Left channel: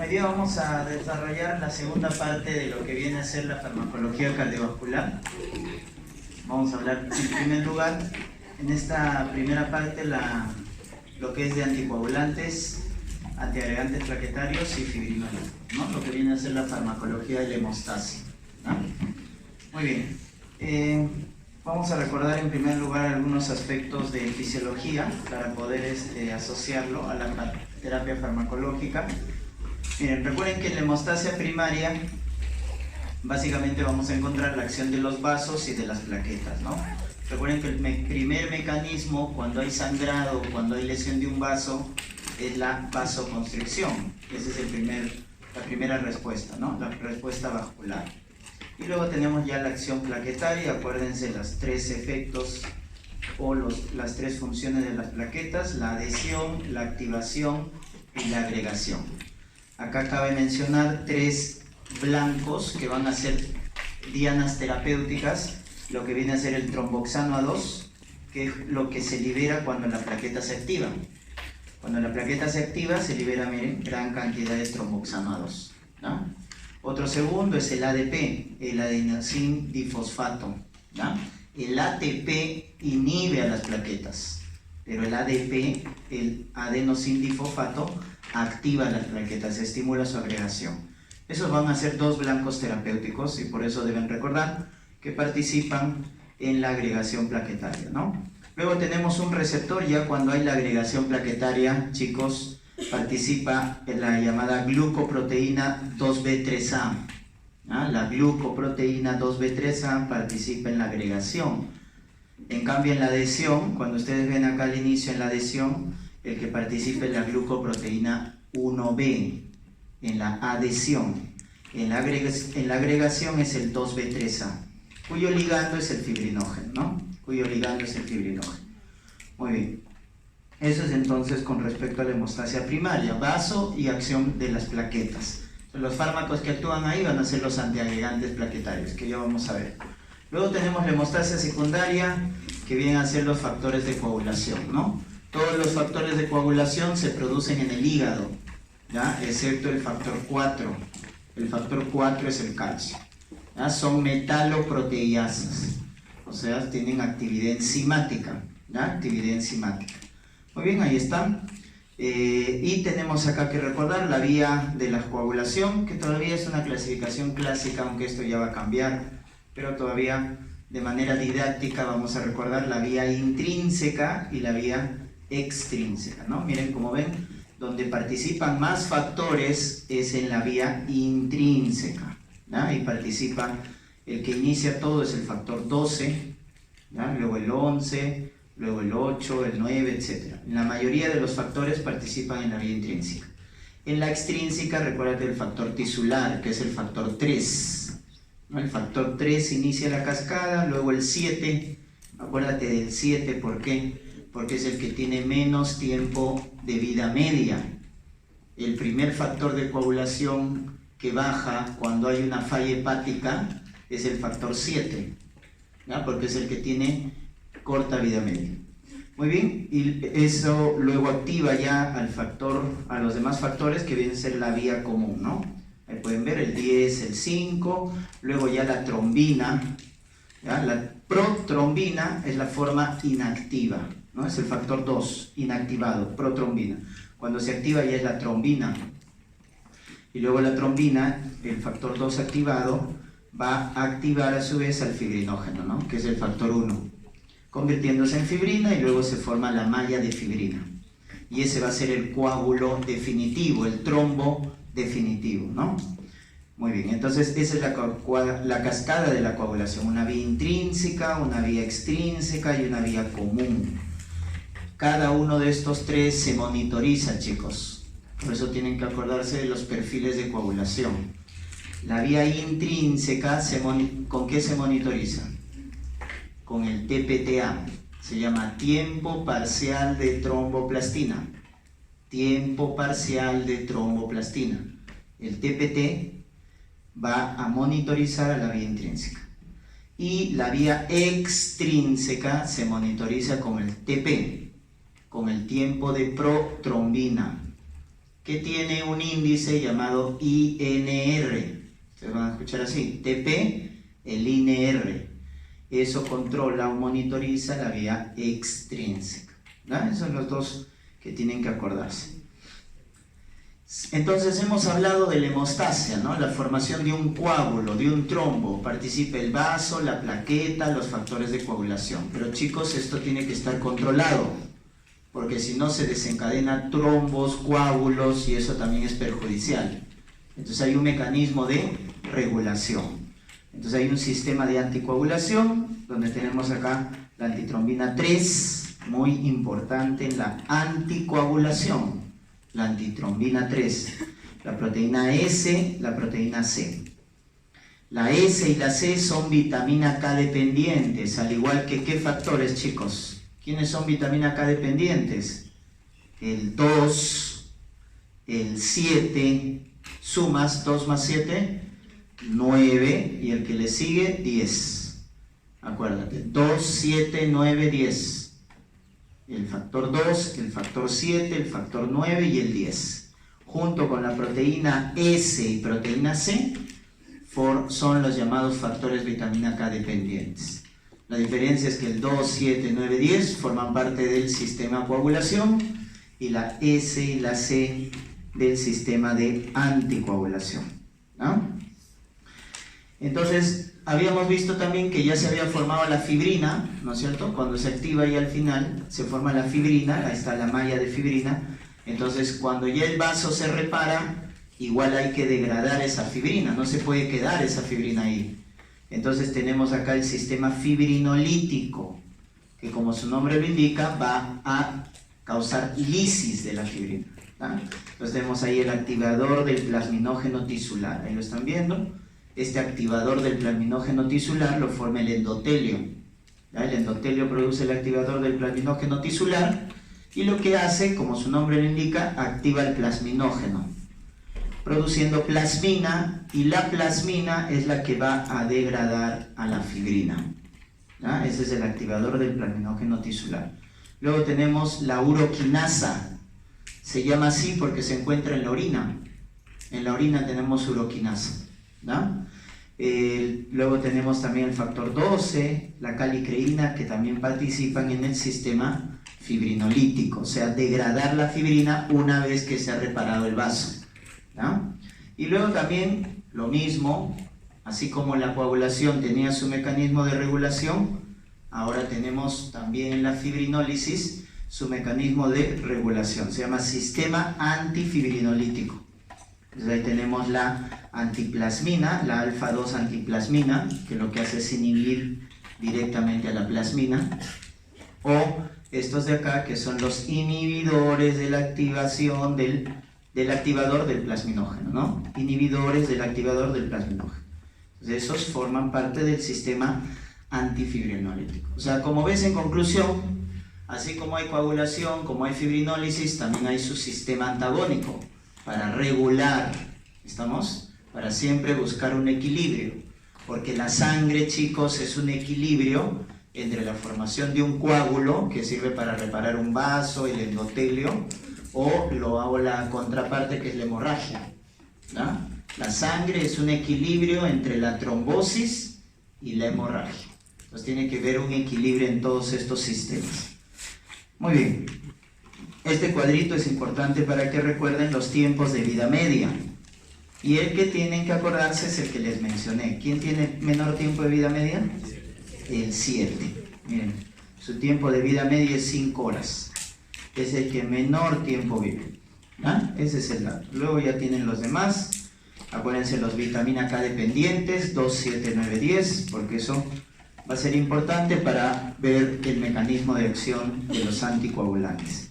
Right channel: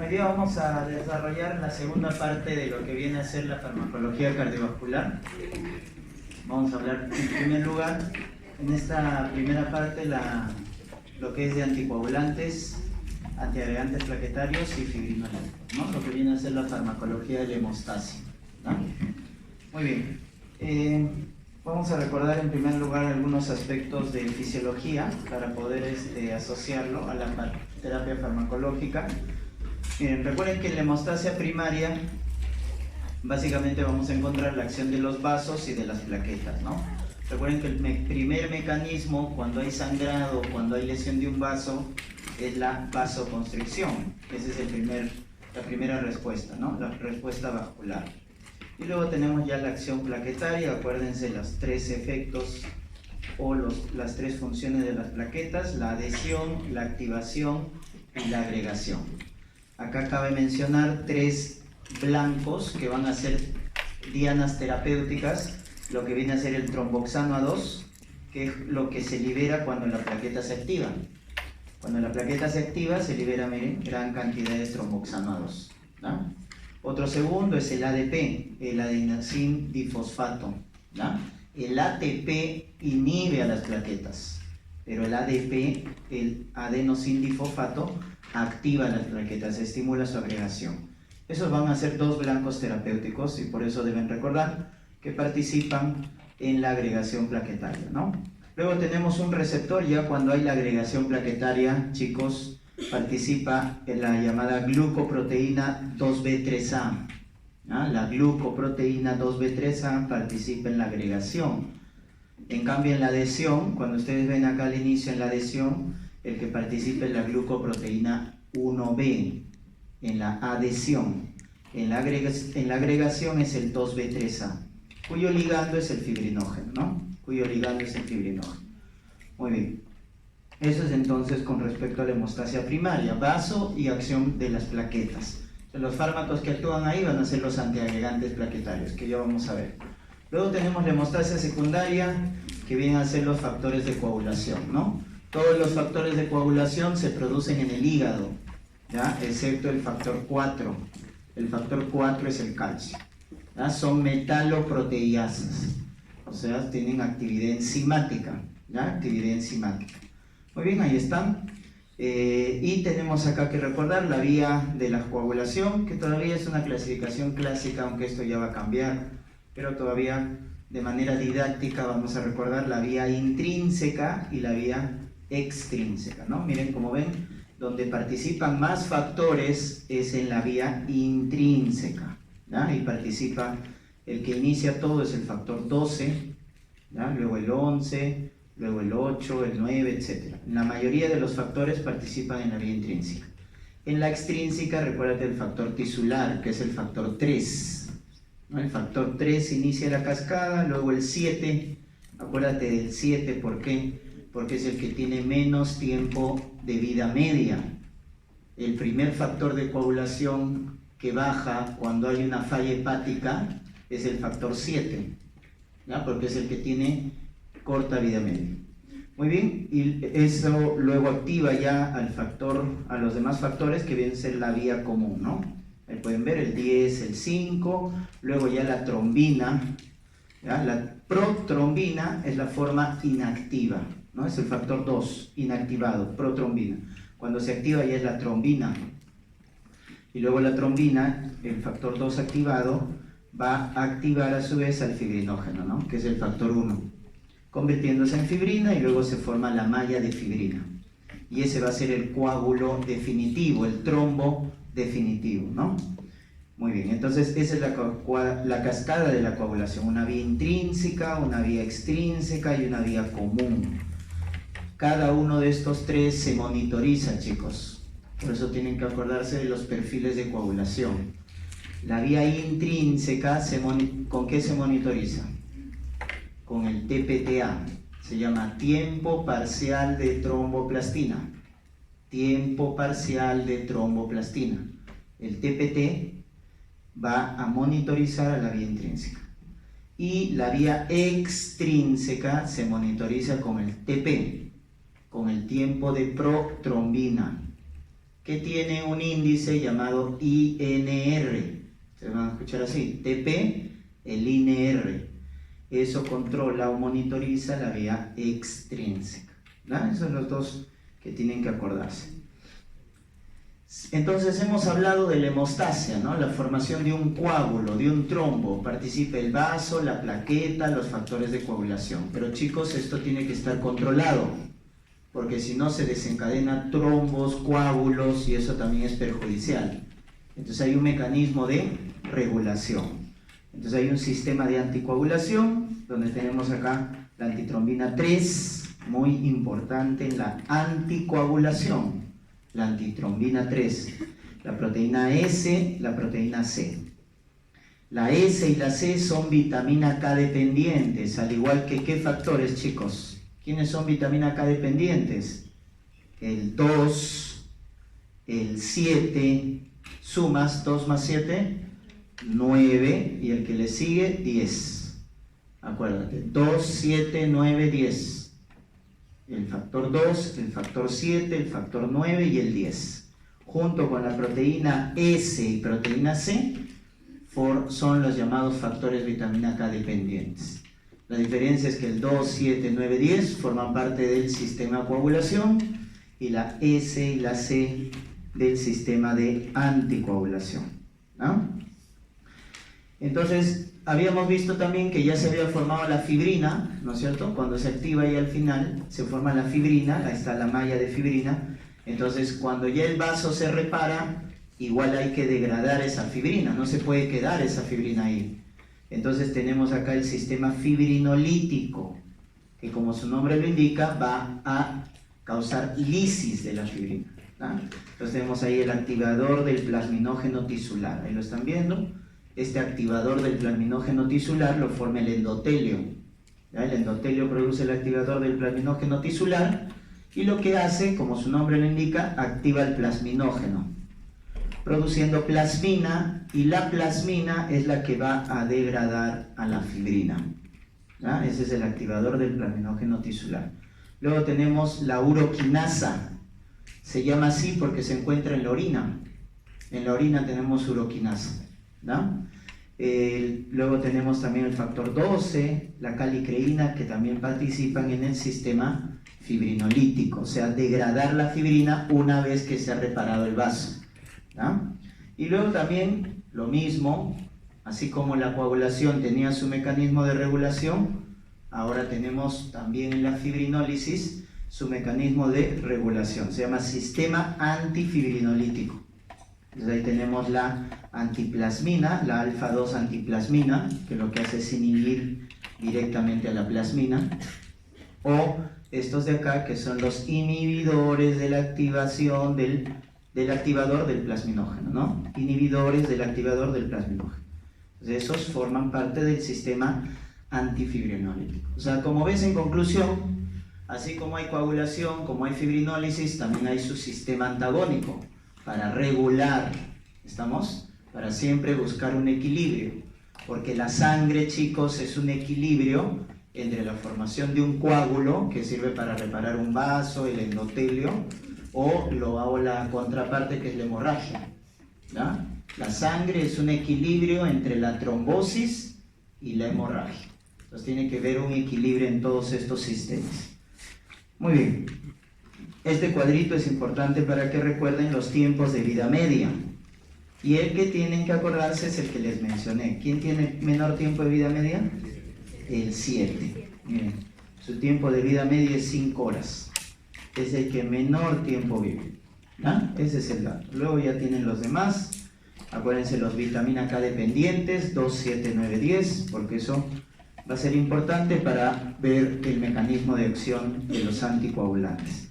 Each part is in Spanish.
Hoy día vamos a desarrollar la segunda parte de lo que viene a ser la farmacología cardiovascular. Vamos a hablar en primer lugar, en esta primera parte, lo que es de anticoagulantes, antiagregantes plaquetarios y fibrinógenos, ¿no? Lo que viene a ser la farmacología de la hemostasia, ¿no? Muy bien. Vamos a recordar en primer lugar algunos aspectos de fisiología para poder asociarlo a la terapia farmacológica. Miren, recuerden que en la hemostasia primaria básicamente vamos a encontrar la acción de los vasos y de las plaquetas, ¿no? Recuerden que el primer mecanismo cuando hay sangrado, cuando hay lesión de un vaso, es la vasoconstricción. Esa es la primera respuesta, ¿no? La respuesta vascular. Y luego tenemos ya la acción plaquetaria. Acuérdense los tres efectos o las tres funciones de las plaquetas: la adhesión, la activación y la agregación. Acá cabe mencionar tres blancos que van a ser dianas terapéuticas, lo que viene a ser el tromboxano A2, que es lo que se libera cuando la plaqueta se activa. Cuando la plaqueta se activa, se libera, miren, gran cantidad de tromboxano A2, ¿no? Otro segundo es el ADP, el adenosín difosfato, ¿no? El ATP inhibe a las plaquetas, pero el ADP, el adenosín difosfato, activa las plaquetas, estimula su agregación. Esos van a ser dos blancos terapéuticos y por eso deben recordar que participan en la agregación plaquetaria, ¿no? Luego tenemos un receptor. Ya cuando hay la agregación plaquetaria, chicos, participa en la llamada glucoproteína 2B3A, ¿no? La glucoproteína 2B3A participa en la agregación. En cambio, en la adhesión, cuando ustedes ven acá al inicio en la adhesión, el que participa es la glucoproteína 1B, en la adhesión. En la agregación es el 2B3A, cuyo ligando es el fibrinógeno, ¿no? Muy bien. Eso es entonces con respecto a la hemostasia primaria, vaso y acción de las plaquetas. Los fármacos que actúan ahí van a ser los antiagregantes plaquetarios, que ya vamos a ver. Luego tenemos la hemostasia secundaria, que vienen a ser los factores de coagulación, ¿no? Todos los factores de coagulación se producen en el hígado, ¿ya? Excepto el factor 4. El factor 4 es el calcio, ¿ya? Son metaloproteasas, o sea, tienen actividad enzimática, ¿ya? Actividad enzimática. Muy bien, ahí están. Y tenemos acá que recordar la vía de la coagulación, que todavía es una clasificación clásica, aunque esto ya va a cambiar, pero todavía de manera didáctica vamos a recordar la vía intrínseca y la vía extrínseca, ¿no? Miren, como ven, donde participan más factores es en la vía intrínseca, ¿no? Y participa, el que inicia todo es el factor 12, ¿no? Luego el 11, luego el 8, el 9, etc. La mayoría de los factores participan en la vía intrínseca. En la extrínseca, recuérdate el factor tisular, que es el factor 3, ¿no? El factor 3 inicia la cascada, luego el 7, acuérdate del 7, ¿por qué? Porque es el que tiene menos tiempo de vida media. El primer factor de coagulación que baja cuando hay una falla hepática es el factor 7, ¿no? Porque es el que tiene corta vida media. Muy bien, y eso luego activa ya a los demás factores que vienen a ser la vía común, ¿no? Ahí pueden ver el 10, el 5, luego ya la trombina, ¿ya? La protrombina es la forma inactiva, ¿no? Es el factor 2, inactivado, protrombina. Cuando se activa ya es la trombina. Y luego la trombina, el factor 2 activado, va a activar a su vez al fibrinógeno, ¿no? Que es el factor 1, convirtiéndose en fibrina y luego se forma la malla de fibrina. Y ese va a ser el coágulo definitivo, el trombo definitivo, ¿no? Muy bien, entonces esa es la cascada de la coagulación, una vía intrínseca, una vía extrínseca y una vía común. Cada uno de estos tres se monitoriza, chicos. Por eso tienen que acordarse de los perfiles de coagulación. La vía intrínseca, ¿con qué se monitoriza? Con el TPTA. Se llama tiempo parcial de tromboplastina. Tiempo parcial de tromboplastina. El TPT va a monitorizar a la vía intrínseca. Y la vía extrínseca se monitoriza con el TP, con el tiempo de protrombina, que tiene un índice llamado INR. Ustedes van a escuchar así, TP, el INR. Eso controla o monitoriza la vía extrínseca. ¿No? Esos son los dos que tienen que acordarse. Entonces hemos hablado de la hemostasia, ¿no? La formación de un coágulo, de un trombo. Participa el vaso, la plaqueta, los factores de coagulación. Pero chicos, esto tiene que estar controlado, porque si no se desencadena trombos, coágulos, y eso también es perjudicial. Entonces hay un mecanismo de regulación. Entonces hay un sistema de anticoagulación, donde tenemos acá la antitrombina 3, muy importante en la anticoagulación. La antitrombina 3, la proteína S, la proteína C. La S y la C son vitamina K dependientes, al igual que ¿qué factores, chicos? ¿Quiénes son vitamina K dependientes? El 2, el 7, sumas 2 más 7, 9, y el que le sigue, 10. Acuérdate, 2, 7, 9, 10. El factor 2, el factor 7, el factor 9 y el 10. Junto con la proteína S y proteína C, son los llamados factores vitamina K dependientes. La diferencia es que el 2, 7, 9, 10 forman parte del sistema de coagulación y la S y la C del sistema de anticoagulación, ¿no? Entonces, habíamos visto también que ya se había formado la fibrina, ¿no es cierto? Cuando se activa y al final se forma la fibrina, ahí está la malla de fibrina. Entonces, cuando ya el vaso se repara, igual hay que degradar esa fibrina, no se puede quedar esa fibrina ahí. Entonces tenemos acá el sistema fibrinolítico, que como su nombre lo indica, va a causar lisis de la fibrina, ¿tá? Entonces tenemos ahí el activador del plasminógeno tisular, ahí lo están viendo. Este activador del plasminógeno tisular lo forma el endotelio, ¿ya? El endotelio produce el activador del plasminógeno tisular y lo que hace, como su nombre lo indica, activa el plasminógeno, produciendo plasmina, y la plasmina es la que va a degradar a la fibrina, ¿ya? Ese es el activador del plasminógeno tisular. Luego tenemos la uroquinasa, se llama así porque se encuentra en la orina. En la orina tenemos uroquinasa, ¿no? Luego tenemos también el factor 12, la calicreína, que también participan en el sistema fibrinolítico, o sea, degradar la fibrina una vez que se ha reparado el vaso, ¿no? Y luego también lo mismo, así como la coagulación tenía su mecanismo de regulación, ahora tenemos también en la fibrinólisis su mecanismo de regulación, se llama sistema antifibrinolítico. Entonces ahí tenemos la antiplasmina, la alfa-2 antiplasmina, que lo que hace es inhibir directamente a la plasmina, o estos de acá que son los inhibidores de la activación del activador del plasminógeno, ¿no? Inhibidores del activador del plasminógeno. Entonces esos forman parte del sistema antifibrinolítico. O sea, como ves, en conclusión, así como hay coagulación, como hay fibrinólisis, también hay su sistema antagónico para regular, ¿estamos? Para siempre buscar un equilibrio, porque la sangre, chicos, es un equilibrio entre la formación de un coágulo que sirve para reparar un vaso, el endotelio, o la contraparte que es la hemorragia, ¿no? La sangre es un equilibrio entre la trombosis y la hemorragia. Entonces tiene que haber un equilibrio en todos estos sistemas. Muy bien. Este cuadrito es importante para que recuerden los tiempos de vida media. Y el que tienen que acordarse es el que les mencioné. ¿Quién tiene menor tiempo de vida media? El 7. Miren, su tiempo de vida media es 5 horas. Es el que menor tiempo vive, ¿no? Ese es el dato. Luego ya tienen los demás. Acuérdense los vitamina K dependientes, 2, 7, 9, 10, porque eso va a ser importante para ver el mecanismo de acción de los anticoagulantes.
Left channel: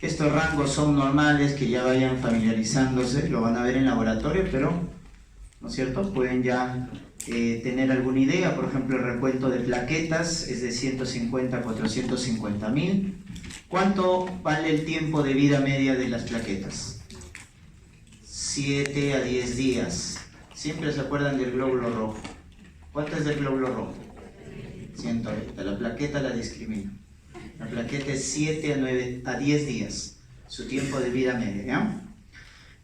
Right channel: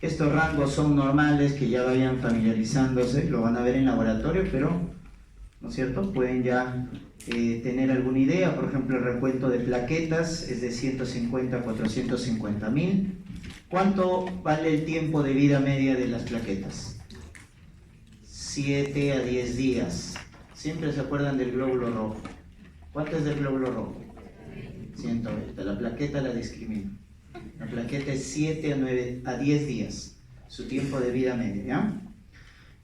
Estos rangos son normales, que ya vayan familiarizándose, lo van a ver en laboratorio, pero, ¿no es cierto?, pueden ya tener alguna idea. Por ejemplo, el recuento de plaquetas es de 150 a 450 mil. ¿Cuánto vale el tiempo de vida media de las plaquetas? 7 a 10 días. Siempre se acuerdan del glóbulo rojo. ¿Cuánto es del glóbulo rojo? 120. La plaqueta la discrimina. La plaqueta es 7 a 10 días, su tiempo de vida media, ¿ya?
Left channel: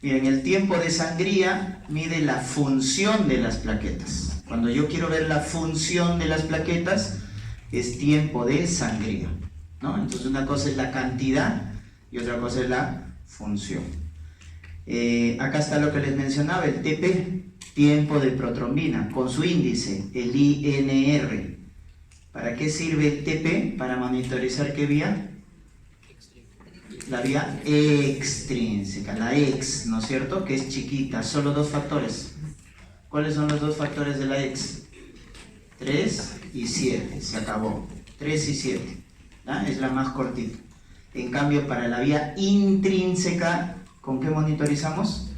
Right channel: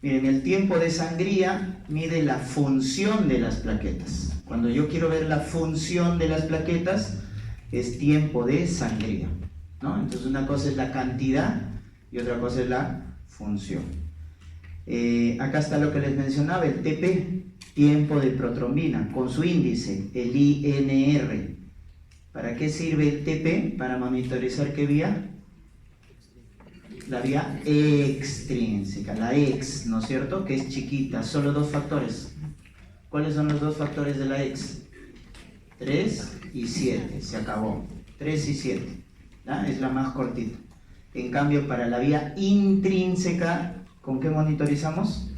Miren, el tiempo de sangría mide la función de las plaquetas. Cuando yo quiero ver la función de las plaquetas, es tiempo de sangría, ¿no? Entonces una cosa es la cantidad y otra cosa es la función. Acá está lo que les mencionaba, el TP, tiempo de protrombina, con su índice, el INR. ¿Para qué sirve el TP? Para monitorizar qué vía. La vía extrínseca, la X, ¿no es cierto? Que es chiquita, solo dos factores. ¿Cuáles son los dos factores de la X? 3 y 7, se acabó. 3 y 7, ¿ya? Es la más cortita. En cambio, para la vía intrínseca, ¿con qué monitorizamos?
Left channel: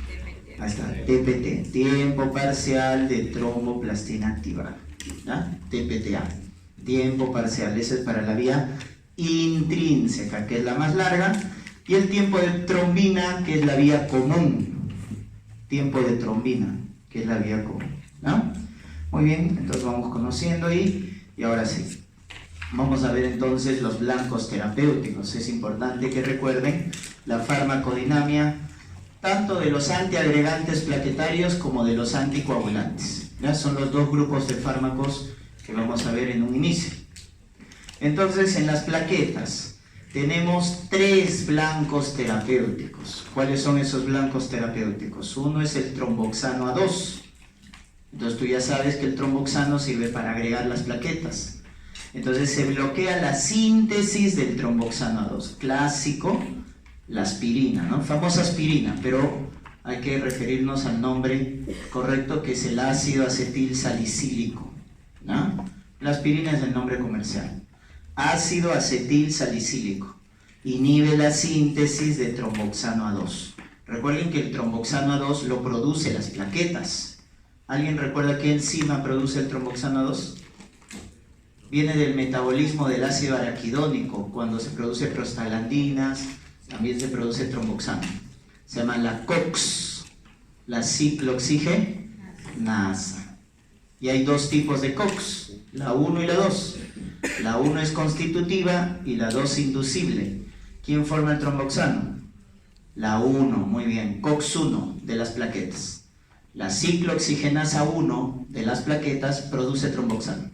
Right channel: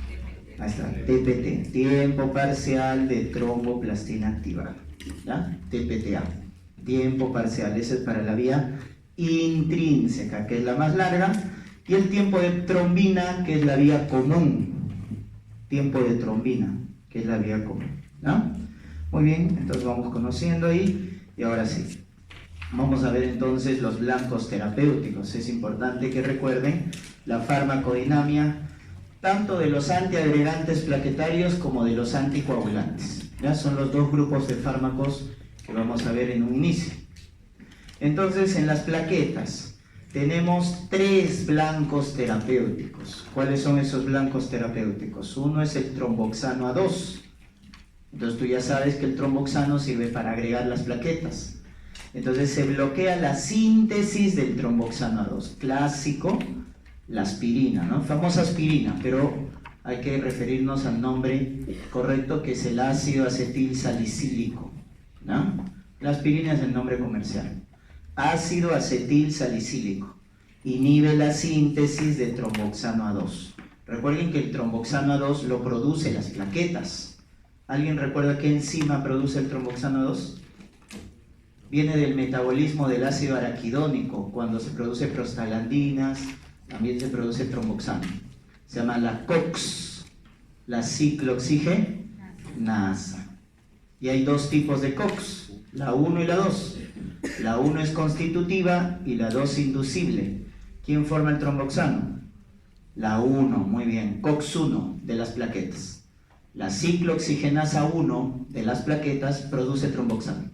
Ahí está, TPT, tiempo parcial de tromboplastina activada, ¿ya? TPTA, tiempo parcial, ese es para la vía intrínseca, que es la más larga, y el tiempo de trombina, que es la vía común, tiempo de trombina, que es la vía común, ¿no? Muy bien, entonces vamos conociendo ahí, y ahora sí, vamos a ver entonces los blancos terapéuticos. Es importante que recuerden la farmacodinamia, tanto de los antiagregantes plaquetarios como de los anticoagulantes, ¿ya? Son los dos grupos de fármacos que vamos a ver en un inicio. Entonces, en las plaquetas tenemos 3 blancos terapéuticos. ¿Cuáles son esos blancos terapéuticos? Uno es el tromboxano A2. Entonces tú ya sabes que el tromboxano sirve para agregar las plaquetas. Entonces se bloquea la síntesis del tromboxano A2. Clásico, la aspirina, ¿no? Famosa aspirina, pero hay que referirnos al nombre correcto, que es el ácido acetil salicílico, ¿no? La aspirina es el nombre comercial. Ácido acetil salicílico. Inhibe la síntesis de tromboxano A2. Recuerden que el tromboxano A2 lo produce las plaquetas. ¿Alguien recuerda qué enzima produce el tromboxano A2? Viene del metabolismo del ácido araquidónico. Cuando se produce prostaglandinas, también se produce tromboxano. Se llama la COX, la ciclooxigenasa. Y hay 2 tipos de COX, la 1 y la 2. La 1 es constitutiva y la 2 inducible. ¿Quién forma el tromboxano? La 1, muy bien, COX-1 de las plaquetas. La ciclooxigenasa 1 de las plaquetas produce tromboxano.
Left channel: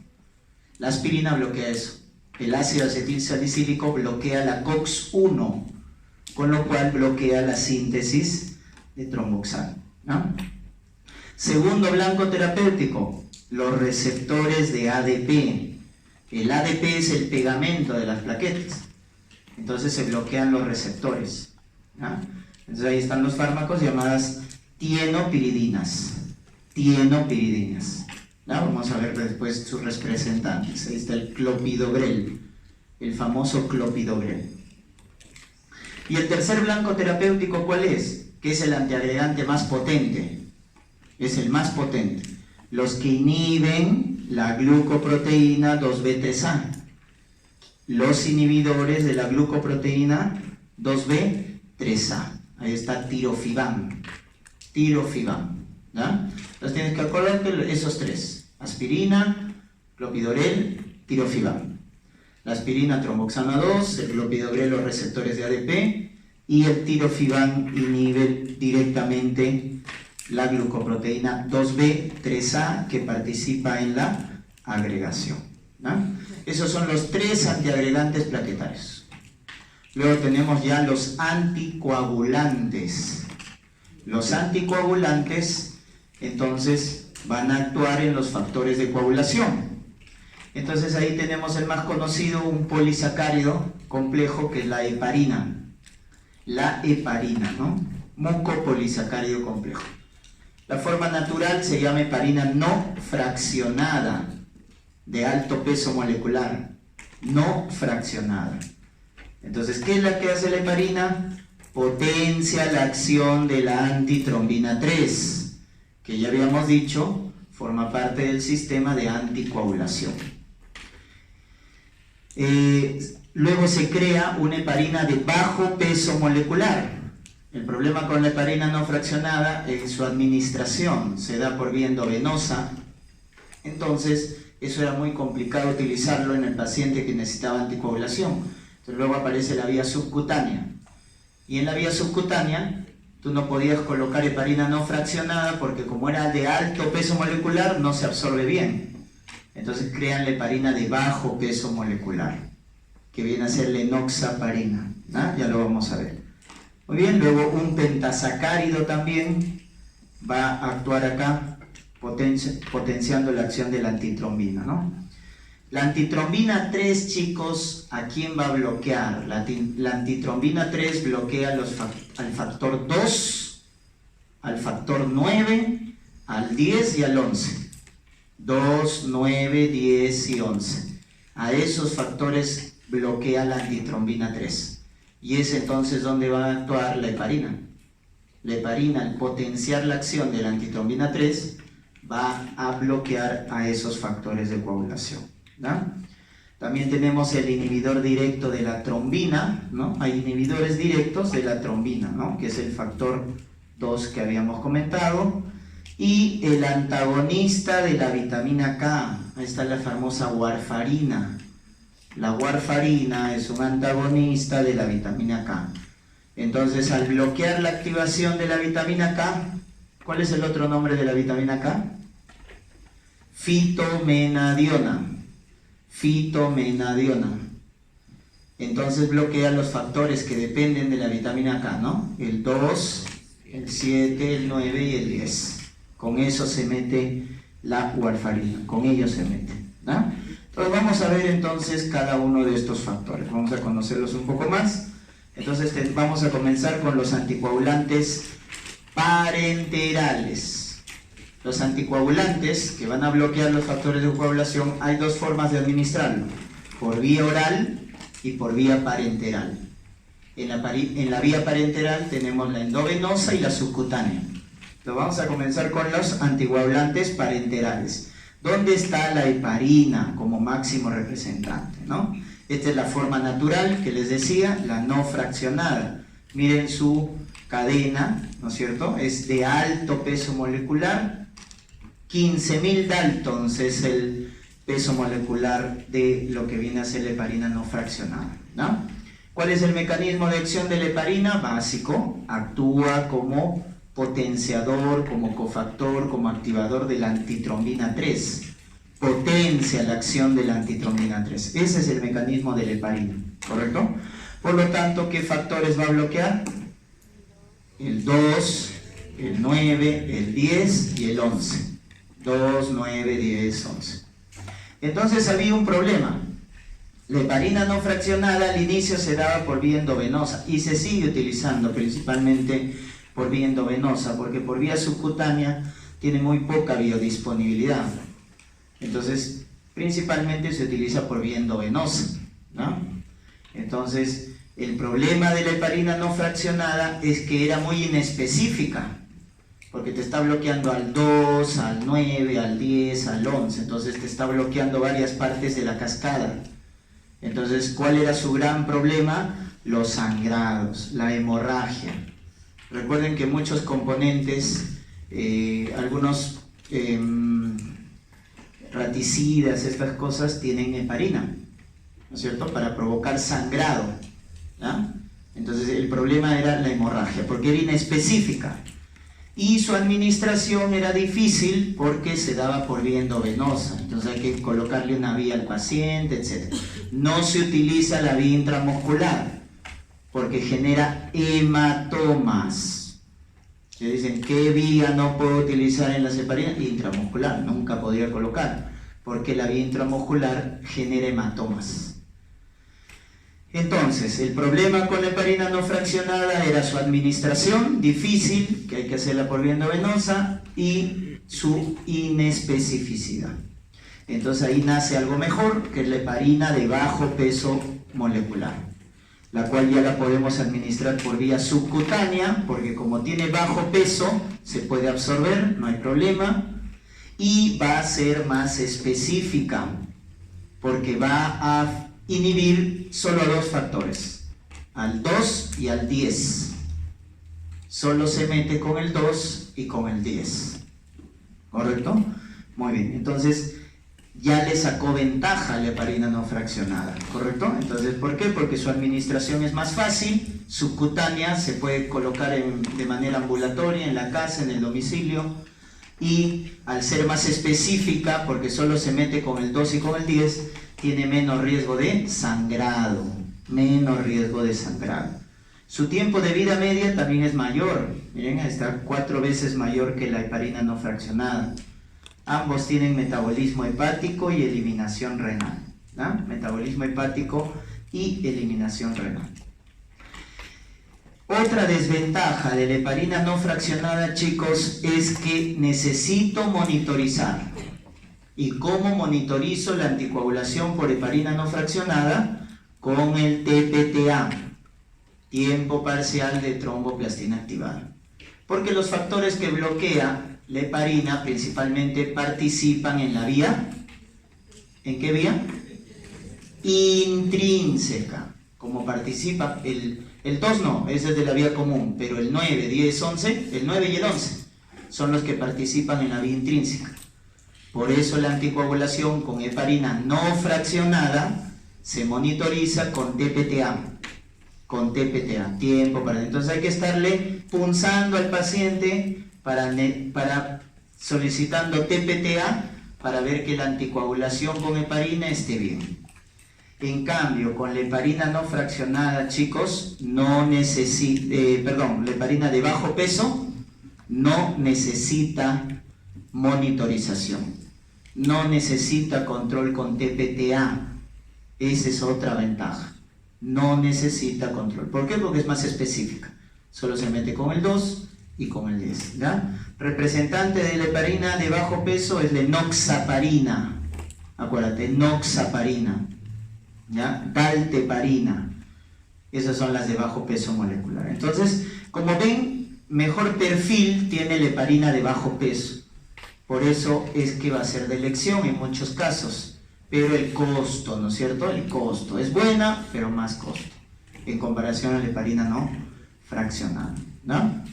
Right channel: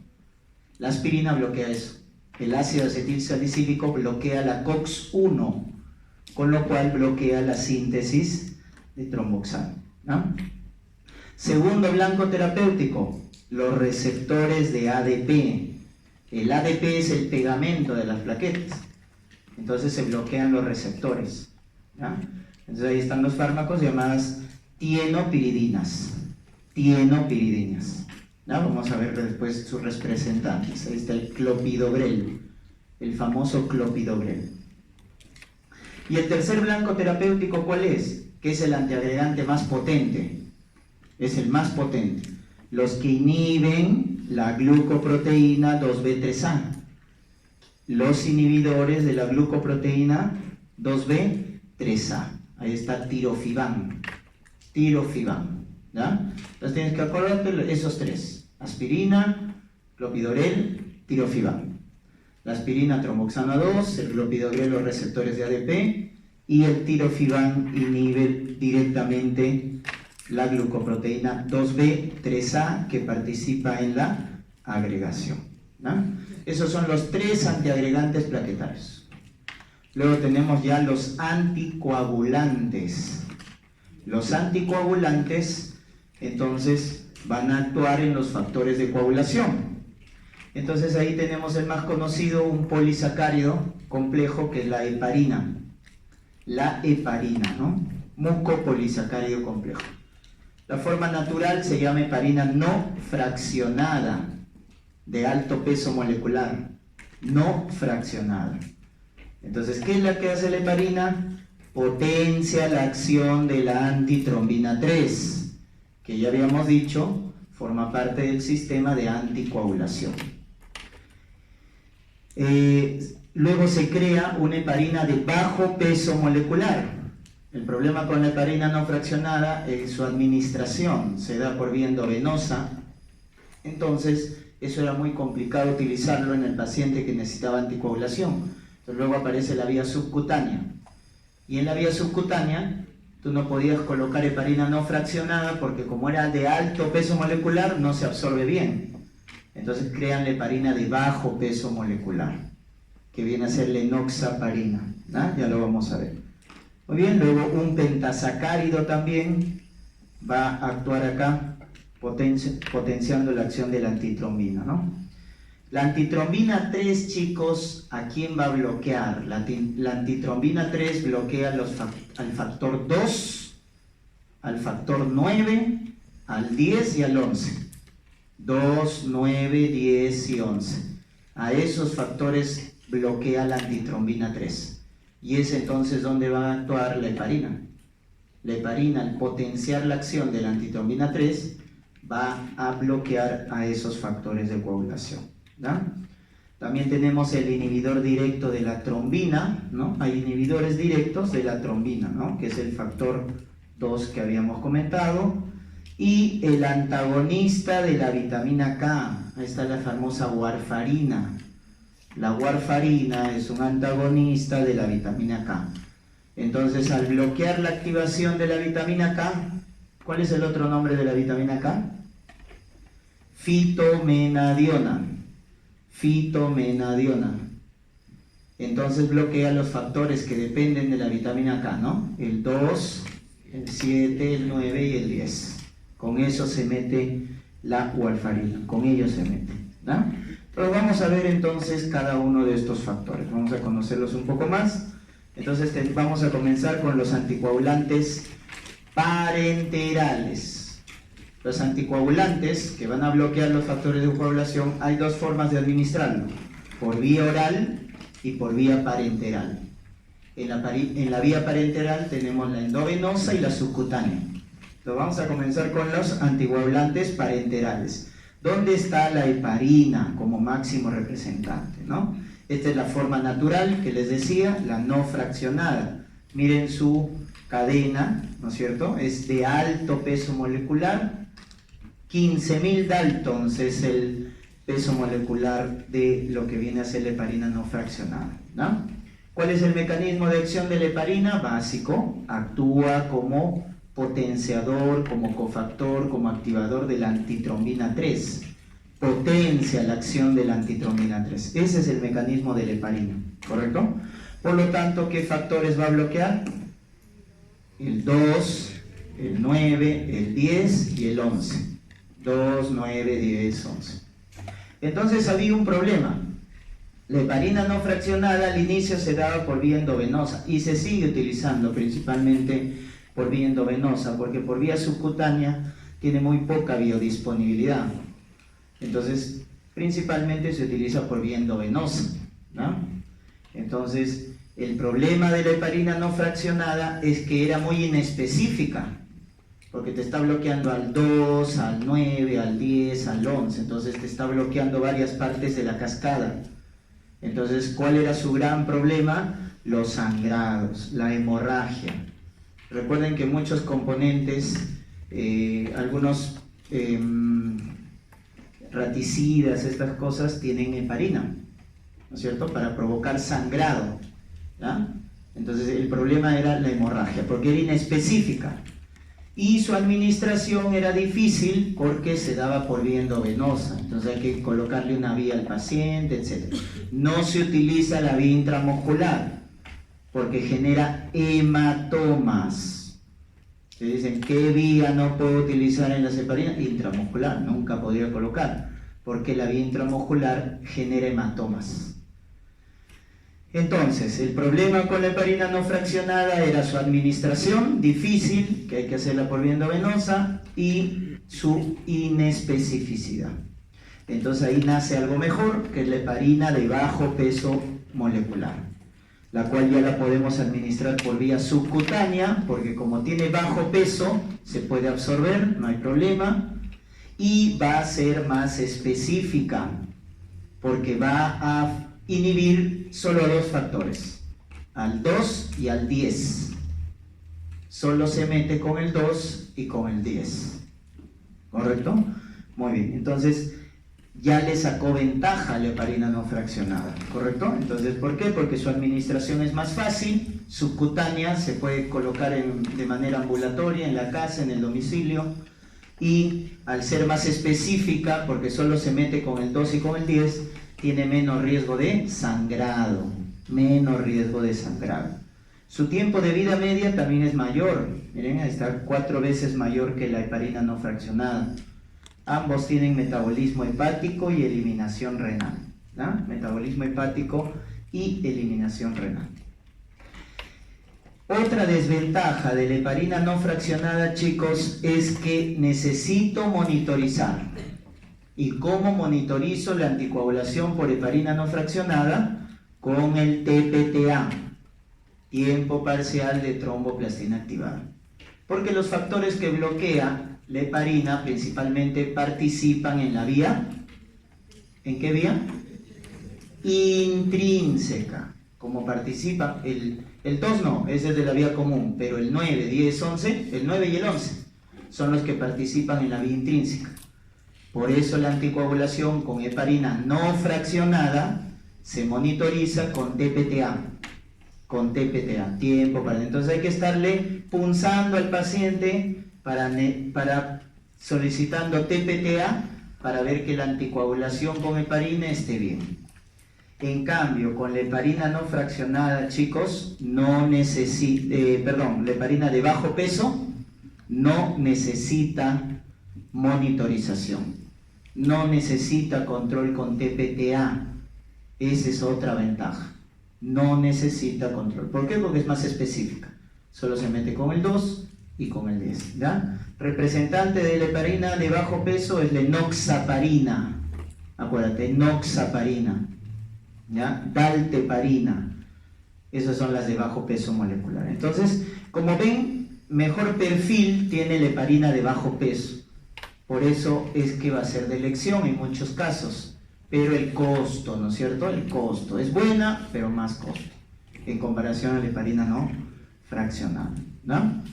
La aspirina bloquea eso. El ácido acetil salicílico bloquea la COX-1, con lo cual bloquea la síntesis de tromboxano, ¿no? Segundo blanco terapéutico, los receptores de ADP. El ADP es el pegamento de las plaquetas. Entonces se bloquean los receptores, ¿no? Entonces ahí están los fármacos llamadas tienopiridinas. Tienopiridinas, ¿no? Vamos a ver después sus representantes. Ahí está el clopidogrel, el famoso clopidogrel. Y el tercer blanco terapéutico, ¿cuál es? Que es el antiagregante más potente. Es el más potente. Los que inhiben la glucoproteína 2B3A. Los inhibidores de la glucoproteína 2B3A. Ahí está tirofiban. Tirofiban, ¿ya? Entonces tienes que acordarte esos 3. Aspirina, clopidogrel, tirofiban. La aspirina, tromboxano 2, el clopidogrel, los receptores de ADP, y el tirofiban inhibe directamente la glucoproteína 2B3A que participa en la agregación, ¿no? Esos son los 3 antiagregantes plaquetarios. Luego tenemos ya los anticoagulantes. Los anticoagulantes, entonces, van a actuar en los factores de coagulación. Entonces ahí tenemos el más conocido, un polisacárido complejo, que es la heparina. La heparina, ¿no? Mucopolisacárido complejo. La forma natural se llama heparina no fraccionada, de alto peso molecular. No fraccionada. Entonces, ¿qué es la que hace la heparina? Potencia la acción de la antitrombina 3, que ya habíamos dicho, forma parte del sistema de anticoagulación. Luego se crea una heparina de bajo peso molecular. El problema con la heparina no fraccionada es su administración, se da por vía endovenosa. Entonces, eso era muy complicado utilizarlo en el paciente que necesitaba anticoagulación. Entonces, luego aparece la vía subcutánea. Y en la vía subcutánea tú no podías colocar heparina no fraccionada porque como era de alto peso molecular no se absorbe bien. Entonces crean la heparina de bajo peso molecular, que viene a ser la enoxaparina, ¿no? Ya lo vamos a ver. Muy bien, luego un pentasacárido también va a actuar acá potenciando la acción de la antitrombina, ¿no? La antitrombina 3, chicos, ¿a quién va a bloquear? La antitrombina 3 bloquea al factor 2, al factor 9, al 10 y al 11. 2, 9, 10 y 11. A esos factores bloquea la antitrombina 3. Y es entonces donde va a actuar la heparina. La heparina, al potenciar la acción de la antitrombina 3, va a bloquear a esos factores de coagulación, ¿no? También tenemos el inhibidor directo de la trombina, ¿no? Hay inhibidores directos de la trombina, ¿no? Que es el factor 2 que habíamos comentado. Y el antagonista de la vitamina K, ahí está la famosa warfarina. La warfarina es un antagonista de la vitamina K. Entonces, al bloquear la activación de la vitamina K, ¿cuál es el otro nombre de la vitamina K? Fitomenadiona. Fitomenadiona. Entonces bloquea los factores que dependen de la vitamina K, ¿no? El 2, el 7, el 9 y el 10. Con eso se mete la warfarina, con ello se mete, ¿no? Entonces vamos a ver entonces cada uno de estos factores, vamos a conocerlos un poco más. Entonces vamos a comenzar con los anticoagulantes parenterales. Los anticoagulantes que van a bloquear los factores de coagulación, hay dos formas de administrarlo, por vía oral y por vía parenteral. En la vía parenteral tenemos la endovenosa y la subcutánea. Entonces vamos a comenzar con los anticoagulantes parenterales. ¿Dónde está la heparina como máximo representante, ¿no? Esta es la forma natural que les decía, la no fraccionada. Miren su cadena, ¿no es cierto? Es de alto peso molecular. 15.000 Daltons es el peso molecular de lo que viene a ser la heparina no fraccionada, ¿no? ¿Cuál es el mecanismo de acción de la heparina? Básico, actúa como potenciador, como cofactor, como activador de la antitrombina 3. Potencia la acción de la antitrombina 3. Ese es el mecanismo de la heparina, ¿correcto? Por lo tanto, ¿qué factores va a bloquear? El 2, el 9, el 10 y el 11. 2, 9, 10, 11. Entonces había un problema. La heparina no fraccionada al inicio se daba por vía endovenosa y se sigue utilizando principalmente por vía endovenosa, porque por vía subcutánea tiene muy poca biodisponibilidad. Entonces, principalmente se utiliza por vía endovenosa, ¿no? Entonces, el problema de la heparina no fraccionada es que era muy inespecífica, porque te está bloqueando al 2, al 9, al 10, al 11, entonces te está bloqueando varias partes de la cascada. Entonces, ¿cuál era su gran problema? Los sangrados, la hemorragia. Recuerden que muchos componentes, algunos raticidas, estas cosas tienen heparina, ¿no es cierto? Para provocar sangrado, ¿ya? Entonces el problema era la hemorragia, porque era inespecífica. Y su administración era difícil porque se daba por vía endovenosa, entonces hay que colocarle una vía al paciente, etc. No se utiliza la vía intramuscular porque genera hematomas. Se dicen, ¿qué vía no puedo utilizar en la heparina? Intramuscular, nunca podría colocar, porque la vía intramuscular genera hematomas. Entonces, el problema con la heparina no fraccionada era su administración, difícil, que hay que hacerla por vía endovenosa, y su inespecificidad. Entonces ahí nace algo mejor, que es la heparina de bajo peso molecular, la cual ya la podemos administrar por vía subcutánea, porque como tiene bajo peso, se puede absorber, no hay problema, y va a ser más específica, porque va a inhibir solo dos factores, al 2 y al 10. Solo se mete con el 2 y con el 10. ¿Correcto? Muy bien, entonces ya le sacó ventaja a la heparina no fraccionada, ¿correcto? Entonces, ¿por qué? Porque su administración es más fácil, subcutánea, se puede colocar de manera ambulatoria, en la casa, en el domicilio, y al ser más específica, porque solo se mete con el 2 y con el 10, tiene menos riesgo de sangrado, Su tiempo de vida media también es mayor, miren, está 4 veces mayor que la heparina no fraccionada. Ambos tienen metabolismo hepático y eliminación renal, ¿no? Metabolismo hepático y eliminación renal. Otra desventaja de la heparina no fraccionada, chicos, es que necesito monitorizar. ¿Y cómo monitorizo la anticoagulación por heparina no fraccionada? Con el TPTA, tiempo parcial de tromboplastina activada. Porque los factores que bloquea la heparina principalmente participan en la vía, ¿en qué vía? Intrínseca. Como participa el 2 no, ese es de la vía común, pero el 9, 10, 11, el 9 y el 11 son los que participan en la vía intrínseca. Por eso la anticoagulación con heparina no fraccionada se monitoriza con TPTA. Tiempo para. Entonces hay que estarle punzando al paciente para solicitando TPTA para ver que la anticoagulación con heparina esté bien. En cambio, con la heparina no fraccionada, chicos, la heparina de bajo peso no necesita monitorización, no necesita control con TPTA. Esa es otra ventaja. No necesita control. ¿Por qué? Porque es más específica. Solo se mete con el 2 y con el 10, ¿ya? Representante de la heparina de bajo peso es la enoxaparina. Acuérdate, enoxaparina, ¿ya? Dalteparina. Esas son las de bajo peso molecular. Entonces, como ven, mejor perfil tiene la heparina de bajo peso. Por eso es que va a ser de elección en muchos casos. Pero el costo, ¿no es cierto? El costo es buena, pero más costo en comparación a la heparina no fraccionada, ¿no?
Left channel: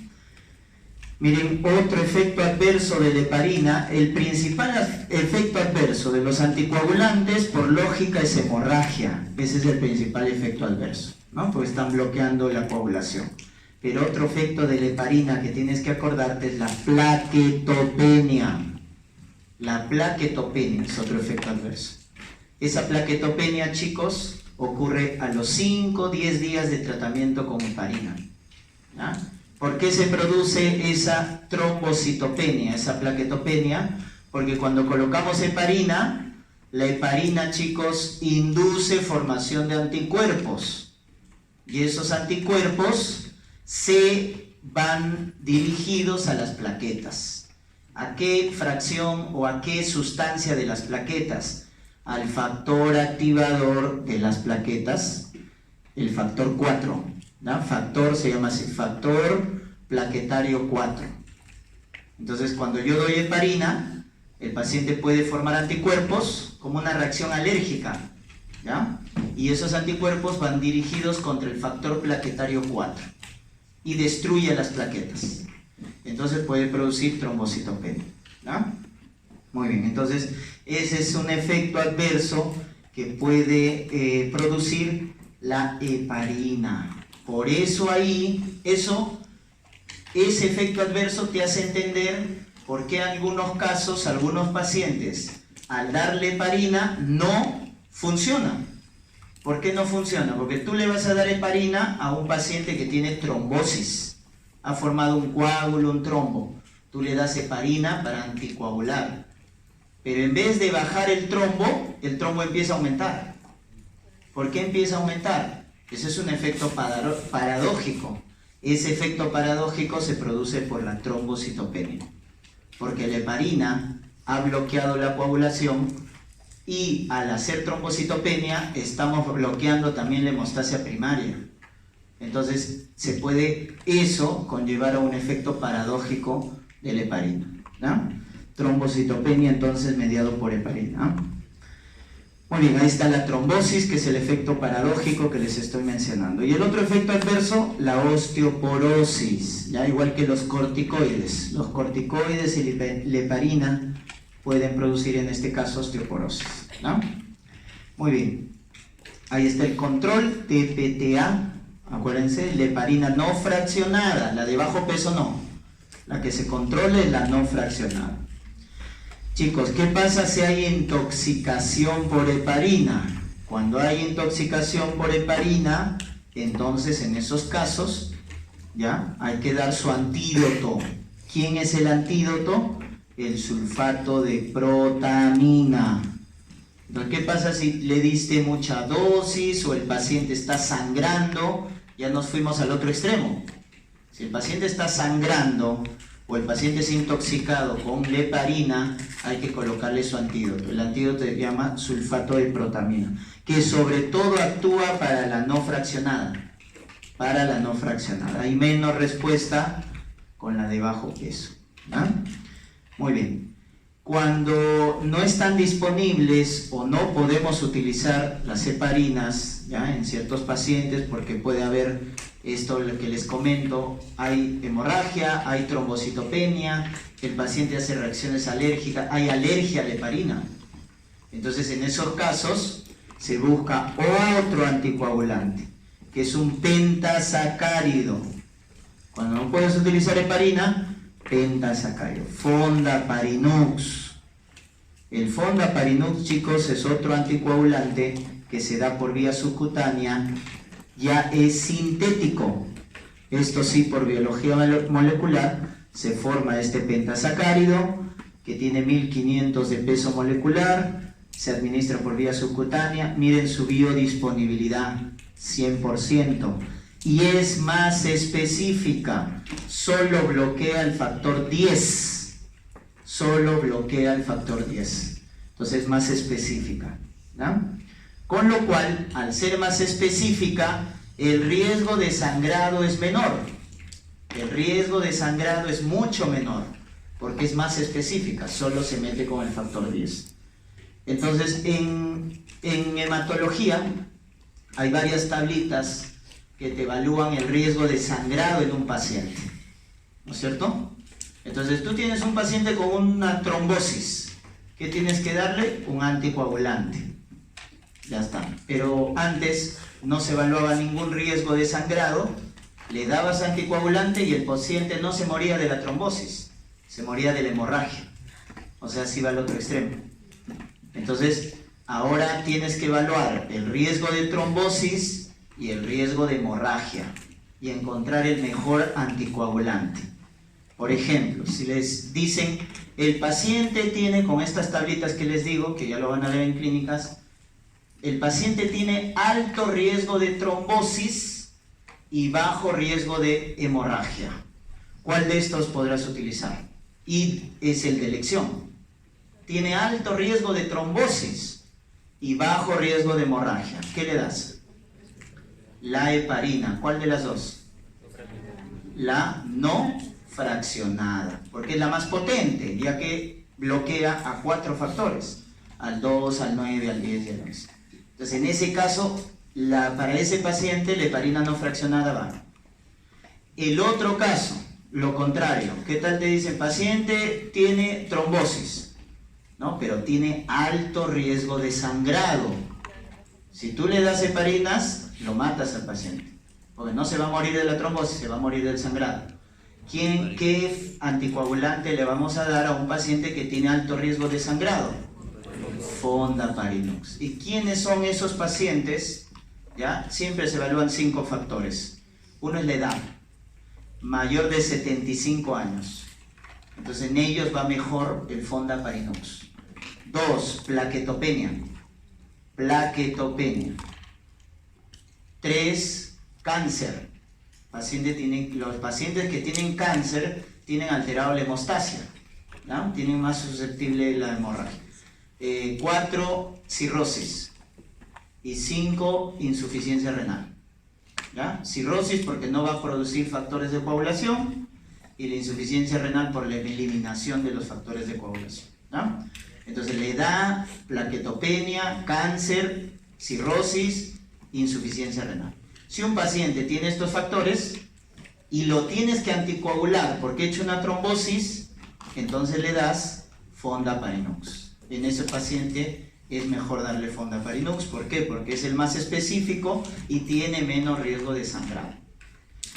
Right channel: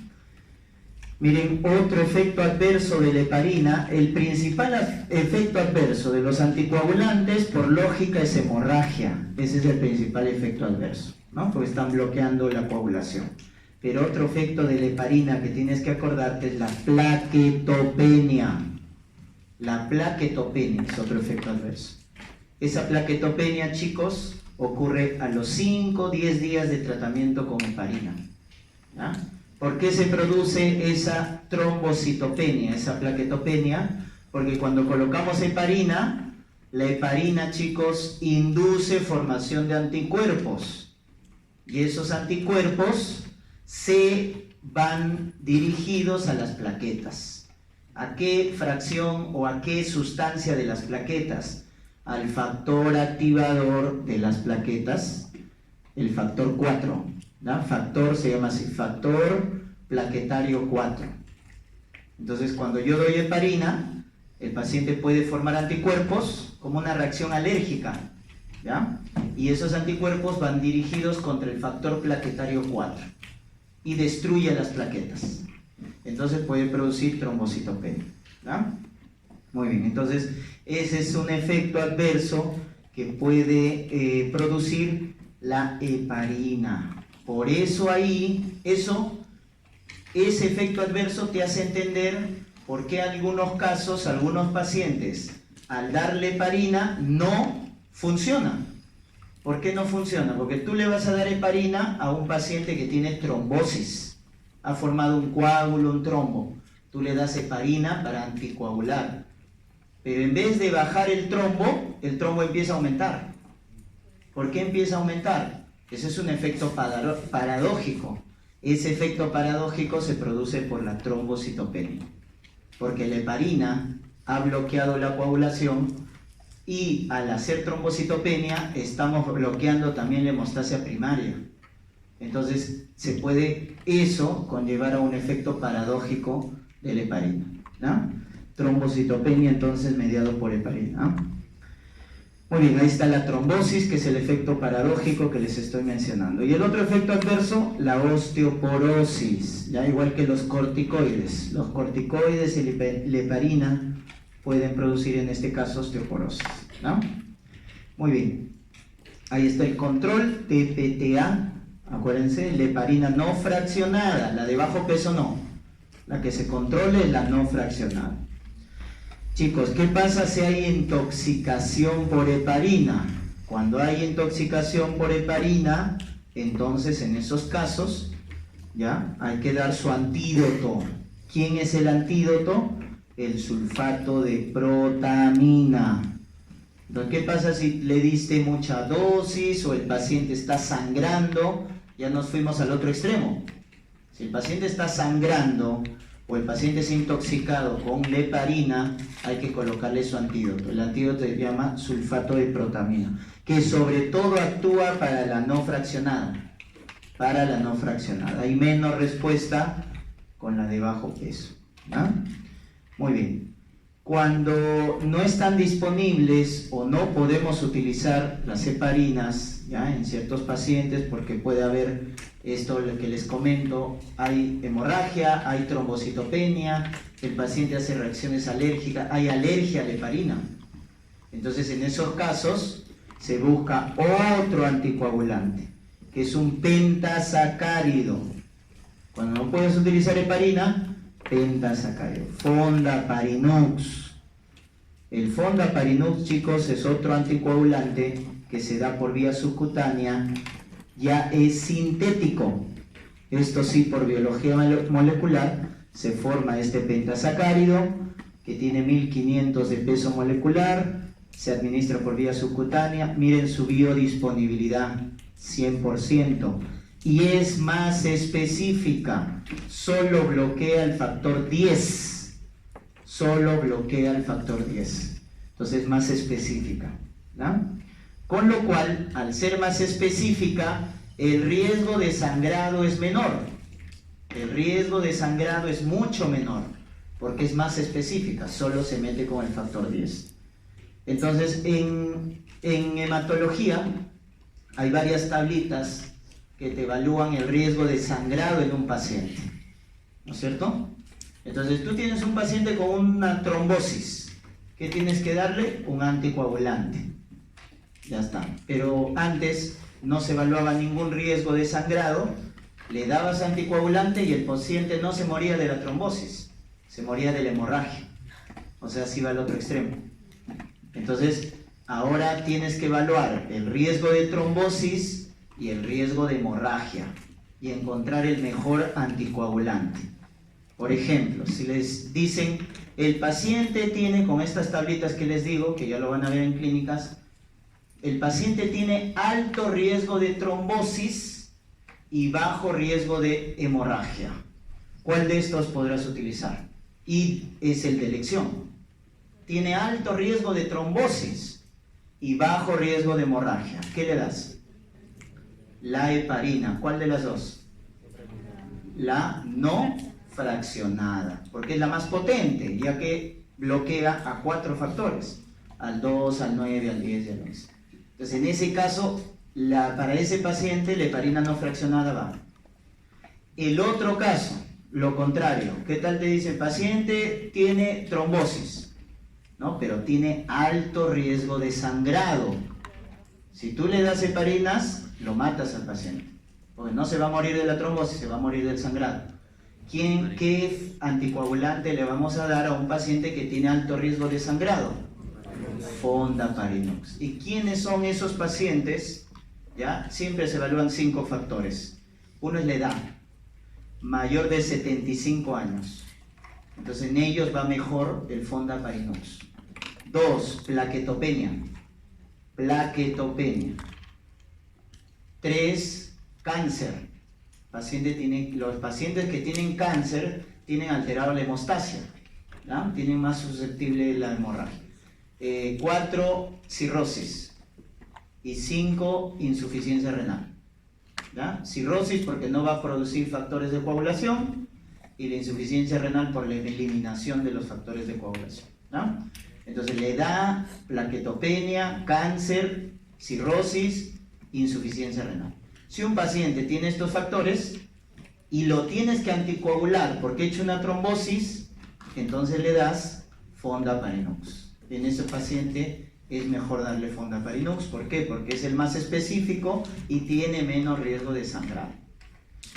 Miren, otro efecto adverso de la heparina, el principal efecto adverso de los anticoagulantes, por lógica, es hemorragia. Ese es el principal efecto adverso, ¿no? Porque están bloqueando la coagulación. Pero otro efecto de la heparina que tienes que acordarte es la plaquetopenia. La plaquetopenia es otro efecto adverso. Esa plaquetopenia, chicos, ocurre a los 5 o 10 días de tratamiento con heparina, ¿ya? ¿Por qué se produce esa trombocitopenia, esa plaquetopenia? Porque cuando colocamos heparina, la heparina, chicos, induce formación de anticuerpos. Y esos anticuerpos se van dirigidos a las plaquetas. ¿A qué fracción o a qué sustancia de las plaquetas? Al factor activador de las plaquetas, el factor 4, ¿no? Factor se llama así, factor plaquetario 4. Entonces, cuando yo doy heparina, el paciente puede formar anticuerpos como una reacción alérgica, ¿ya? Y esos anticuerpos van dirigidos contra el factor plaquetario 4 y destruye las plaquetas. Entonces puede producir trombocitopenia, ¿no? Muy bien, entonces ese es un efecto adverso que puede producir la heparina. Por eso ahí, ese efecto adverso te hace entender por qué en algunos casos, algunos pacientes, al darle heparina, no funciona. ¿Por qué no funciona? Porque tú le vas a dar heparina a un paciente que tiene trombosis, ha formado un coágulo, un trombo. Tú le das heparina para anticoagular. Pero en vez de bajar el trombo empieza a aumentar. ¿Por qué empieza a aumentar? Ese es un efecto paradójico. Ese efecto paradójico se produce por la trombocitopenia. Porque la heparina ha bloqueado la coagulación y al hacer trombocitopenia estamos bloqueando también la hemostasia primaria. Entonces se puede eso conllevar a un efecto paradójico de la heparina, ¿no? Trombocitopenia entonces mediado por heparina. Muy bien, ahí está la trombosis, que es el efecto paradójico que les estoy mencionando. Y el otro efecto adverso, la osteoporosis, ya igual que los corticoides. Los corticoides y la heparina pueden producir en este caso osteoporosis, ¿no? Muy bien, ahí está el control TPTA, acuérdense, la heparina no fraccionada, la de bajo peso no, la que se controle es la no fraccionada. Chicos, ¿qué pasa si hay intoxicación por heparina? Cuando hay intoxicación por heparina, entonces en esos casos, ¿ya? Hay que dar su antídoto. ¿Quién es el antídoto? El sulfato de protamina. Entonces, ¿qué pasa si le diste mucha dosis o el paciente está sangrando? Ya nos fuimos al otro extremo. Si el paciente está sangrando o el paciente es intoxicado con la heparina, hay que colocarle su antídoto. El antídoto se llama sulfato de protamina, que sobre todo actúa para la no fraccionada. Para la no fraccionada. Hay menos respuesta con la de bajo peso, ¿ya? Muy bien. Cuando no están disponibles o no podemos utilizar las heparinas, ¿ya? En ciertos pacientes, porque puede haber esto lo que les comento, hay hemorragia, hay trombocitopenia, el paciente hace reacciones alérgicas, hay alergia a la heparina. Entonces, en esos casos se busca otro anticoagulante, que es un pentasacárido. Cuando no puedes utilizar heparina, pentasacárido, Fondaparinux. El Fondaparinux, chicos, es otro anticoagulante que se da por vía subcutánea, ya es sintético. Esto sí, por biología molecular, se forma este pentasacárido que tiene 1500 de peso molecular, se administra por vía subcutánea. Miren su biodisponibilidad, 100%. Y es más específica, solo bloquea el factor 10, solo bloquea el factor 10, entonces es más específica, ¿no? Con lo cual, al ser más específica, el riesgo de sangrado es menor, el riesgo de sangrado es mucho menor, porque es más específica, solo se mete con el factor 10. Entonces, en hematología hay varias tablitas que te evalúan el riesgo de sangrado en un paciente, ¿no es cierto? Entonces tú tienes un paciente con una trombosis, ¿qué tienes que darle? Un anticoagulante, ya está. Pero antes no se evaluaba ningún riesgo de sangrado, le dabas anticoagulante y el paciente no se moría de la trombosis, se moría de la hemorragia, o sea, se iba al otro extremo. Entonces ahora tienes que evaluar el riesgo de trombosis y el riesgo de hemorragia y encontrar el mejor anticoagulante. Por ejemplo, si les dicen el paciente tiene, con estas tablitas que les digo, que ya lo van a ver en clínicas, el paciente tiene alto riesgo de trombosis y bajo riesgo de hemorragia, ¿cuál de estos podrás utilizar? Y es el de elección. Tiene alto riesgo de trombosis y bajo riesgo de hemorragia, ¿qué le das? La heparina. ¿Cuál de las dos? La no fraccionada, porque es la más potente, ya que bloquea a 4 factores, al 2, al 9, al 10 y al 11. Entonces, en ese caso, para ese paciente, la heparina no fraccionada va. El otro caso, lo contrario, ¿qué tal te dice? El paciente tiene trombosis, ¿no? Pero tiene alto riesgo de sangrado. Si tú le das heparinas, lo matas al paciente, porque no se va a morir de la trombosis, se va a morir del sangrado. ¿Qué anticoagulante le vamos a dar a un paciente que tiene alto riesgo de sangrado? Fondaparinux. ¿Y quiénes son esos pacientes? ¿Ya? Siempre se evalúan 5 factores. Uno es la edad, mayor de 75 años. Entonces en ellos va mejor el Fondaparinux. 2, plaquetopenia. 3, cáncer. Los pacientes que tienen cáncer tienen alterado la hemostasia, ¿ya? Tienen más susceptible la hemorragia. 4, cirrosis. Y 5, insuficiencia renal, ¿ya? Cirrosis porque no va a producir factores de coagulación y la insuficiencia renal por la eliminación de los factores de coagulación, ¿ya? Entonces la edad, plaquetopenia, cáncer, cirrosis, insuficiencia renal. Si un paciente tiene estos factores y lo tienes que anticoagular porque ha hecho una trombosis, entonces le das Fondaparinux. En ese paciente es mejor darle Fondaparinux. ¿Por qué? Porque es el más específico y tiene menos riesgo de sangrado.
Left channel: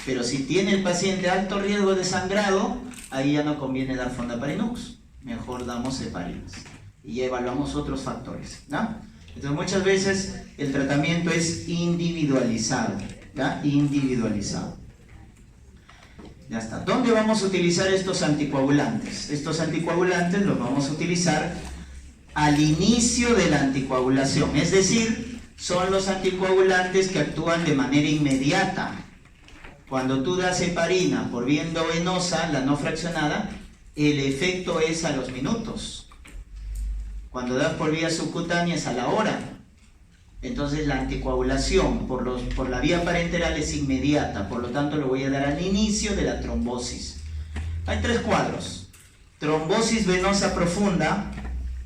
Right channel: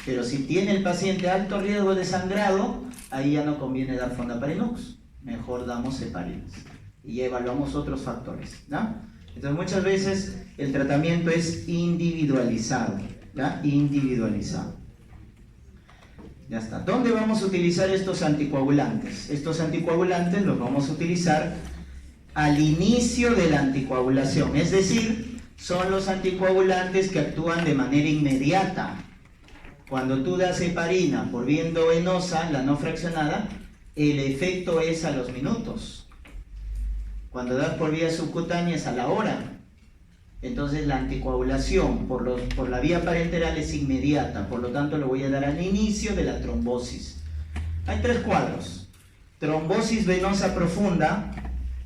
Pero si tiene el paciente alto riesgo de sangrado, ahí ya no conviene dar Fondaparinux. Mejor damos Heparines. Y evaluamos otros factores, ¿ya? Entonces muchas veces el tratamiento es individualizado, ¿ya? Individualizado. Ya está. ¿Dónde vamos a utilizar estos anticoagulantes? Estos anticoagulantes los vamos a utilizar al inicio de la anticoagulación, es decir, son los anticoagulantes que actúan de manera inmediata. Cuando tú das heparina por vía endovenosa, la no fraccionada, el efecto es a los minutos. Cuando das por vía subcutánea es a la hora. Entonces la anticoagulación por la vía parenteral es inmediata, por lo tanto lo voy a dar al inicio de la trombosis. Hay tres cuadros. Trombosis venosa profunda,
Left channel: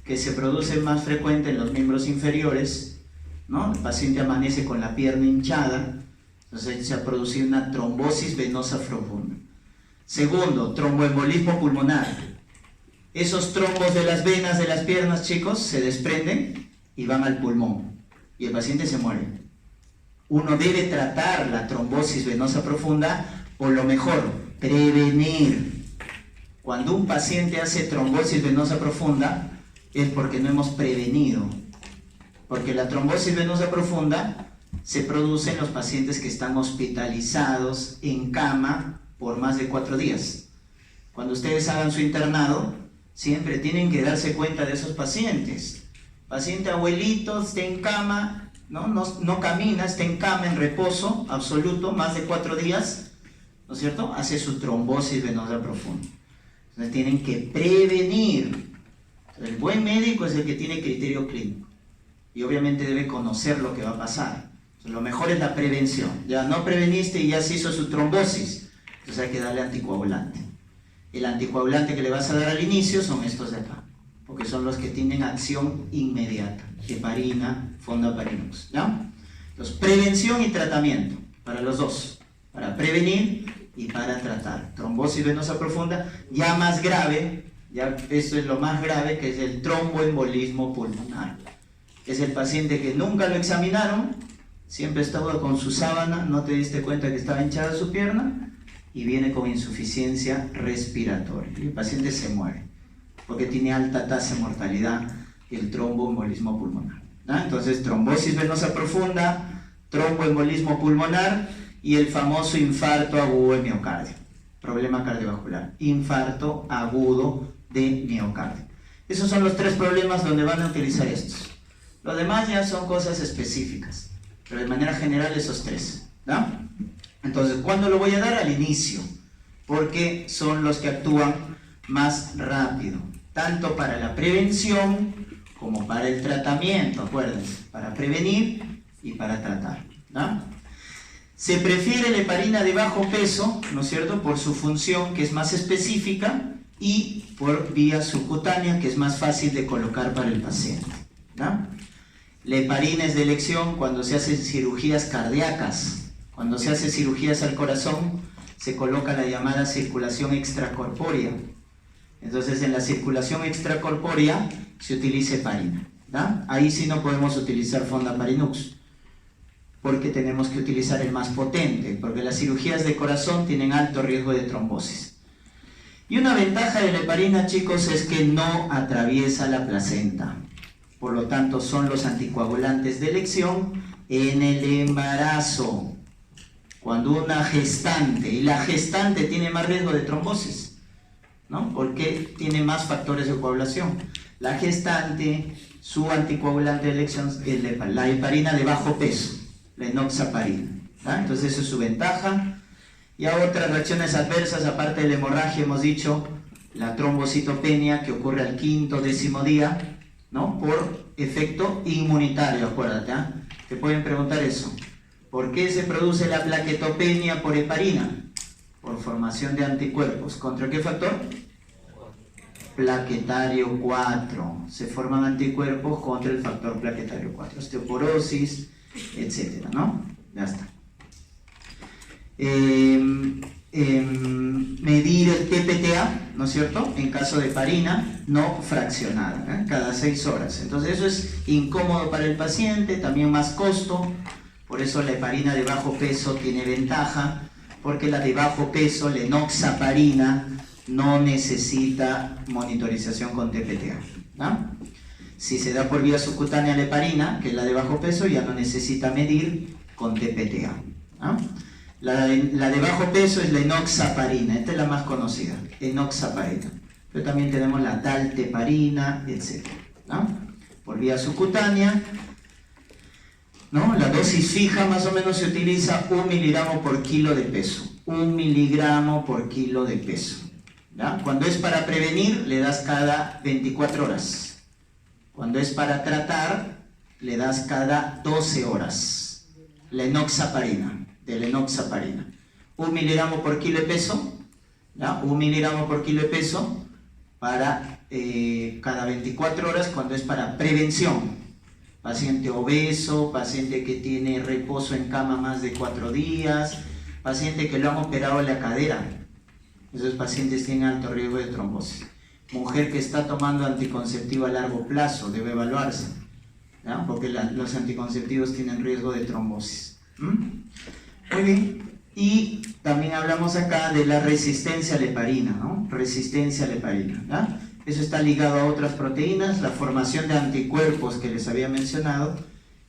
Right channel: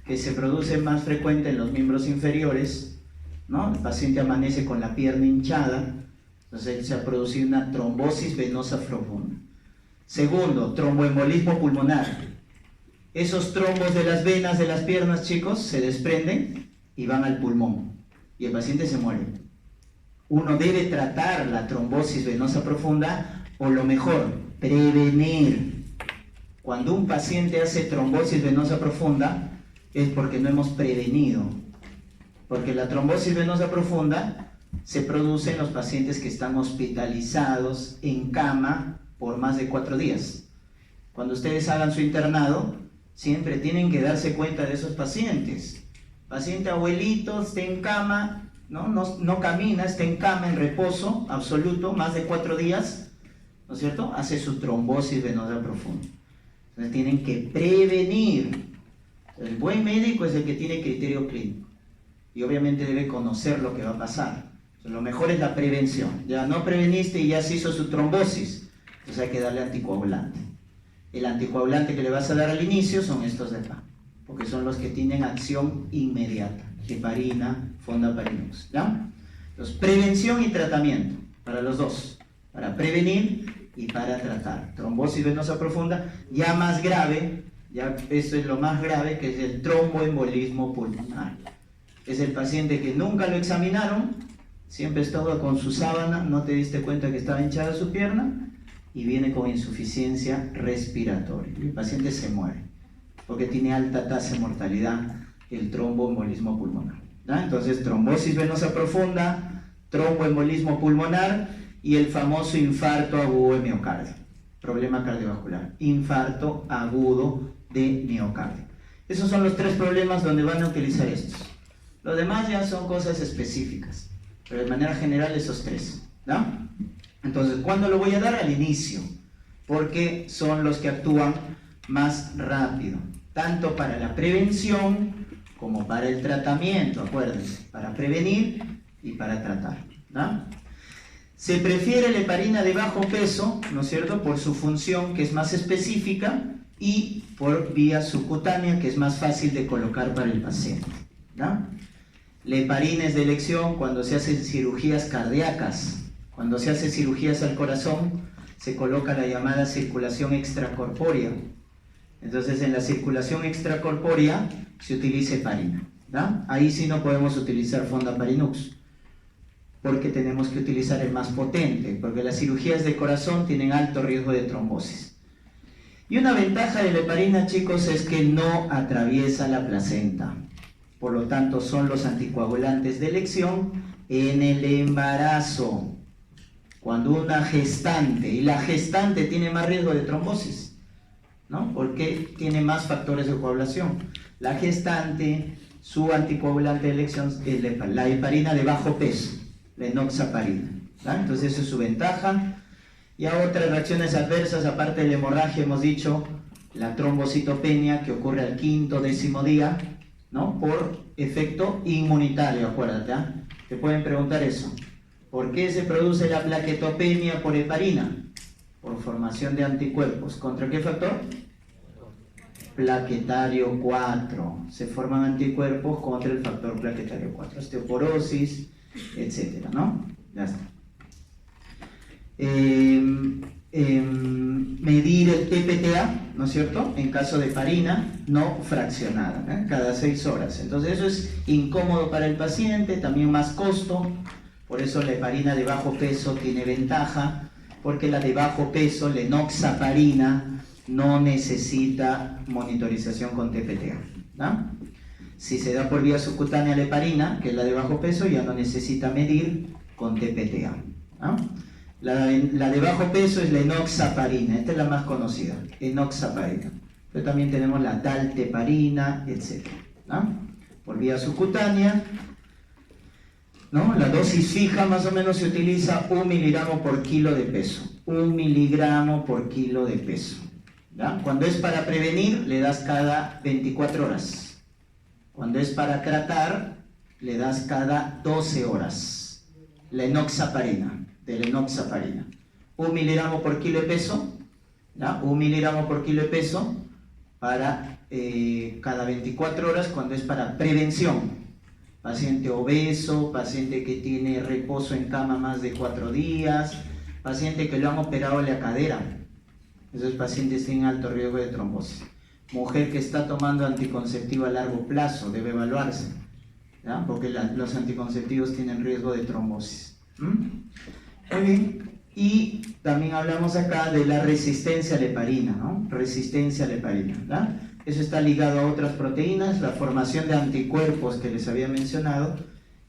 que se produce más frecuente en los miembros inferiores, ¿no? El paciente amanece con la pierna hinchada, entonces se ha producido una trombosis venosa profunda. Segundo, tromboembolismo pulmonar. Esos trombos de las venas de las piernas, chicos, se desprenden y van al pulmón y el paciente se muere. Uno debe tratar la trombosis venosa profunda, o lo mejor, prevenir. Cuando un paciente hace trombosis venosa profunda es porque no hemos prevenido, porque la trombosis venosa profunda se produce en los pacientes que están hospitalizados en cama por más de 4 días. Cuando ustedes hagan su internado, siempre tienen que darse cuenta de esos pacientes. Paciente abuelito, está en cama, no camina, está en cama, en reposo absoluto, más de 4 días, ¿no es cierto? Hace su trombosis venosa profunda. Entonces tienen que prevenir. El buen médico es el que tiene criterio clínico y obviamente debe conocer lo que va a pasar. Entonces, lo mejor es la prevención. Ya no preveniste y ya se hizo su trombosis, entonces hay que darle anticoagulante. El anticoagulante que le vas a dar al inicio son estos de acá, porque son los que tienen acción inmediata: heparina, Fondaparinux, ¿ya? Entonces, prevención y tratamiento para los dos, para prevenir y para tratar. Trombosis venosa profunda, ya más grave, ya esto es lo más grave, que es el tromboembolismo pulmonar. Es el paciente que nunca lo examinaron, siempre estaba con su sábana, no te diste cuenta que estaba hinchada su pierna y viene con insuficiencia respiratoria. Y el paciente se muere porque tiene alta tasa de mortalidad, el tromboembolismo pulmonar, ¿no? Entonces, trombosis venosa profunda, tromboembolismo pulmonar y el famoso infarto agudo de miocardio, problema cardiovascular, infarto agudo de miocardio. Esos son los 3 problemas donde van a utilizar estos. Los demás ya son cosas específicas, pero de manera general esos 3, ¿no? Entonces, ¿cuándo lo voy a dar? Al inicio, porque son los que actúan más rápido, tanto para la prevención como para el tratamiento, acuérdense, para prevenir y para tratar, ¿no? Se prefiere la heparina de bajo peso, ¿no es cierto?, por su función, que es más específica, y por vía subcutánea, que es más fácil de colocar para el paciente, ¿no? La heparina es de elección cuando se hacen cirugías cardíacas. Cuando se hace cirugías al corazón, se coloca la llamada circulación extracorpórea. Entonces, en la circulación extracorpórea se utiliza heparina, ¿no? Ahí sí no podemos utilizar Fondaparinux, porque tenemos que utilizar el más potente, porque las cirugías de corazón tienen alto riesgo de trombosis. Y una ventaja de la heparina, chicos, es que no atraviesa la placenta. Por lo tanto, son los anticoagulantes de elección en el embarazo. Cuando una gestante, y la gestante tiene más riesgo de trombosis, ¿no? Porque tiene más factores de coagulación. La gestante, su anticoagulante de elección es la heparina de bajo peso, la enoxaparina, ¿no? Entonces esa es su ventaja. Y a otras reacciones adversas, aparte de la hemorragia, hemos dicho la trombocitopenia, que ocurre al 5º, 10º día, ¿no? Por efecto inmunitario, acuérdate, ¿eh? Te pueden preguntar eso. ¿Por qué se produce la plaquetopenia por heparina? Por formación de anticuerpos. ¿Contra qué factor? Plaquetario 4. Se forman anticuerpos contra el factor plaquetario 4. Osteoporosis, etcétera, ¿no? Ya está. medir el TPTA, ¿no es cierto?, en caso de heparina no fraccionada, cada 6 horas. Entonces eso es incómodo para el paciente, también más costo. Por eso la heparina de bajo peso tiene ventaja, porque la de bajo peso, la enoxaparina, no necesita monitorización con TPTA, ¿no? Si se da por vía subcutánea la heparina, que es la de bajo peso, ya no necesita medir con TPTA, ¿no? La de bajo peso es la enoxaparina, esta es la más conocida, enoxaparina. Pero también tenemos la dalteparina, etc., ¿no? Por vía subcutánea, ¿no? La dosis fija más o menos se utiliza 1 miligramo por kilo de peso. 1 miligramo por kilo de peso, ¿ya? Cuando es para prevenir, le das cada 24 horas. Cuando es para tratar, le das cada 12 horas. La enoxaparina, de la enoxaparina. 1 miligramo por kilo de peso, ¿ya? 1 miligramo por kilo de peso para cada 24 horas cuando es para prevención. Paciente obeso, paciente que tiene reposo en cama más de 4 días, paciente que lo han operado en la cadera. Esos pacientes tienen alto riesgo de trombosis. Mujer que está tomando anticonceptivo a largo plazo, debe evaluarse, ¿ya? Porque los anticonceptivos tienen riesgo de trombosis. Muy bien. Y también hablamos acá de la resistencia a la heparina, ¿no? Resistencia a la heparina, ¿ya? Eso está ligado a otras proteínas, la formación de anticuerpos que les había mencionado,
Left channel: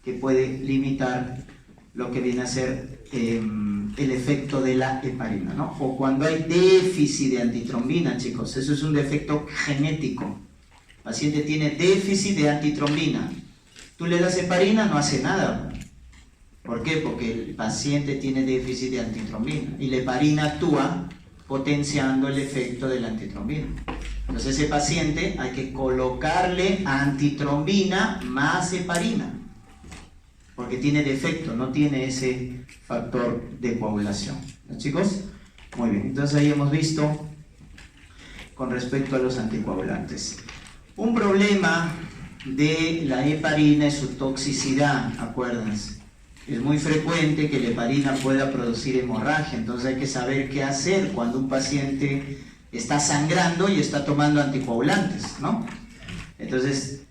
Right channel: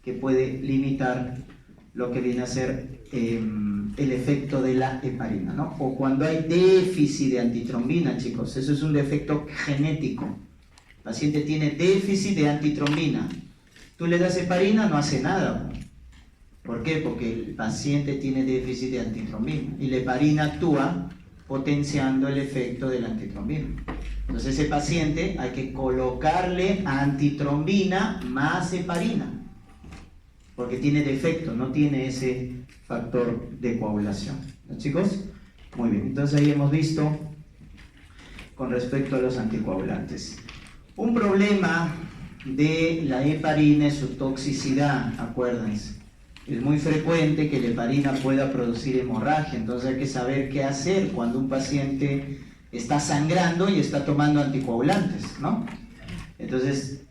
que puede limitar lo que viene a ser el efecto de la heparina, ¿no? O cuando hay déficit de antitrombina, chicos, eso es un defecto genético. El paciente tiene déficit de antitrombina. Tú le das heparina, no hace nada. ¿Por qué? Porque el paciente tiene déficit de antitrombina y la heparina actúa potenciando el efecto de la antitrombina. Entonces ese paciente hay que colocarle antitrombina más heparina, porque tiene defecto, no tiene ese factor de coagulación. ¿No, chicos? Muy bien, entonces ahí hemos visto con respecto a los anticoagulantes. Un problema de la heparina es su toxicidad, acuérdense. Es muy frecuente que la heparina pueda producir hemorragia, entonces hay que saber qué hacer cuando un paciente está sangrando y está tomando anticoagulantes, ¿no? Entonces,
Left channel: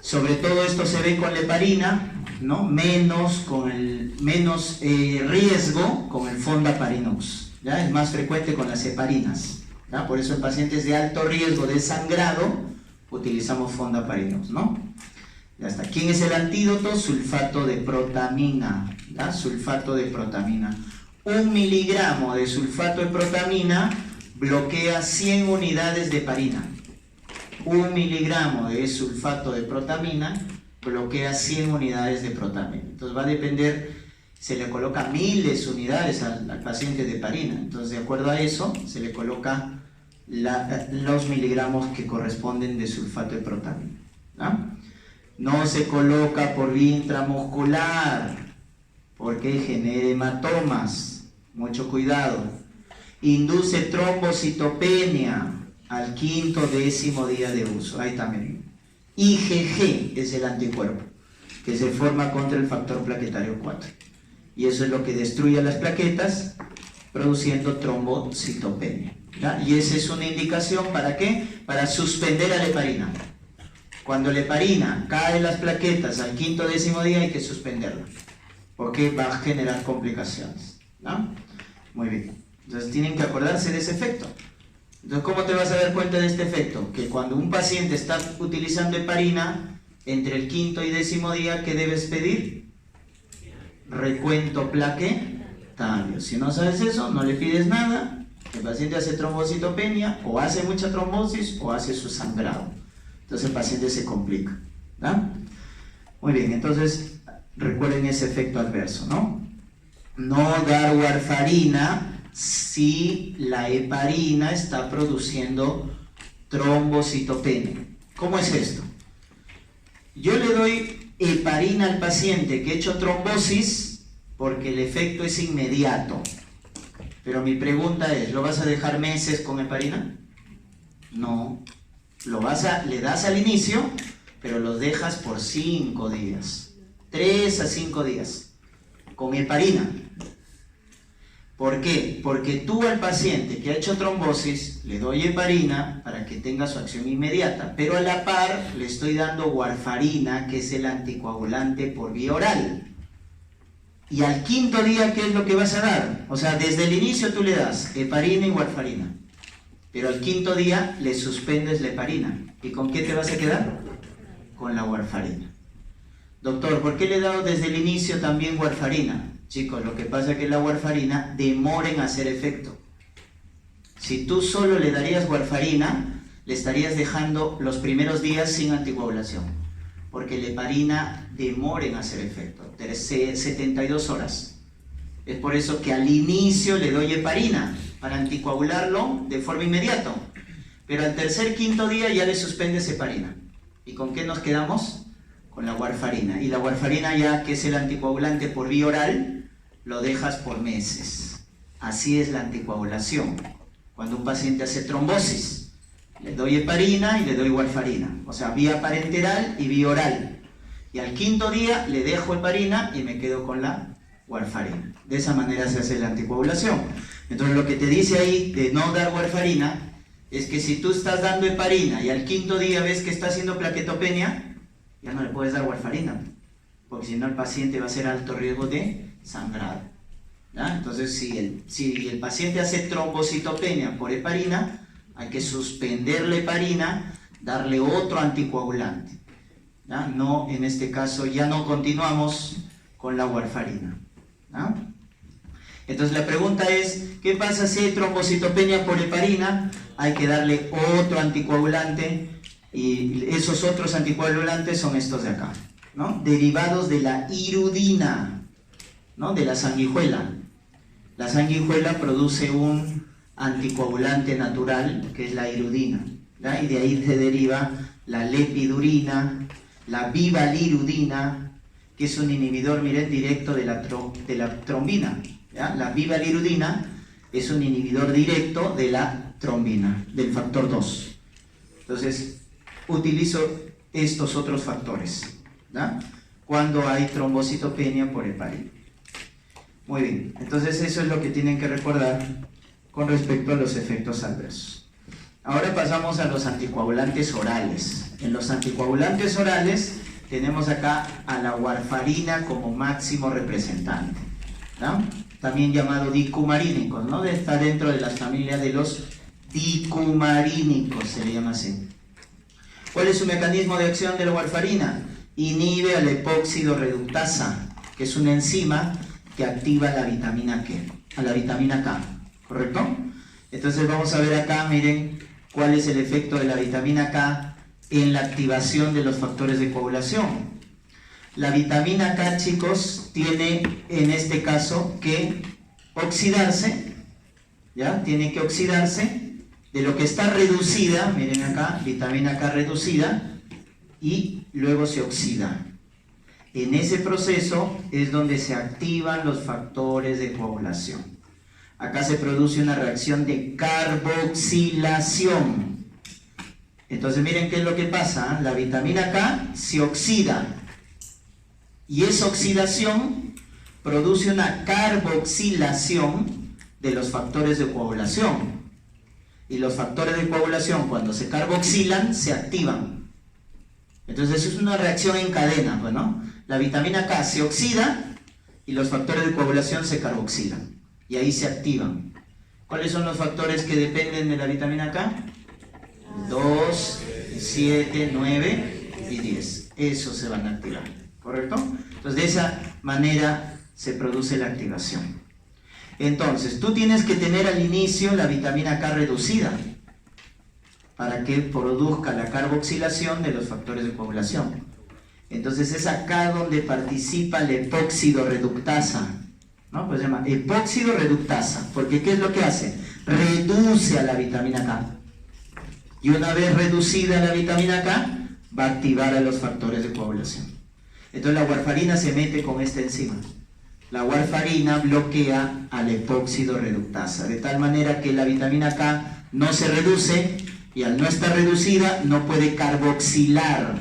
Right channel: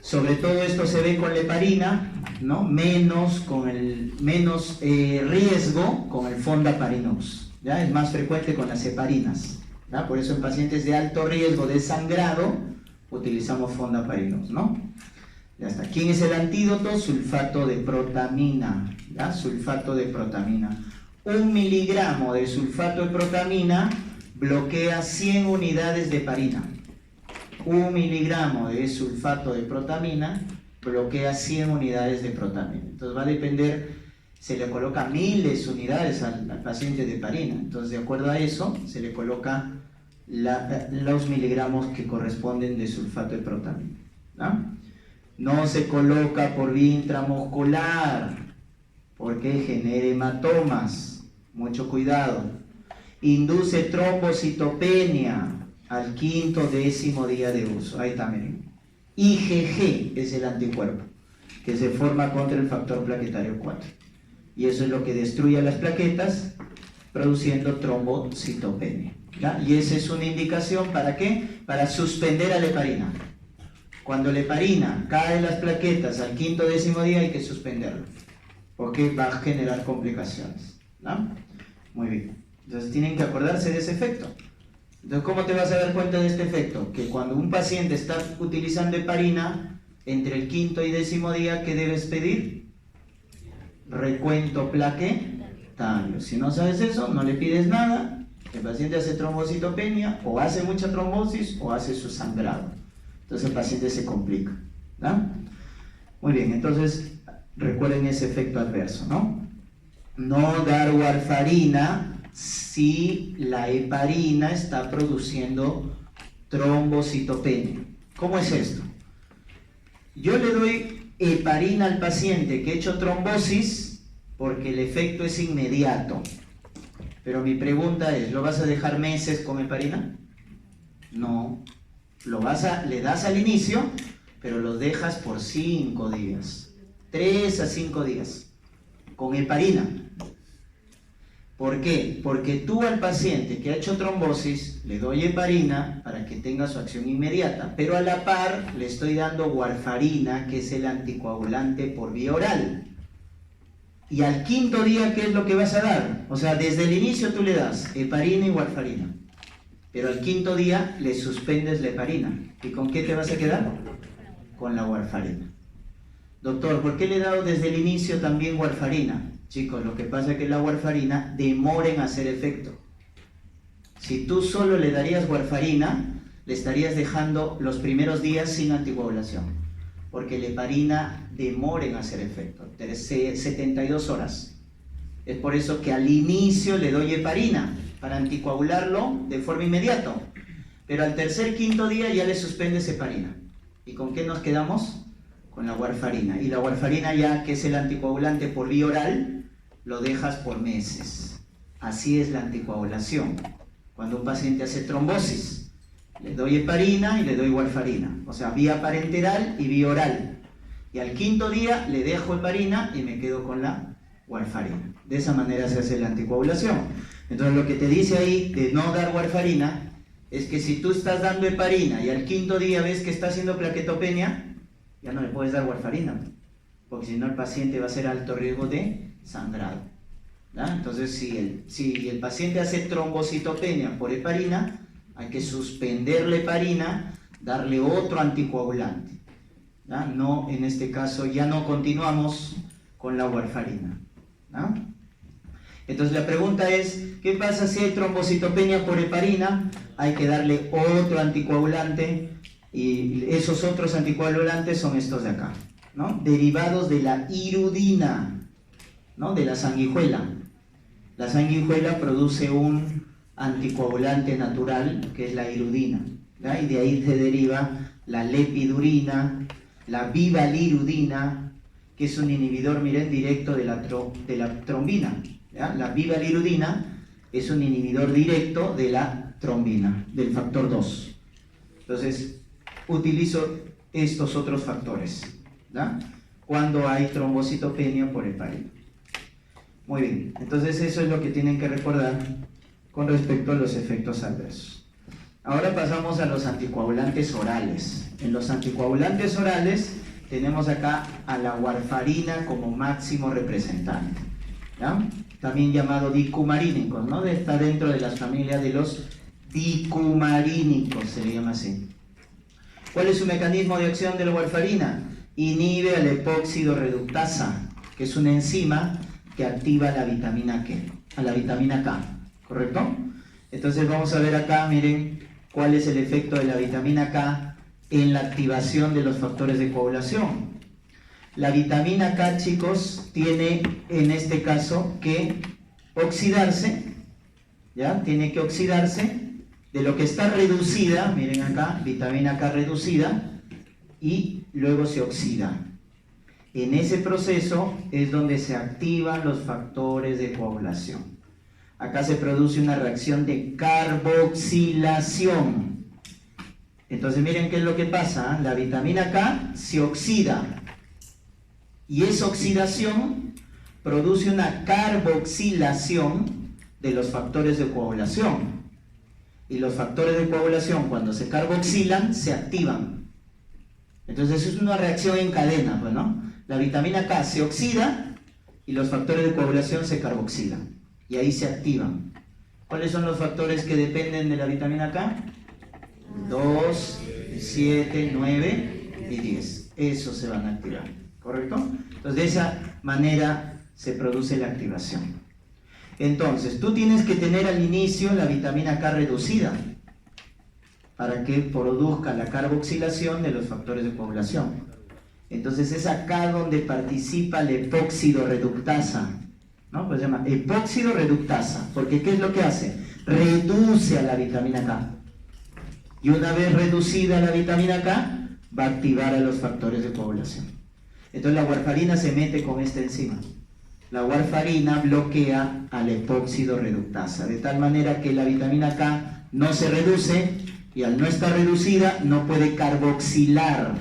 sobre todo esto se ve con la heparina, ¿no? Menos riesgo con el Fondaparinux, ¿ya? Es más frecuente con las heparinas, ¿ya? Por eso en pacientes de alto riesgo de sangrado utilizamos Fondaparinux, ¿no? Ya está. ¿Quién es el antídoto? Sulfato de protamina, ¿ya? Sulfato de protamina. 1 miligramo de sulfato de protamina bloquea 100 unidades de heparina. 1 miligramo de sulfato de protamina bloquea 100 unidades de protamina. Entonces va a depender, se le coloca miles de unidades al paciente de heparina. Entonces, de acuerdo a eso, se le coloca los miligramos que corresponden de sulfato de protamina, ¿no? No se coloca por vía intramuscular porque genera hematomas. Mucho cuidado. Induce trombocitopenia al 5º, 10º día de uso. Ahí también. IgG es el anticuerpo que se forma contra el factor plaquetario 4. Y eso es lo que destruye las plaquetas, produciendo trombocitopenia, ¿ya? Y esa es una indicación, ¿para qué? Para suspender a la heparina. Cuando la heparina cae en las plaquetas al 5º, 10º día hay que suspenderla, porque va a generar complicaciones, ¿no? Muy bien. Entonces tienen que acordarse de ese efecto. Entonces, ¿cómo te vas a dar cuenta de este efecto? Que cuando un paciente está utilizando heparina, entre el 5º y 10º día, ¿qué debes pedir? Recuento plaquetario. Si no sabes eso, no le pides nada. El paciente hace trombocitopenia, o hace mucha trombosis, o hace su sangrado. Entonces el paciente se complica, ¿no? Muy bien, entonces recuerden ese efecto adverso, ¿no? No dar warfarina si la heparina está produciendo trombocitopenia. ¿Cómo es esto? Yo le doy heparina al paciente que ha hecho trombosis porque el efecto es inmediato. Pero mi pregunta es, ¿lo vas a dejar meses con heparina? No. Le das al inicio, pero los dejas por 5 días. 3 a 5 días. Con heparina. ¿Por qué? Porque tú al paciente que ha hecho trombosis le doy heparina para que tenga su acción inmediata, pero a la par le estoy dando warfarina, que es el anticoagulante por vía oral. Y al quinto día, ¿qué es lo que vas a dar? O sea, desde el inicio tú le das heparina y warfarina, pero al quinto día le suspendes la heparina. ¿Y con qué te vas a quedar? Con la warfarina. Doctor, ¿por qué le he dado desde el inicio también warfarina? Chicos, lo que pasa es que la warfarina demora en hacer efecto. Si tú solo le darías warfarina, le estarías dejando los primeros días sin anticoagulación, porque la heparina demora en hacer efecto, 72 horas. Es por eso que al inicio le doy heparina, para anticoagularlo de forma inmediata, pero al tercer, quinto día ya le suspendes heparina. ¿Y con qué nos quedamos? Con la warfarina. Y la warfarina, ya que es el anticoagulante por vía oral, lo dejas por meses. Así es la anticoagulación. Cuando un paciente hace trombosis, le doy heparina y le doy warfarina, o sea, vía parenteral y vía oral. Y al quinto día le dejo heparina y me quedo con la warfarina. De esa manera se hace la anticoagulación. Entonces lo que te dice ahí de no dar warfarina es que si tú estás dando heparina y al quinto día ves que está haciendo plaquetopenia, ya no le puedes dar warfarina, porque si no el paciente va a ser alto riesgo de sangrado. ¿Ya? Entonces si el paciente hace trombocitopenia por heparina, hay que suspender la heparina, darle otro anticoagulante. ¿Ya? No, en este caso ya no continuamos con la warfarina. ¿Ya? Entonces la pregunta es, ¿qué pasa si hay trombocitopenia por heparina? Hay que darle otro anticoagulante, y esos otros anticoagulantes son estos de acá, ¿no? Derivados de la hirudina, ¿no? De la sanguijuela. La sanguijuela produce un anticoagulante natural, que es la hirudina, ¿ya? Y de ahí se deriva la lepidurina, la vivalirudina, que es un inhibidor, miren, directo de la trombina, ¿ya? La vivalirudina es un inhibidor directo de la trombina, del factor 2. Entonces, utilizo estos otros factores, ¿ya? Cuando hay trombocitopenia por heparina. Muy bien, entonces eso es lo que tienen que recordar con respecto a los efectos adversos. Ahora pasamos a los anticoagulantes orales. En los anticoagulantes orales tenemos acá a la warfarina como máximo representante, ¿ya? También llamado dicumarínicos, ¿no? Está dentro de las familias de los dicumarínicos, se le llama así. ¿Cuál es su mecanismo de acción de la warfarina? Inhibe a la epóxido reductasa, que es una enzima que activa la vitamina K, ¿correcto? Entonces vamos a ver acá, miren, cuál es el efecto de la vitamina K en la activación de los factores de coagulación. La vitamina K, chicos, tiene en este caso que oxidarse, ¿ya? Tiene que oxidarse de lo que está reducida, miren acá, vitamina K reducida, y luego se oxida. En ese proceso es donde se activan los factores de coagulación. Acá se produce una reacción de carboxilación. Entonces miren qué es lo que pasa, la vitamina K se oxida, y esa oxidación produce una carboxilación de los factores de coagulación. Y los factores de coagulación, cuando se carboxilan, se activan. Entonces es una reacción en cadena, pues, ¿no? La vitamina K se oxida y los factores de coagulación se carboxilan, y ahí se activan. ¿Cuáles son los factores que dependen de la vitamina K? 2, 7, 9 y 10. Esos se van a activar, ¿correcto? Entonces de esa manera se produce la activación. Entonces tú tienes que tener al inicio la vitamina K reducida para que produzca la carboxilación de los factores de coagulación. Entonces es acá donde participa la epóxido reductasa, ¿no? Pues se llama epóxido reductasa, porque ¿qué es lo que hace? Reduce a la vitamina K. Y una vez reducida la vitamina K, va a activar a los factores de coagulación. Entonces la warfarina se mete con esta enzima. La warfarina bloquea al epóxido reductasa, de tal manera que la vitamina K no se reduce, y al no estar reducida no puede carboxilar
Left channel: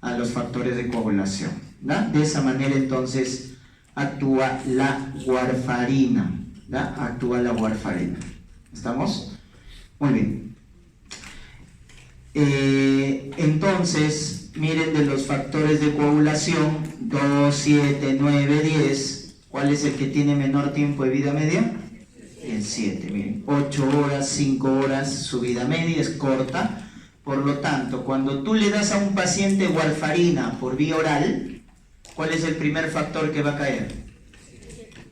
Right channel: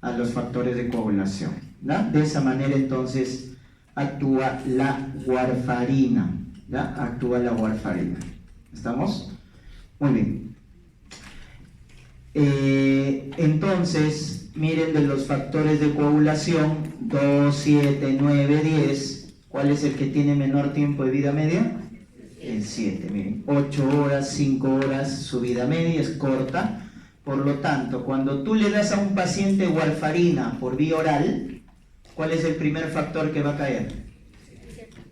a los factores de coagulación, ¿no? De esa manera entonces actúa la warfarina, ¿ya? Actúa la warfarina. ¿Estamos? Muy bien. Entonces, miren de los factores de coagulación, 2, 7, 9, 10, ¿cuál es el que tiene menor tiempo de vida media? El 7, miren, 8 horas, 5 horas, su vida media es corta. Por lo tanto, cuando tú le das a un paciente warfarina por vía oral, ¿cuál es el primer factor que va a caer?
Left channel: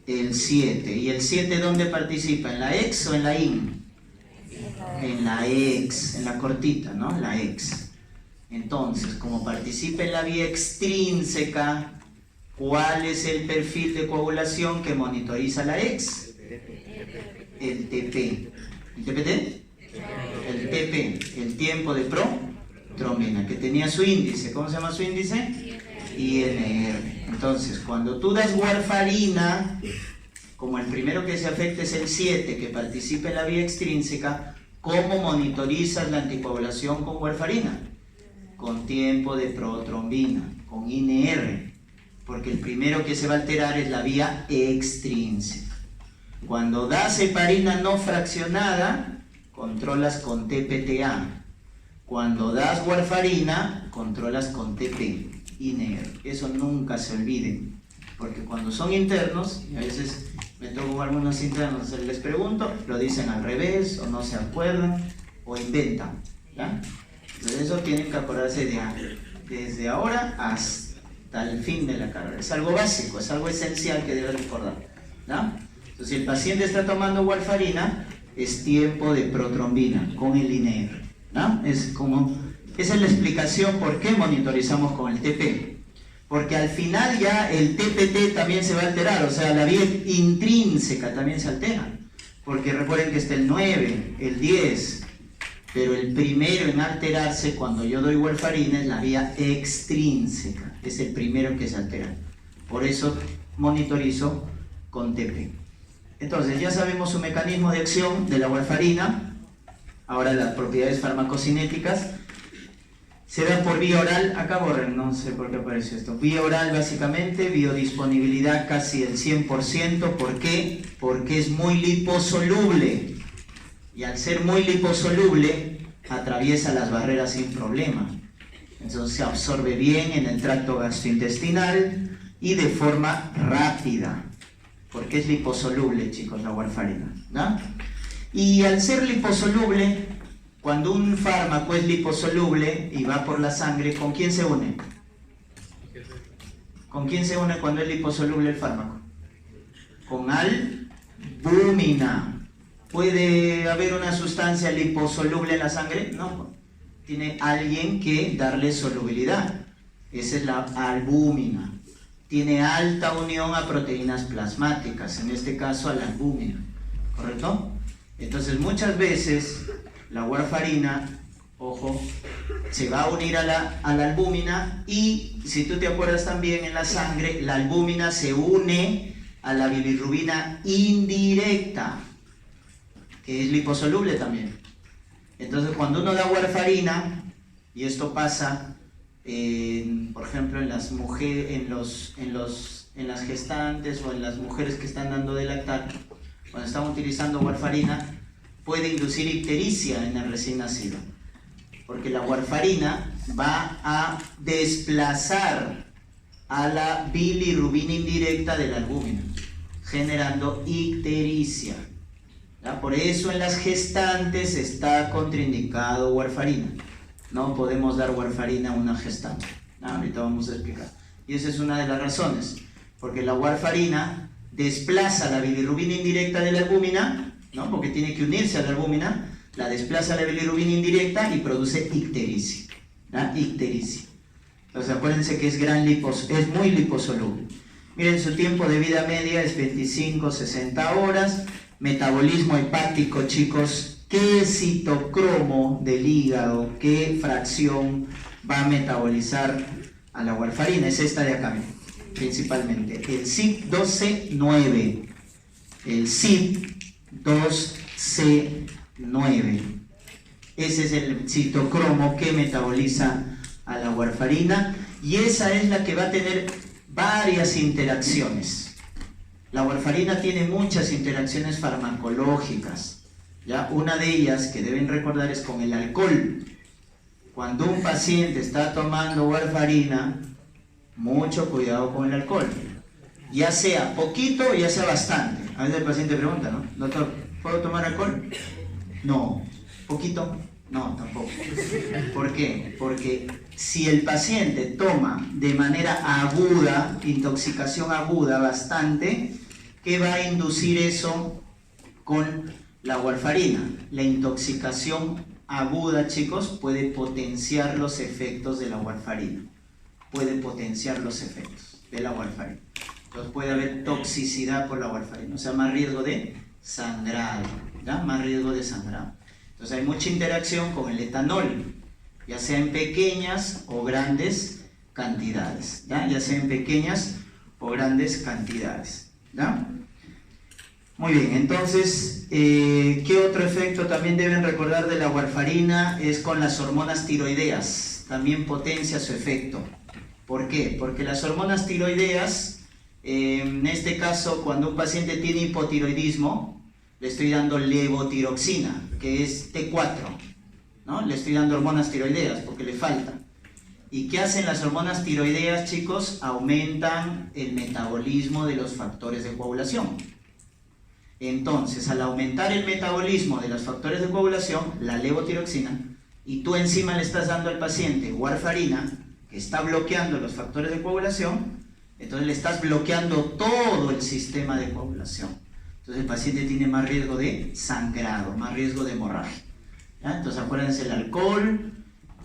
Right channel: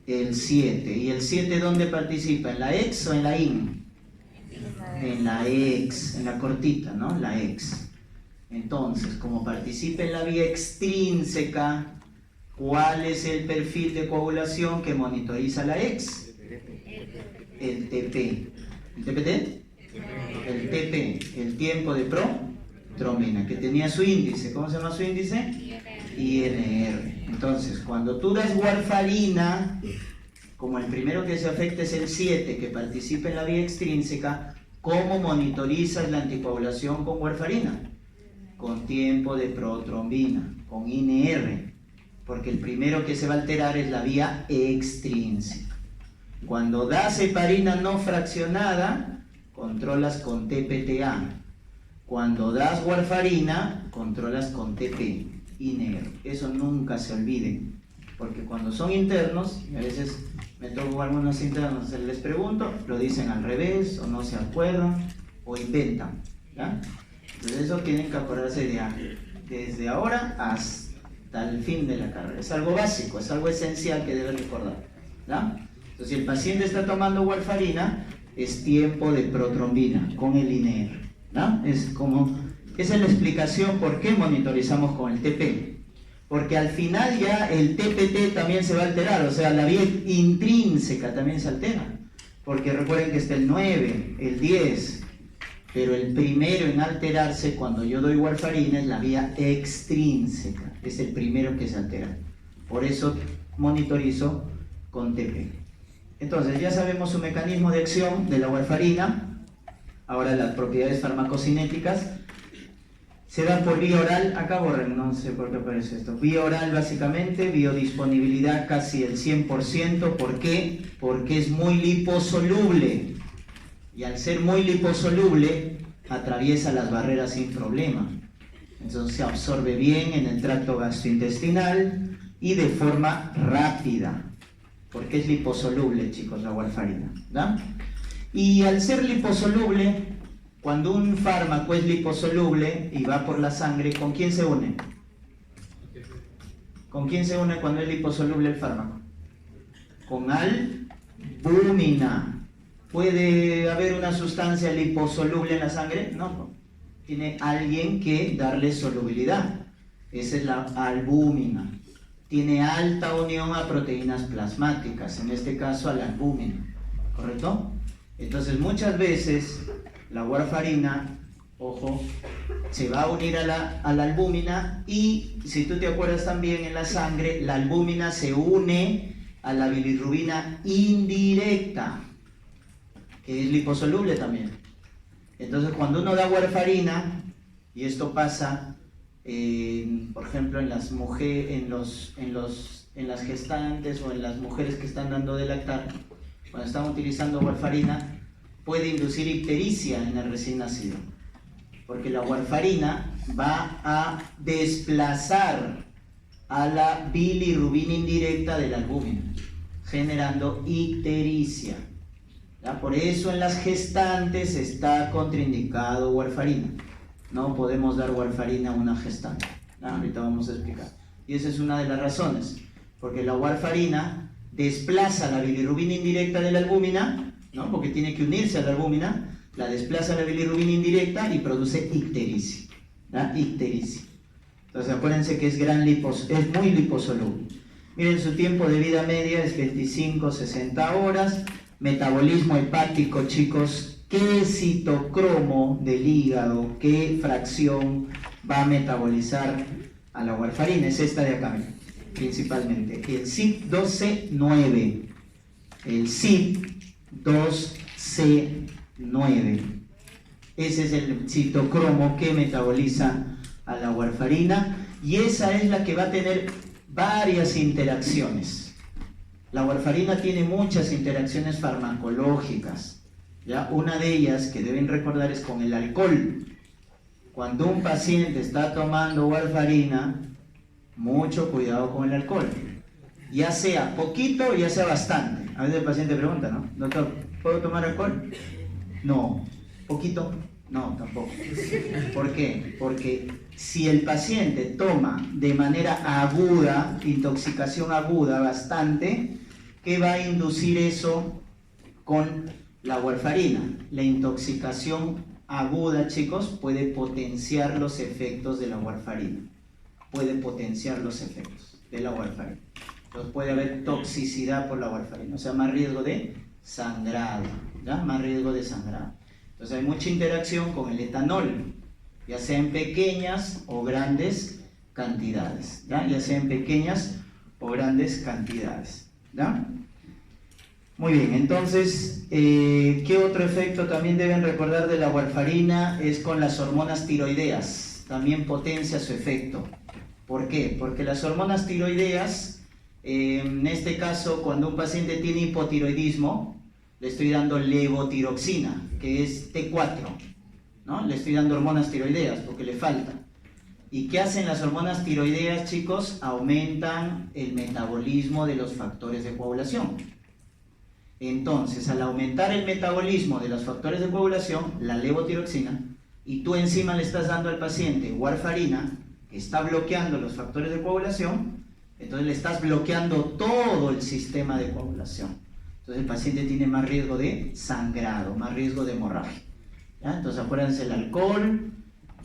El 7. ¿Y el 7 dónde participa? ¿En la ex o en la in? En la ex, en la cortita, ¿no? La ex. Entonces, como participa en la vía extrínseca, ¿cuál es el perfil de coagulación que monitoriza la ex? El TP. ¿El TPT? El TP, el tiempo de protrombina, que tenía su índice. ¿Cómo se llama su índice? INR. Entonces, cuando tú das warfarina, como el primero que se afecta es el 7, que participa en la vía extrínseca, ¿cómo monitorizas la anticoagulación con warfarina? Con tiempo de protrombina, con INR, porque el primero que se va a alterar es la vía extrínseca. Cuando das heparina no fraccionada, controlas con TPTA. Cuando das warfarina, controlas con TP, INR. Eso nunca se olviden, porque cuando son internos, y a veces me toco algunos internos, les pregunto, lo dicen al revés, o no se acuerdan, o inventan, ¿ya? Entonces eso tienen que acordarse desde ahora hasta el fin de la carrera. Es algo básico, es algo esencial que deben recordar, ¿ya? Entonces, si el paciente está tomando warfarina, es tiempo de protrombina con el INR, ¿no? Esa es la explicación por qué monitorizamos con el TP. Porque al final ya el TPT también se va a alterar, o sea, la vía intrínseca también se altera. Porque recuerden que está el 9, el 10, pero el primero en alterarse cuando yo doy warfarina es la vía extrínseca, es el primero que se altera. Por eso monitorizo con TP. Entonces, ya sabemos su mecanismo de acción de la warfarina. Ahora las propiedades farmacocinéticas. Se da por vía oral, acá borren, no sé por qué aparece esto. Vía oral básicamente, biodisponibilidad casi el 100%. ¿Por qué? Porque es muy liposoluble. Y al ser muy liposoluble, atraviesa las barreras sin problema. Entonces se absorbe bien en el tracto gastrointestinal y de forma rápida. Porque es liposoluble, chicos, la warfarina, ¿no? Y al ser liposoluble, cuando un fármaco es liposoluble y va por la sangre, ¿con quién se une? ¿Con quién se une cuando es liposoluble el fármaco? Con albúmina. ¿Puede haber una sustancia liposoluble en la sangre? No. Tiene alguien que darle solubilidad. Esa es la albúmina. Tiene alta unión a proteínas plasmáticas, en este caso a la albúmina, ¿correcto? Entonces muchas veces la warfarina, ojo, se va a unir a la albúmina y si tú te acuerdas también en la sangre, la albúmina se une a la bilirrubina indirecta, que es liposoluble también. Entonces cuando uno da warfarina, y esto pasa por ejemplo en las mujeres, en las gestantes o en las mujeres que están dando de lactar, cuando están utilizando warfarina, puede inducir ictericia en el recién nacido, porque la warfarina va a desplazar a la bilirrubina indirecta de la albúmina, generando ictericia, ¿ya? Por eso en las gestantes está contraindicado warfarina. No podemos dar warfarina a una gestante. Ahorita vamos a explicar. Y esa es una de las razones, porque la warfarina desplaza la bilirrubina indirecta de la albúmina, ¿no? Porque tiene que unirse a la albúmina, la desplaza la bilirrubina indirecta y produce ictericia, ¿no? Ictericia. Entonces acuérdense que es muy liposoluble. Miren, su tiempo de vida media es 25-60 horas. Metabolismo hepático, chicos. ¿Qué citocromo del hígado, qué fracción va a metabolizar a la warfarina? Es esta de acá, principalmente. El CYP2C9. El CYP2C9. Ese es el citocromo que metaboliza a la warfarina y esa es la que va a tener varias interacciones. La warfarina tiene muchas interacciones farmacológicas, ¿ya? Una de ellas que deben recordar es con el alcohol. Cuando un paciente está tomando warfarina, mucho cuidado con el alcohol. Ya sea poquito, ya sea bastante. A veces el paciente pregunta, ¿no? Doctor, ¿puedo tomar alcohol? No. ¿Poquito? No, tampoco. ¿Por qué? Porque si el paciente toma de manera aguda, intoxicación aguda bastante, ¿qué va a inducir eso con la warfarina? La intoxicación aguda, chicos, puede potenciar los efectos de la warfarina. Puede potenciar los efectos de la warfarina. Entonces puede haber toxicidad por la warfarina, o sea, más riesgo de sangrado, ¿ya? Más riesgo de sangrado. Entonces hay mucha interacción con el etanol, ya sea en pequeñas o grandes cantidades, ¿ya? Ya sea en pequeñas o grandes cantidades, ¿ya? Muy bien, entonces, ¿qué otro efecto también deben recordar de la warfarina? Es con las hormonas tiroideas, también potencia su efecto. ¿Por qué? Porque las hormonas tiroideas, en este caso, cuando un paciente tiene hipotiroidismo, le estoy dando levotiroxina, que es T4, ¿no? Le estoy dando hormonas tiroideas porque le falta. ¿Y qué hacen las hormonas tiroideas, chicos? Aumentan el metabolismo de los factores de coagulación. Entonces, al aumentar el metabolismo de los factores de coagulación, la levotiroxina, y tú encima le estás dando al paciente warfarina, que está bloqueando los factores de coagulación, entonces le estás bloqueando todo el sistema de coagulación. Entonces el paciente tiene más riesgo de sangrado, más riesgo de hemorragia, ¿ya? Entonces acuérdense, el alcohol,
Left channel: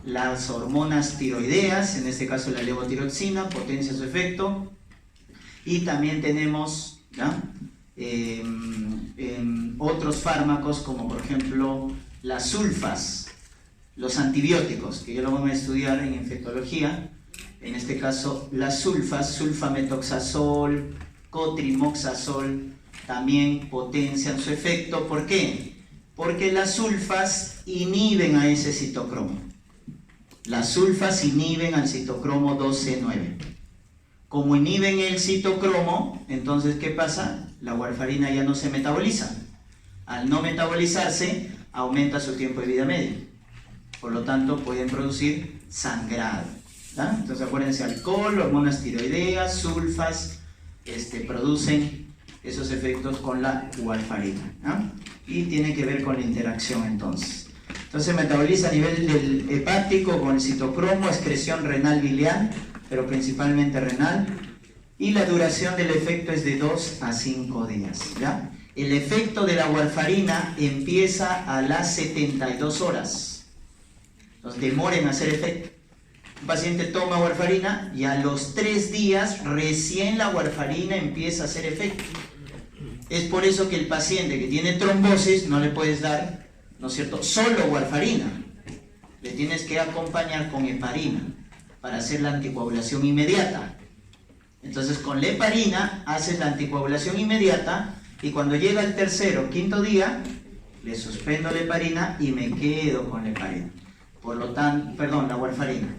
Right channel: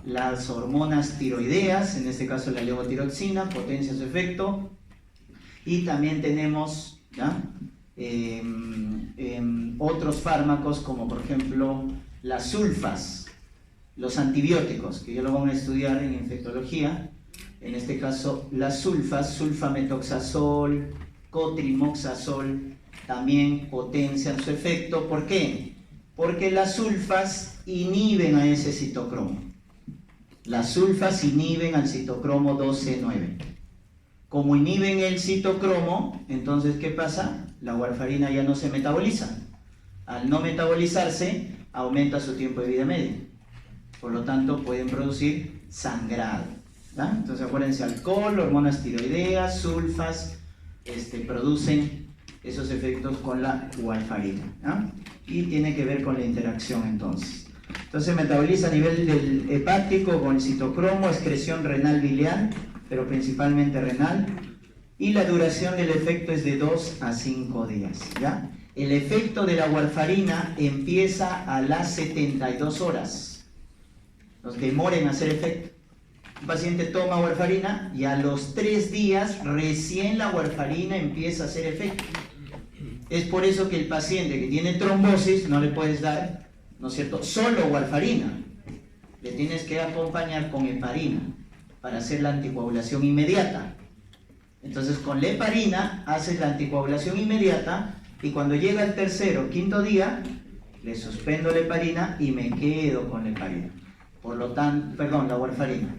las hormonas tiroideas, en este caso la levotiroxina, potencia su efecto, y también tenemos, ¿ya? Otros fármacos como por ejemplo las sulfas, los antibióticos, que yo lo voy a estudiar en infectología. En este caso las sulfas, sulfametoxazol, cotrimoxazol, también potencian su efecto. ¿Por qué? Porque las sulfas inhiben a ese citocromo. Las sulfas inhiben al citocromo 12-9. Como inhiben el citocromo, entonces ¿qué pasa? La warfarina ya no se metaboliza. Al no metabolizarse, aumenta su tiempo de vida medio. Por lo tanto, pueden producir sangrado, ¿ya? Entonces acuérdense, alcohol, hormonas tiroideas, sulfas, producen esos efectos con la warfarina, ¿ya? Y tiene que ver con la interacción entonces. Entonces metaboliza a nivel del hepático con el citocromo, excreción renal biliar, pero principalmente renal, y la duración del efecto es de 2 a 5 días, ¿ya? El efecto de la warfarina empieza a las 72 horas. Nos demora en hacer efecto. Un paciente toma warfarina y a los 3 días recién la warfarina empieza a hacer efecto. Es por eso que el paciente que tiene trombosis no le puedes dar, ¿no es cierto?, solo warfarina. Le tienes que acompañar con heparina para hacer la anticoagulación inmediata. Entonces con la heparina haces la anticoagulación inmediata y cuando llega el 3er o 5.º día le suspendo la heparina y me quedo con la heparina. Por lo tanto, la warfarina.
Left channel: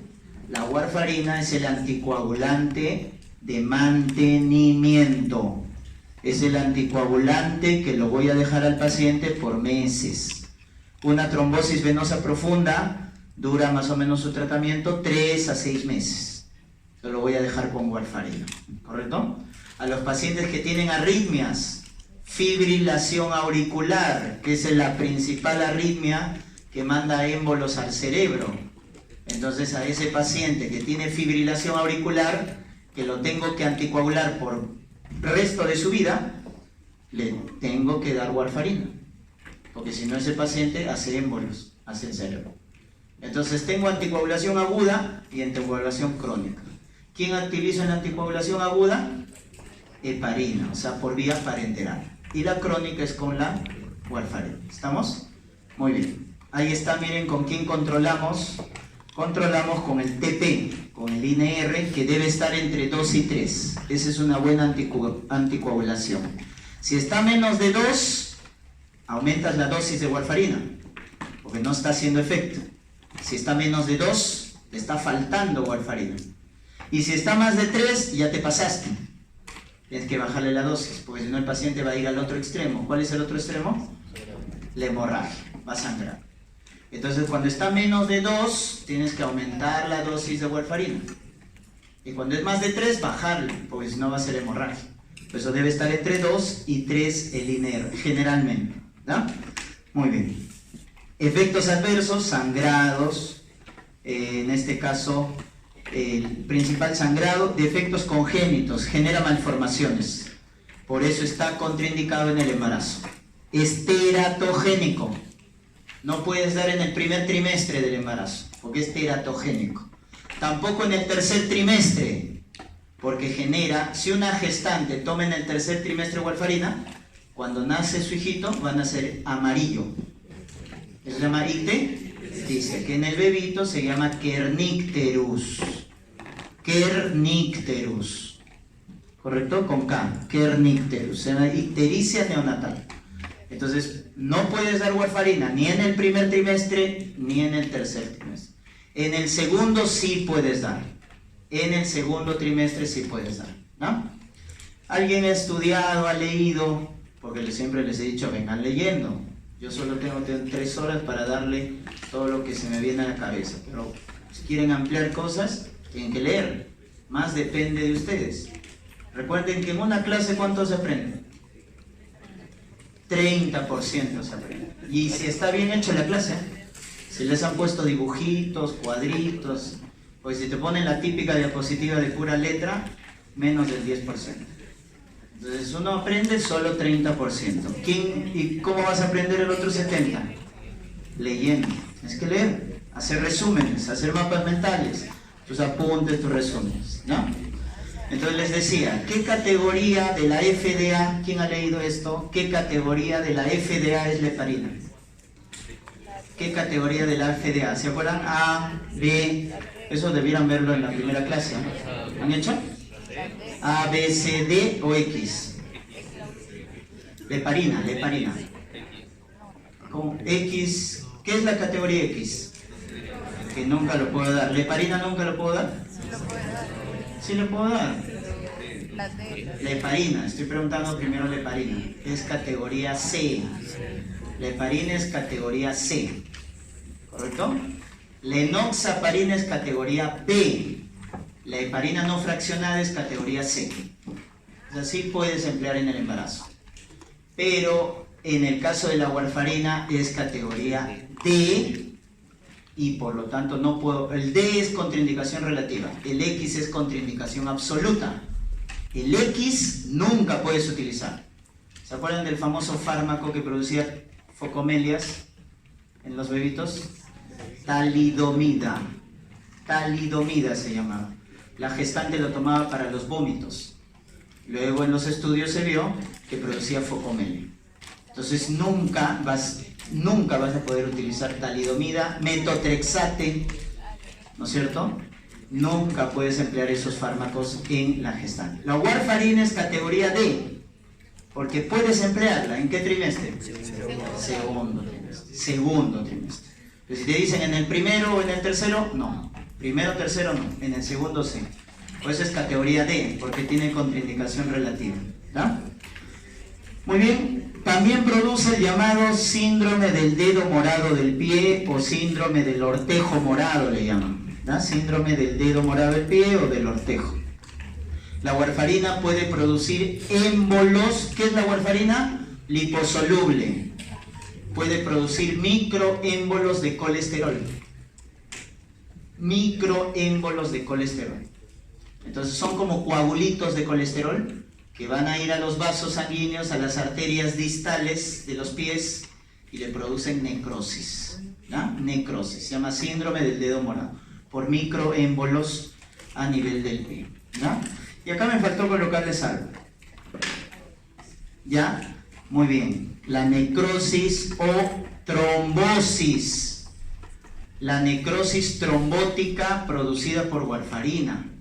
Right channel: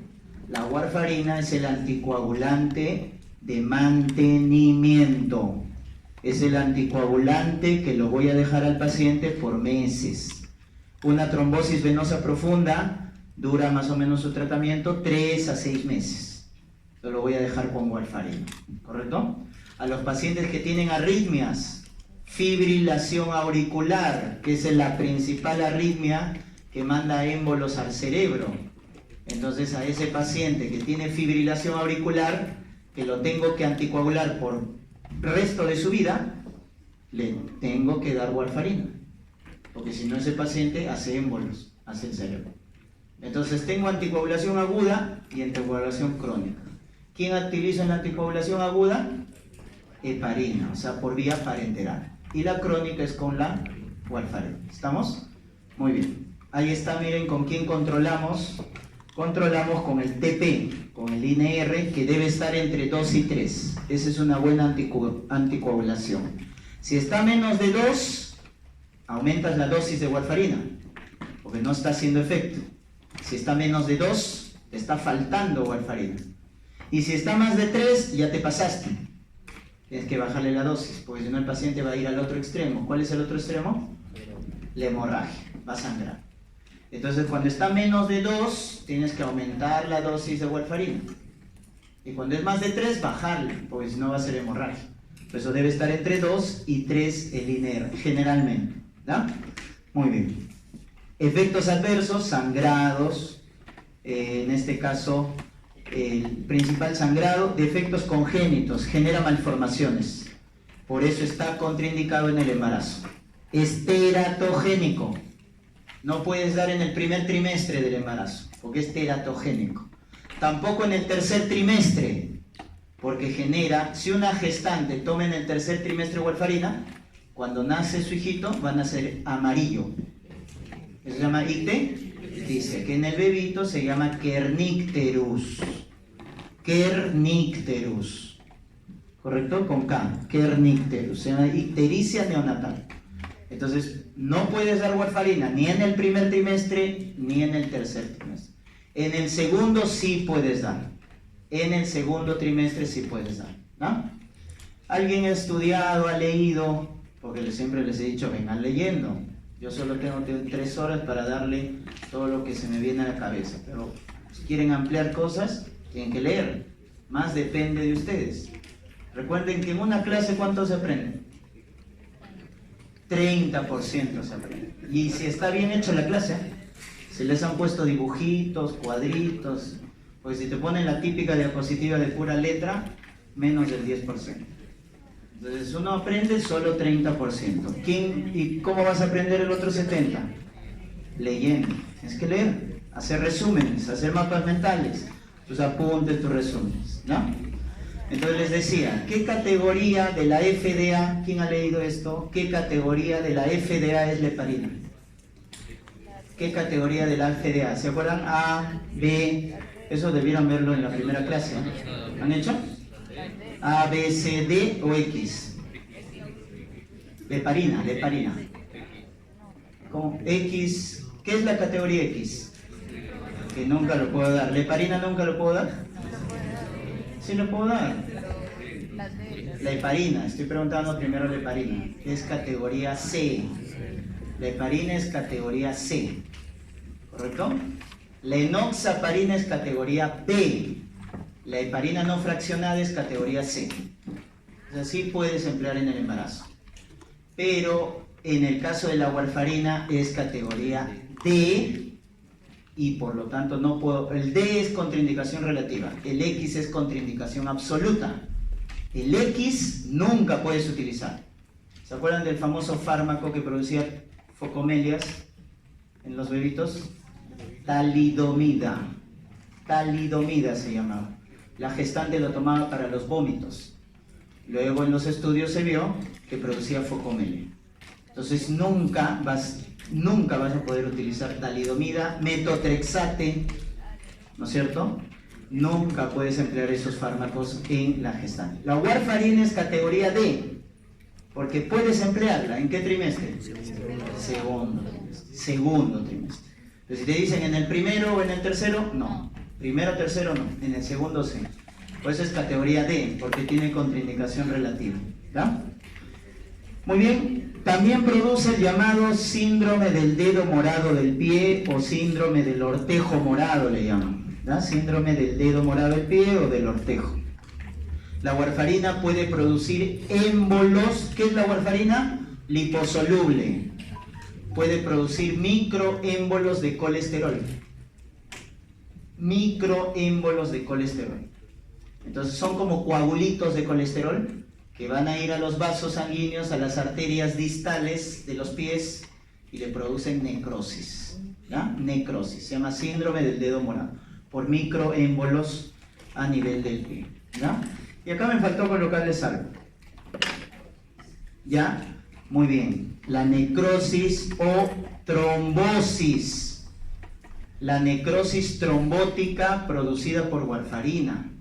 La warfarina es el anticoagulante de mantenimiento. Es el anticoagulante que lo voy a dejar al paciente por meses. Una trombosis venosa profunda dura más o menos su tratamiento 3 a 6 meses. Yo lo voy a dejar con warfarina, ¿correcto? A los pacientes que tienen arritmias, fibrilación auricular, que es la principal arritmia que manda émbolos al cerebro. Entonces a ese paciente que tiene fibrilación auricular, que lo tengo que anticoagular por el resto de su vida, le tengo que dar warfarina, porque si no ese paciente hace émbolos hacia el cerebro. Entonces tengo anticoagulación aguda y anticoagulación crónica. ¿Quién utiliza la anticoagulación aguda? Heparina, o sea, por vía parenteral. Y la crónica es con la warfarina. ¿Estamos? Muy bien. Ahí está, miren con quién controlamos. Controlamos con el TP, con el INR, que debe estar entre 2 y 3. Esa es una buena anticoagulación. Si está menos de 2, aumentas la dosis de warfarina, porque no está haciendo efecto. Si está menos de 2, te está faltando warfarina. Y si está más de 3, ya te pasaste. Tienes que bajarle la dosis, porque si no el paciente va a ir al otro extremo. ¿Cuál es el otro extremo? La hemorragia, va a sangrar. Entonces cuando está menos de 2, tienes que aumentar la dosis de warfarina. Y cuando es más de 3, bajarle, porque si no va a ser hemorragia. Por eso debe estar entre 2 y 3 el INR, generalmente. ¿No? Muy bien. Efectos adversos, sangrados, en este caso el principal sangrado, defectos congénitos, genera malformaciones. Por eso está contraindicado en el embarazo. Es teratogénico. No puedes dar en el primer trimestre del embarazo, porque es teratogénico. Tampoco en el tercer trimestre, porque genera, si una gestante toma en el tercer trimestre warfarina, cuando nace su hijito va a nacer amarillo. Eso se llama ictericia, que en el bebito se llama kernicterus. Kernicterus. ¿Correcto? Con K. Kernicterus. Se llama ictericia neonatal. Entonces, no puedes dar warfarina ni en el primer trimestre ni en el tercer trimestre. En el segundo sí puedes dar. En el segundo trimestre sí puedes dar, ¿no? ¿Alguien ha estudiado, ha leído? Porque siempre les he dicho, vengan leyendo. Yo solo tengo 3 horas para darle todo lo que se me viene a la cabeza. Pero si quieren ampliar cosas, tienen que leer. Más depende de ustedes. Recuerden que en una clase, ¿cuánto se aprende? 30% se aprende. Y si está bien hecho la clase, si les han puesto dibujitos, cuadritos, pues si te ponen la típica diapositiva de pura letra, menos del 10%. Entonces uno aprende solo 30%. ¿Y cómo vas a aprender el otro 70%? Leyendo. Tienes que leer, hacer resúmenes, hacer mapas mentales, tus apuntes, tus resúmenes, ¿no? Entonces les decía, ¿qué categoría de la FDA, quién ha leído esto? ¿Qué categoría de la FDA es la heparina? ¿Qué categoría de la FDA? ¿Se acuerdan? A, B, eso debieran verlo en la primera clase, ¿no? ¿Han hecho? A, B, C, D o X. La heparina. ¿Cómo? X, ¿qué es la categoría X? Que nunca lo puedo dar. ¿La heparina nunca lo puedo dar? Sí lo puedo dar. La heparina, estoy preguntando primero la heparina. Es categoría C. La heparina es categoría C. ¿Correcto? La enoxaparina es categoría B. La heparina no fraccionada es categoría C. O sea, sí puedes emplear en el embarazo. Pero en el caso de la warfarina es categoría D. Y por lo tanto no puedo, el D es contraindicación relativa, el X es contraindicación absoluta. El X nunca puedes utilizar. ¿Se acuerdan del famoso fármaco que producía focomelias en los bebitos? Talidomida. Talidomida se llamaba. La gestante lo tomaba para los vómitos. Luego en los estudios se vio que producía focomelia. Entonces nunca vas a poder utilizar talidomida, metotrexate, ¿no es cierto? Nunca puedes emplear esos fármacos en la gestante. La warfarina es categoría D, porque puedes emplearla. ¿En qué trimestre? Segundo trimestre. Pero si te dicen en el primero o en el tercero, no. Primero, tercero, no. En el segundo, sí. Pues es categoría D, porque tiene contraindicación relativa, ¿no? Muy bien. También produce el llamado síndrome del dedo morado del pie o síndrome del ortejo morado, le llaman, ¿no? Síndrome del dedo morado del pie o del ortejo. La warfarina puede producir émbolos. ¿Qué es la warfarina? Liposoluble. Puede producir microémbolos de colesterol. Microémbolos de colesterol. Entonces son como coagulitos de colesterol que van a ir a los vasos sanguíneos, a las arterias distales de los pies y le producen necrosis. ¿Ya? Necrosis, se llama síndrome del dedo morado, por microémbolos a nivel del pie. ¿Ya? Y acá me faltó colocarles algo. ¿Ya? Muy bien. La necrosis o trombosis. La necrosis trombótica producida por warfarina.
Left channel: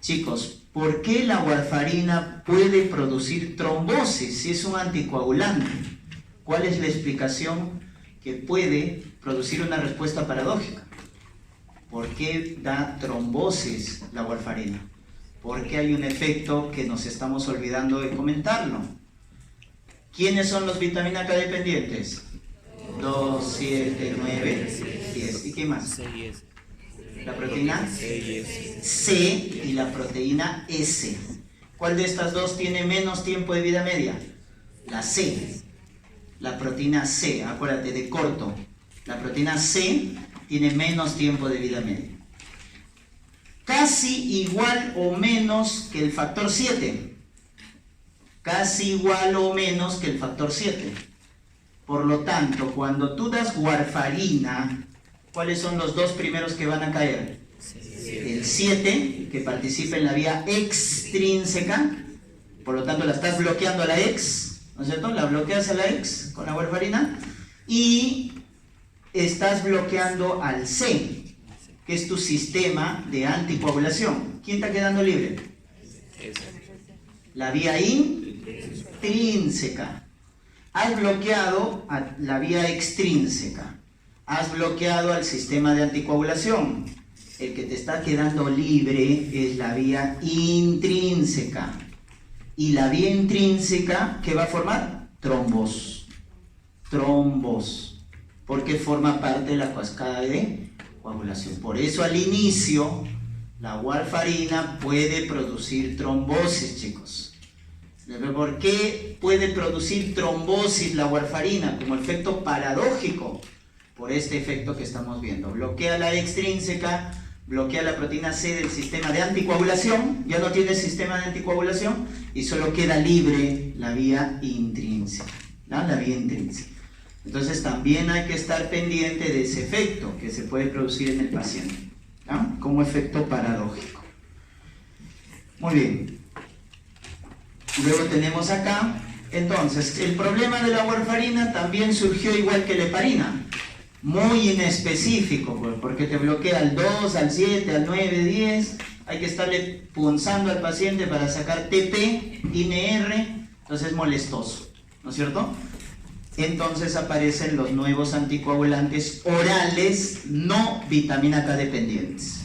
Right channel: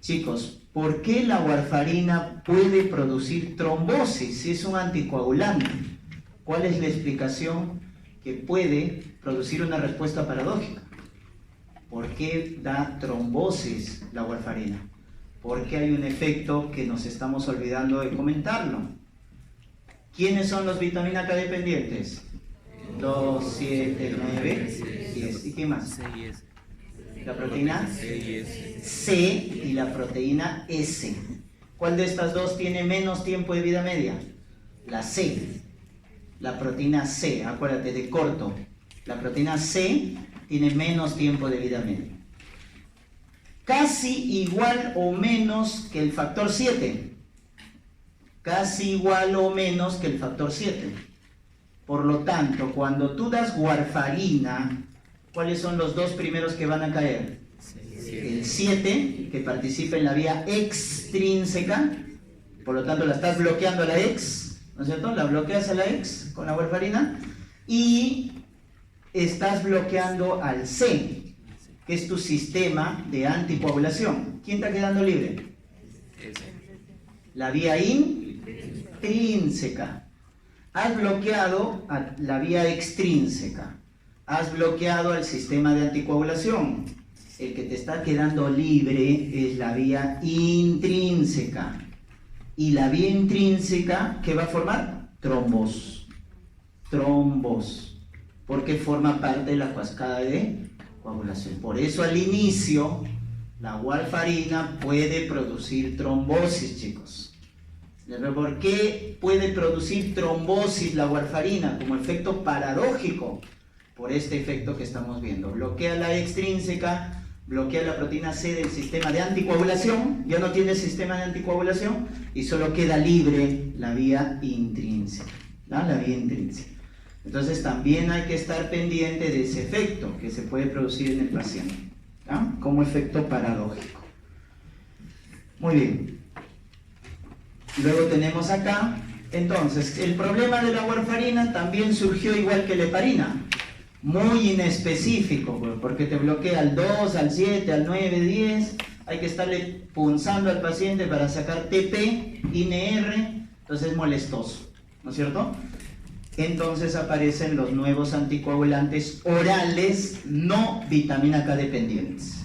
Chicos, ¿por qué la warfarina puede producir trombosis si es un anticoagulante? ¿Cuál es la explicación que puede producir una respuesta paradójica? ¿Por qué da trombosis la warfarina? porque hay un efecto que nos estamos olvidando de comentarlo. ¿Quiénes son los vitamina K dependientes? 2, 7, 9, 10. ¿Y qué más? La proteína C y la proteína S. ¿Cuál de estas dos tiene menos tiempo de vida media? La C. La proteína C, acuérdate, de corto. La proteína C tiene menos tiempo de vida media. Casi igual o menos que el factor 7. Casi igual o menos que el factor 7. Por lo tanto, cuando tú das warfarina, ¿cuáles son los dos primeros que van a caer? El 7, que participa en la vía extrínseca, por lo tanto la estás bloqueando a la ex, ¿no es cierto? La bloqueas a la ex con la warfarina, y estás bloqueando al C, que es tu sistema de anticoagulación. ¿Quién está quedando libre? La vía intrínseca. Has bloqueado a la vía extrínseca. Has bloqueado al sistema de anticoagulación. El que te está quedando libre es la vía intrínseca. Y la vía intrínseca, ¿qué va a formar? Trombos. Trombos. Porque forma parte de la cascada de coagulación. Por eso al inicio la warfarina puede producir trombosis, chicos. ¿Por qué puede producir trombosis la warfarina? Como efecto paradójico, por este efecto que estamos viendo. Bloquea la extrínseca, bloquea la proteína C del sistema de anticoagulación, ya no tiene sistema de anticoagulación y solo queda libre la vía intrínseca, ¿no? La vía intrínseca. Entonces también hay que estar pendiente de ese efecto que se puede producir en el paciente, ¿no? Como efecto paradójico. Muy bien. Luego tenemos acá, entonces, el problema de la warfarina también surgió igual que la heparina, muy inespecífico, porque te bloquea al 2, al 7, al 9, 10, hay que estarle punzando al paciente para sacar TP, INR, entonces es molestoso, ¿no es cierto? Entonces aparecen los nuevos anticoagulantes orales no vitamina K dependientes.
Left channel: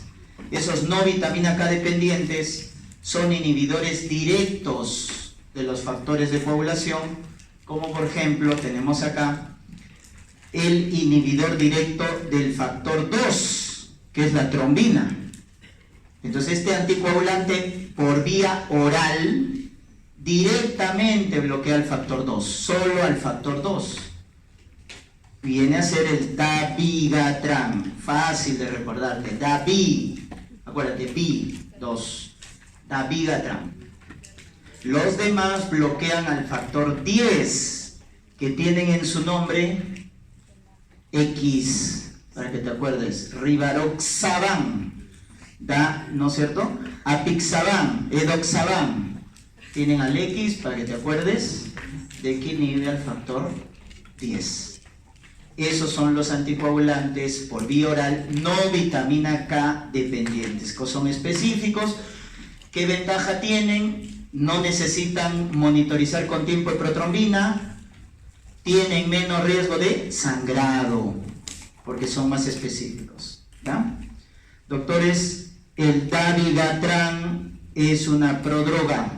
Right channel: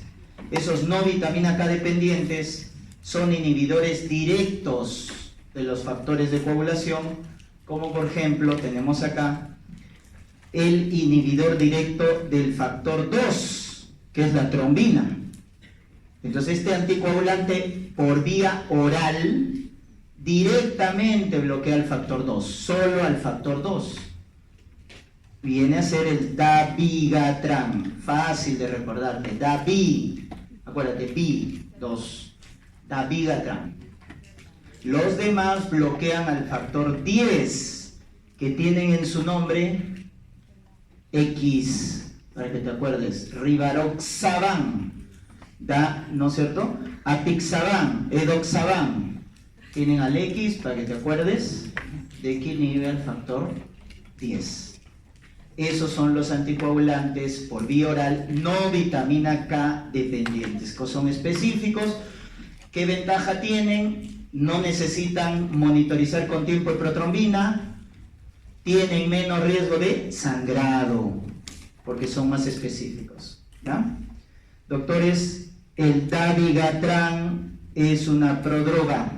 Esos no vitamina K dependientes son inhibidores directos de los factores de coagulación, como por ejemplo tenemos acá el inhibidor directo del factor 2, que es la trombina. Entonces este anticoagulante por vía oral directamente bloquea el factor 2, solo al factor 2. Viene a ser el dabigatran, fácil de recordarte, acuérdate, B2, dabigatran. Los demás bloquean al factor 10, que tienen en su nombre X, para que te acuerdes, rivaroxaban, ¿no es cierto? Apixaban, edoxaban. Tienen al X, para que te acuerdes, de que inhibe al factor 10. Esos son los anticoagulantes por vía oral no vitamina K dependientes, que son específicos. ¿Qué ventaja tienen? No necesitan monitorizar con tiempo de protrombina, tienen menos riesgo de sangrado, porque son más específicos, ¿ya? Doctores, el dabigatran es una prodroga,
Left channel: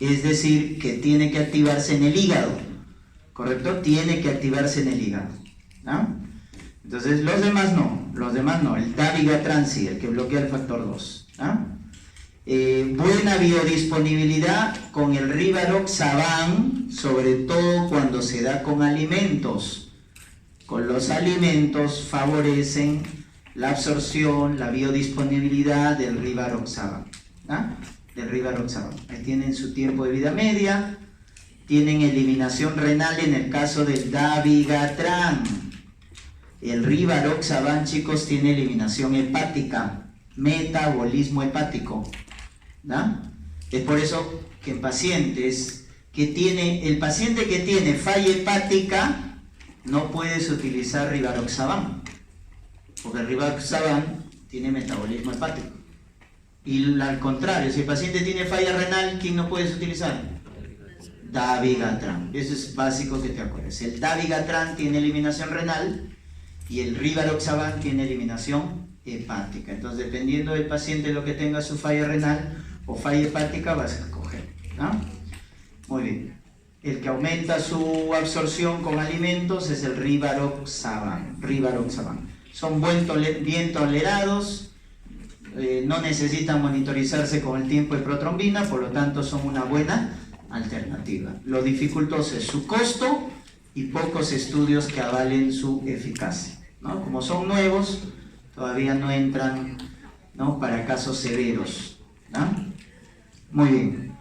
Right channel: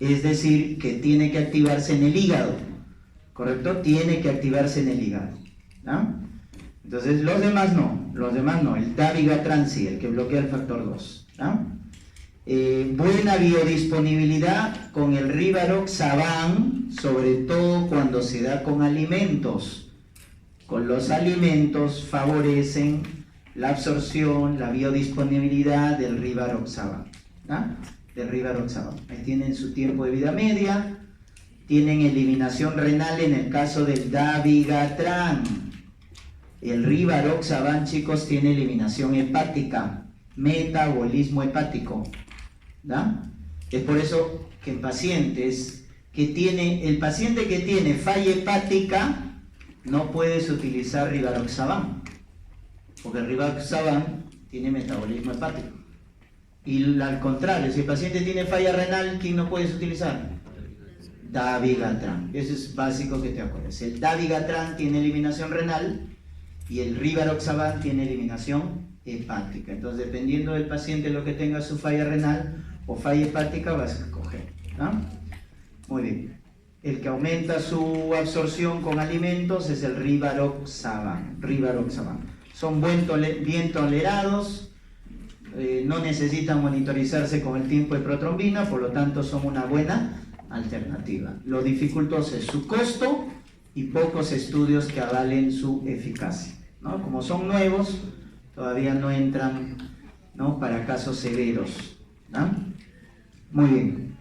es decir, que tiene que activarse en el hígado, ¿correcto? Tiene que activarse en el hígado, ¿ya? Entonces los demás no, el dabigatran sí, el que bloquea el factor 2, ¿ya? Buena biodisponibilidad con el rivaroxaban, sobre todo cuando se da con alimentos. Con los alimentos favorecen la absorción, la biodisponibilidad del rivaroxaban, ¿ah? Del rivaroxaban. Ahí tienen su tiempo de vida media, tienen eliminación renal en el caso del dabigatran. El rivaroxaban, chicos, tiene eliminación hepática, metabolismo hepático, ¿no? Es por eso que en pacientes el paciente que tiene falla hepática no puedes utilizar rivaroxaban, porque el rivaroxaban tiene metabolismo hepático. Y al contrario, si el paciente tiene falla renal, ¿quién no puedes utilizar? Dabigatran. Eso es básico que te acuerdes. El dabigatran tiene eliminación renal y el rivaroxaban tiene eliminación hepática. Entonces, dependiendo del paciente lo que tenga su falla renal, o falla hepática vas a escoger. ¿No? Muy bien. El que aumenta su absorción con alimentos es el rivaroxaban. Son bien tolerados, no necesitan monitorizarse con el tiempo de protrombina, por lo tanto son una buena alternativa. Lo dificultoso es su costo y pocos estudios que avalen su eficacia, ¿no? Como son nuevos, todavía no entran, ¿no?, para casos severos, ¿no? Muy bien.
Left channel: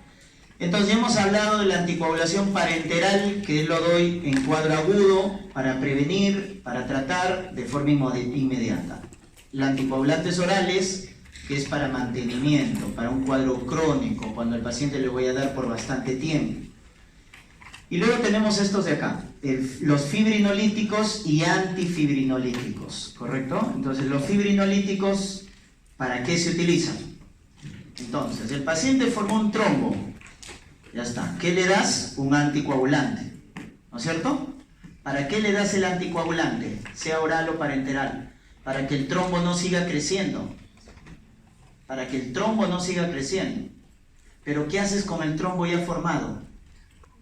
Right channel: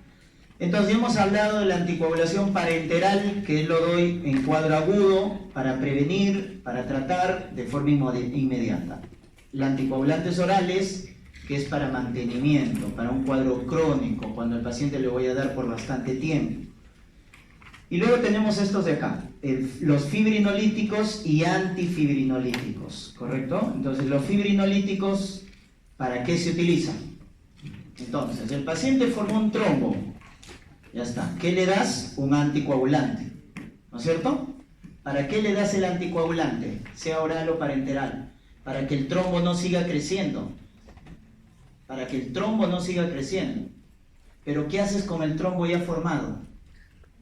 Entonces ya hemos hablado de la anticoagulación parenteral, que lo doy en cuadro agudo para prevenir, para tratar de forma inmediata. La anticoagulantes orales, que es para mantenimiento, para un cuadro crónico, cuando el paciente le voy a dar por bastante tiempo. Y luego tenemos estos de acá, los fibrinolíticos y antifibrinolíticos, ¿correcto? Entonces los fibrinolíticos, ¿para qué se utilizan? Entonces, el paciente formó un trombo. Ya está. ¿Qué le das? Un anticoagulante, ¿no es cierto? ¿Para qué le das el anticoagulante? Sea oral o parenteral. Para que el trombo no siga creciendo. Para que el trombo no siga creciendo. Pero ¿qué haces con el trombo ya formado?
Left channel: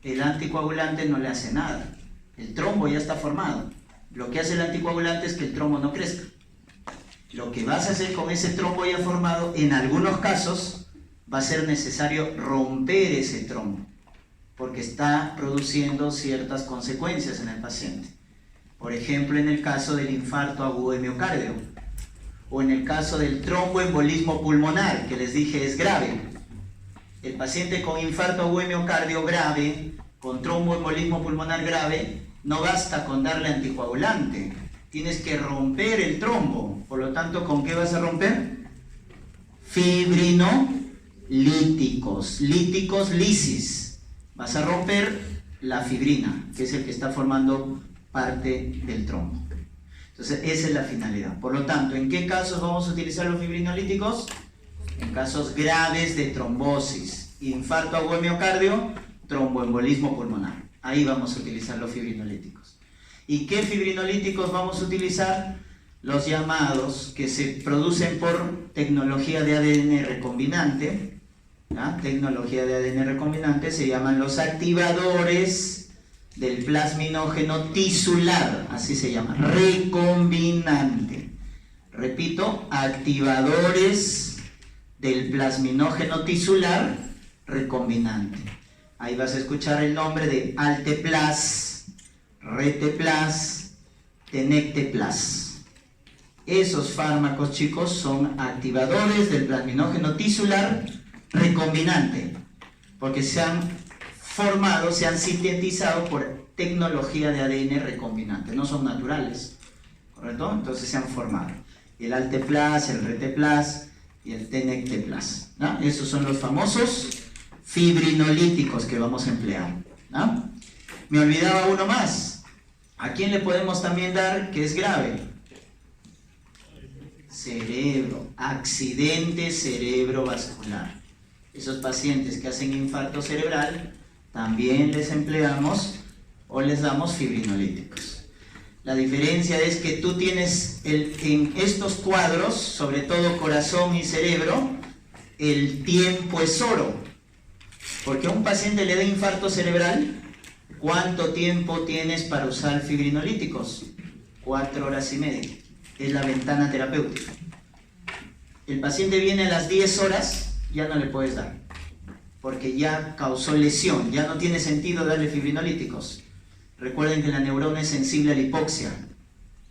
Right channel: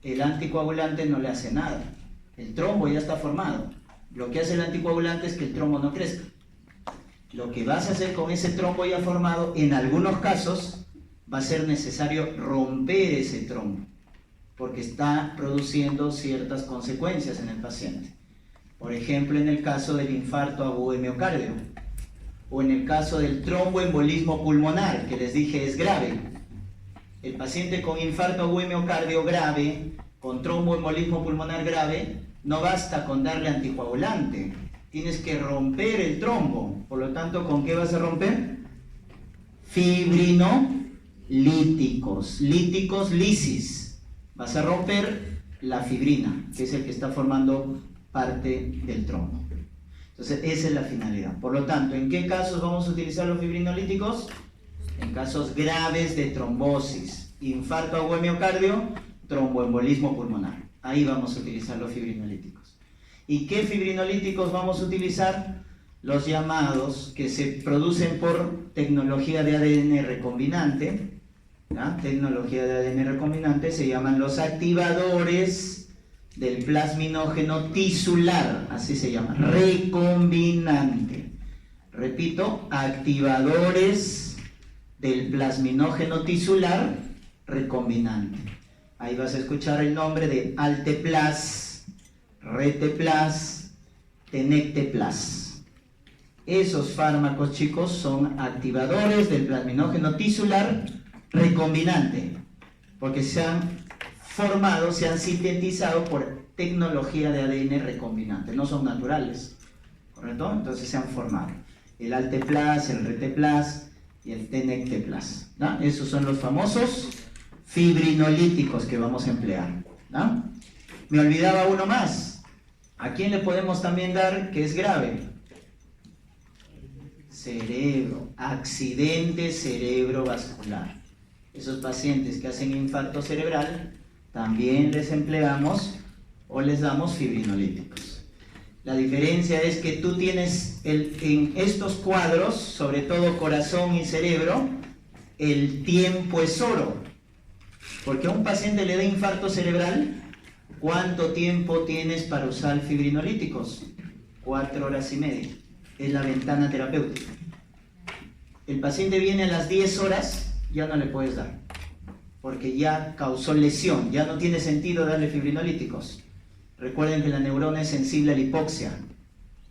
El anticoagulante no le hace nada. El trombo ya está formado. Lo que hace el anticoagulante es que el trombo no crezca. Lo que vas a hacer con ese trombo ya formado, en algunos casos, va a ser necesario romper ese trombo, porque está produciendo ciertas consecuencias en el paciente. Por ejemplo, en el caso del infarto agudo de miocardio, o en el caso del tromboembolismo pulmonar, que les dije es grave. El paciente con infarto agudo de miocardio grave, con tromboembolismo pulmonar grave, no basta con darle anticoagulante, tienes que romper el trombo. Por lo tanto, ¿con qué vas a romper? Fibrinolíticos, líticos, lisis. Vas a romper la fibrina, que es el que está formando parte del trombo. Entonces, esa es la finalidad. Por lo tanto, ¿en qué casos vamos a utilizar los fibrinolíticos? En casos graves de trombosis, infarto agudo de miocardio, tromboembolismo pulmonar. Ahí vamos a utilizar los fibrinolíticos. ¿Y qué fibrinolíticos vamos a utilizar? Los llamados que se producen por tecnología de ADN recombinante. ¿Ya? Tecnología de ADN recombinante se llaman los activadores del plasminógeno tisular, así se llama, recombinante. Repito, activadores del plasminógeno tisular recombinante. Ahí vas a escuchar el nombre de Alteplas, Reteplas, Tenecteplas. Esos fármacos, chicos, son activadores del plasminógeno tisular recombinante, porque se han formado, se han sintetizado por tecnología de ADN recombinante, no son naturales, ¿correcto? Entonces se han formado. El Alteplas, el Reteplas y el Tenecteplas, ¿no? Esos son los famosos fibrinolíticos que vamos a emplear, ¿no? Me olvidaba uno más. ¿A quién le podemos también dar que es grave? Cerebro, accidente cerebrovascular. Esos pacientes que hacen infarto cerebral, también les empleamos o les damos fibrinolíticos. La diferencia es que tú tienes en estos cuadros, sobre todo corazón y cerebro, el tiempo es oro. Porque a un paciente le da infarto cerebral, ¿cuánto tiempo tienes para usar fibrinolíticos? 4 horas y media. Es la ventana terapéutica. El paciente viene a las 10 horas, ya no le puedes dar, porque ya causó lesión, ya no tiene sentido darle fibrinolíticos. Recuerden que la neurona es sensible a la hipoxia.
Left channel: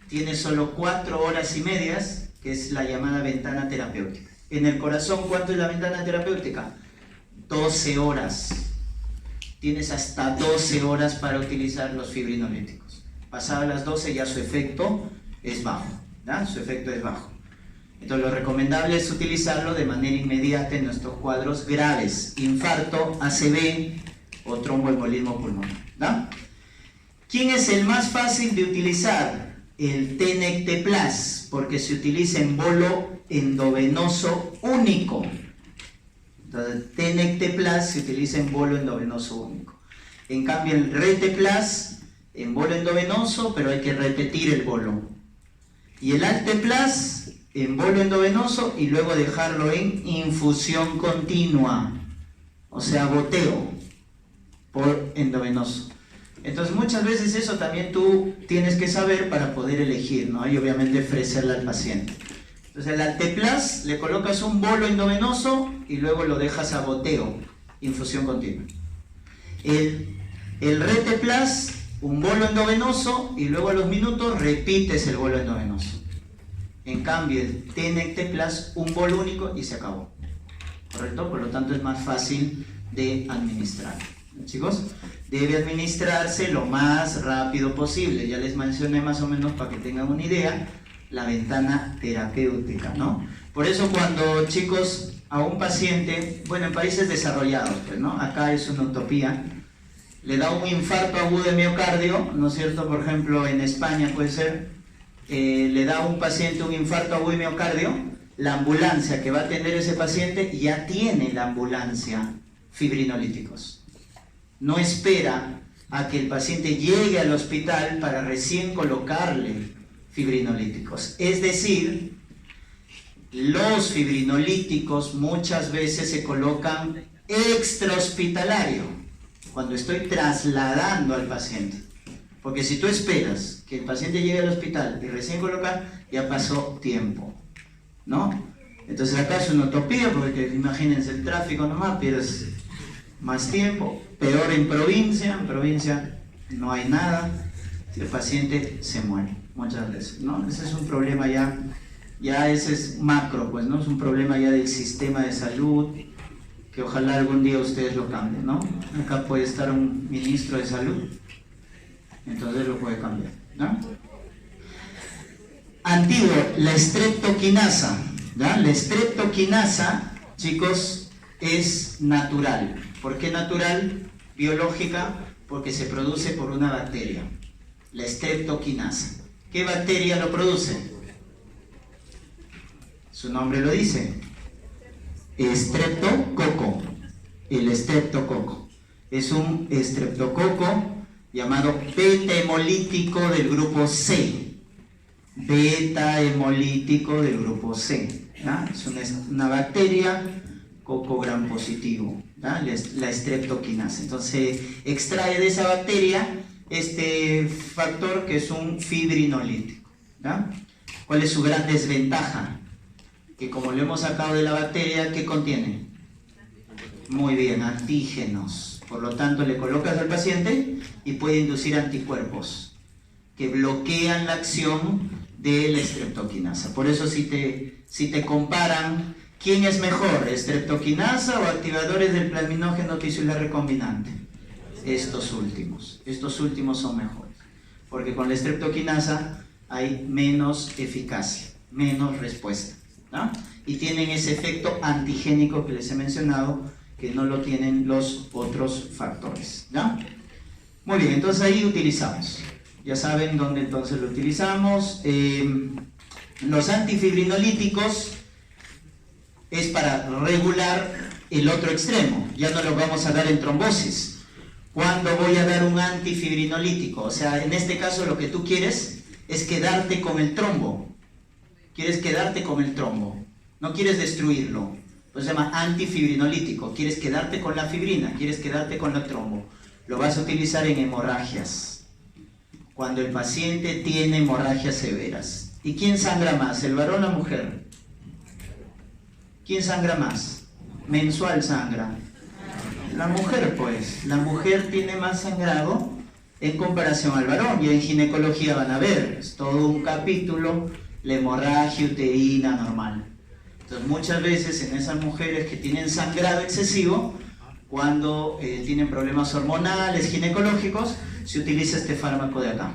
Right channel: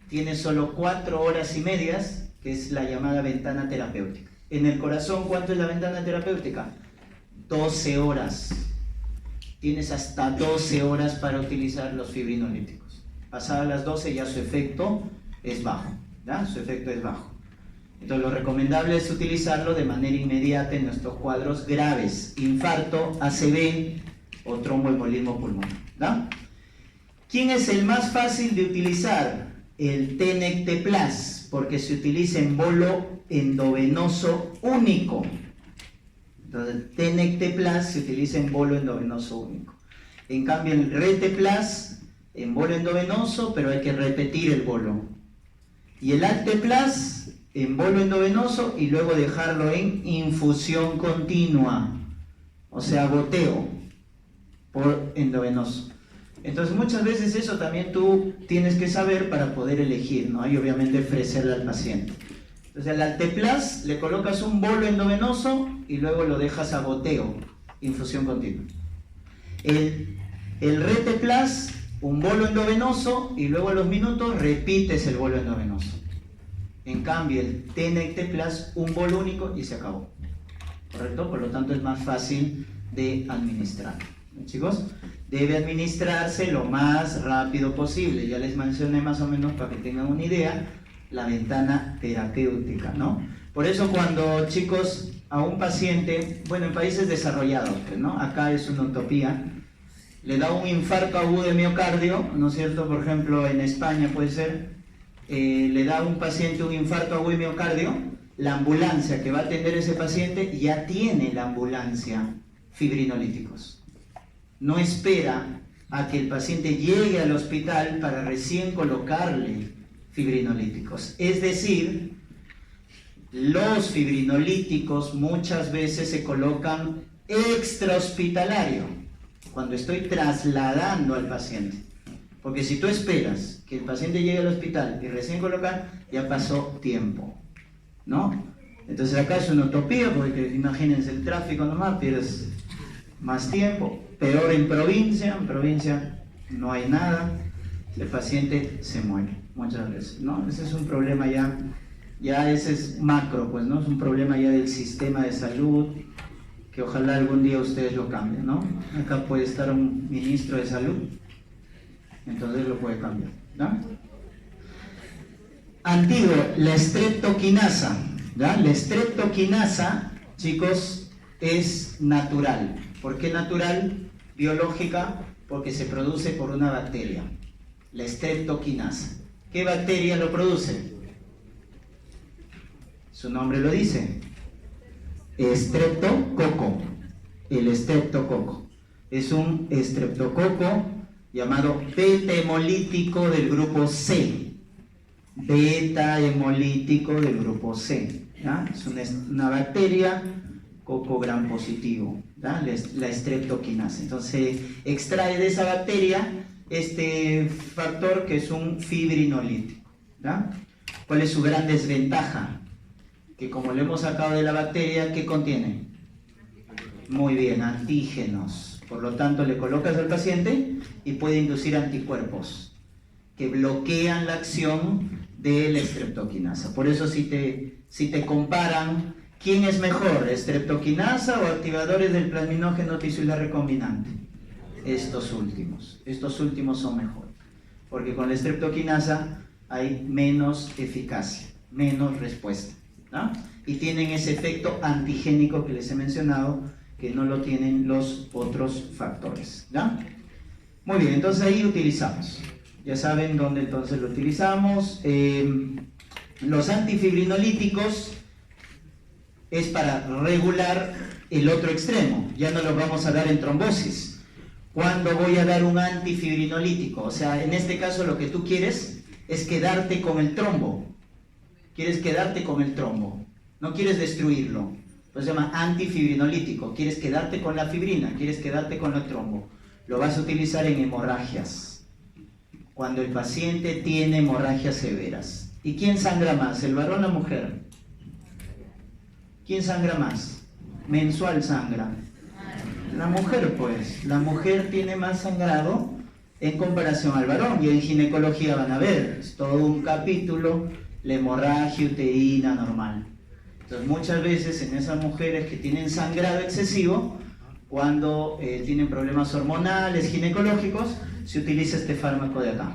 Tiene solo 4 horas y medias, que es la llamada ventana terapéutica. En el corazón, ¿cuánto es la ventana terapéutica? 12 horas. Tienes hasta 12 horas para utilizar los fibrinolíticos. Pasadas las 12 ya su efecto es bajo, ¿ya? Su efecto es bajo. Entonces lo recomendable es utilizarlo de manera inmediata en nuestros cuadros graves, infarto, ACV o tromboembolismo pulmonar, ¿ya? ¿Quién es el más fácil de utilizar? El Tenecteplas, porque se utiliza en bolo endovenoso único. Entonces, Tenecteplas se utiliza en bolo endovenoso único. En cambio, el Reteplas en bolo endovenoso, pero hay que repetir el bolo. Y el Alteplas en bolo endovenoso y luego dejarlo en infusión continua, o sea, goteo por endovenoso. Entonces muchas veces eso también tú tienes que saber para poder elegir, ¿no? Y obviamente ofrecerle al paciente. Entonces al Alteplas le colocas un bolo endovenoso y luego lo dejas a goteo, infusión continua. El Reteplas, un bolo endovenoso y luego a los minutos repites el bolo endovenoso. En cambio el Tenecteplas, un bolo único y se acabó. ¿Correcto? Por lo tanto es más fácil de administrar. Chicos, debe administrarse lo más rápido posible. Ya les mencioné más o menos para que tengan una idea la ventana terapéutica, ¿no? Por eso cuando, chicos, a un paciente, bueno, en países desarrollados, pues, ¿no? Acá es una utopía, le da un infarto agudo de miocardio, ¿no es cierto? Por ejemplo, en España puede ser, le da a un paciente un infarto agudo de miocardio, la ambulancia que va a atender a ese paciente ya tiene la ambulancia fibrinolíticos. No espera a que el paciente llegue al hospital para recién colocarle fibrinolíticos. Es decir, los fibrinolíticos muchas veces se colocan extrahospitalario, cuando estoy trasladando al paciente. Porque si tú esperas que el paciente llegue al hospital y recién colocar, ya pasó tiempo, ¿no? Entonces acá es una utopía, porque imagínense el tráfico nomás, pierdes más tiempo. Peor en provincia no hay nada, el paciente se muere muchas veces, ¿no? Ese es un problema ya ese es macro, pues, ¿no? Es un problema ya del sistema de salud, que ojalá algún día ustedes lo cambien, ¿no? Acá puede estar un ministro de salud, entonces lo puede cambiar, ¿no? Antiguo, la streptokinasa, ¿ya? La streptokinasa, chicos, es natural. ¿Por qué natural? Biológica, porque se produce por una bacteria, la streptokinasa. ¿Qué bacteria lo produce? Su nombre lo dice, estreptococo. El estreptococo es un estreptococo llamado beta hemolítico del grupo C. Beta hemolítico del grupo C, ¿ya? Es una bacteria coco gram positivo, ¿ya? La streptokinasa. Entonces extrae de esa bacteria este factor que es un fibrinolítico, ¿ya? ¿Cuál es su gran desventaja? Que como lo hemos sacado de la bacteria, ¿qué contiene? Muy bien, antígenos. Por lo tanto, le colocas al paciente y puede inducir anticuerpos que bloquean la acción de la streptokinasa. Por eso si te comparan, ¿quién es mejor, streptokinasa o activadores del plasminógeno tisular recombinante? Estos últimos son mejores, porque con la streptokinasa hay menos eficacia, menos respuesta, ¿no? Y tienen ese efecto antigénico que les he mencionado, que no lo tienen los otros factores, ¿ya? Muy bien, entonces ahí utilizamos, ya saben dónde entonces lo utilizamos. Los antifibrinolíticos es para regular el otro extremo, ya no lo vamos a dar en trombosis. ¿Cuándo voy a dar un antifibrinolítico? O sea, en este caso lo que tú quieres es quedarte con el trombo. Quieres quedarte con el trombo, no quieres destruirlo. Pues se llama antifibrinolítico. Quieres quedarte con la fibrina, quieres quedarte con el trombo. Lo vas a utilizar en hemorragias, cuando el paciente tiene hemorragias severas. ¿Y quién sangra más, el varón o la mujer? ¿Quién sangra más? Mensual sangra. La mujer, pues. La mujer tiene más sangrado en comparación al varón. Y en ginecología van a ver, es todo un capítulo, la hemorragia uterina normal. Entonces muchas veces en esas mujeres que tienen sangrado excesivo, cuando tienen problemas hormonales, ginecológicos, se utiliza este fármaco de acá,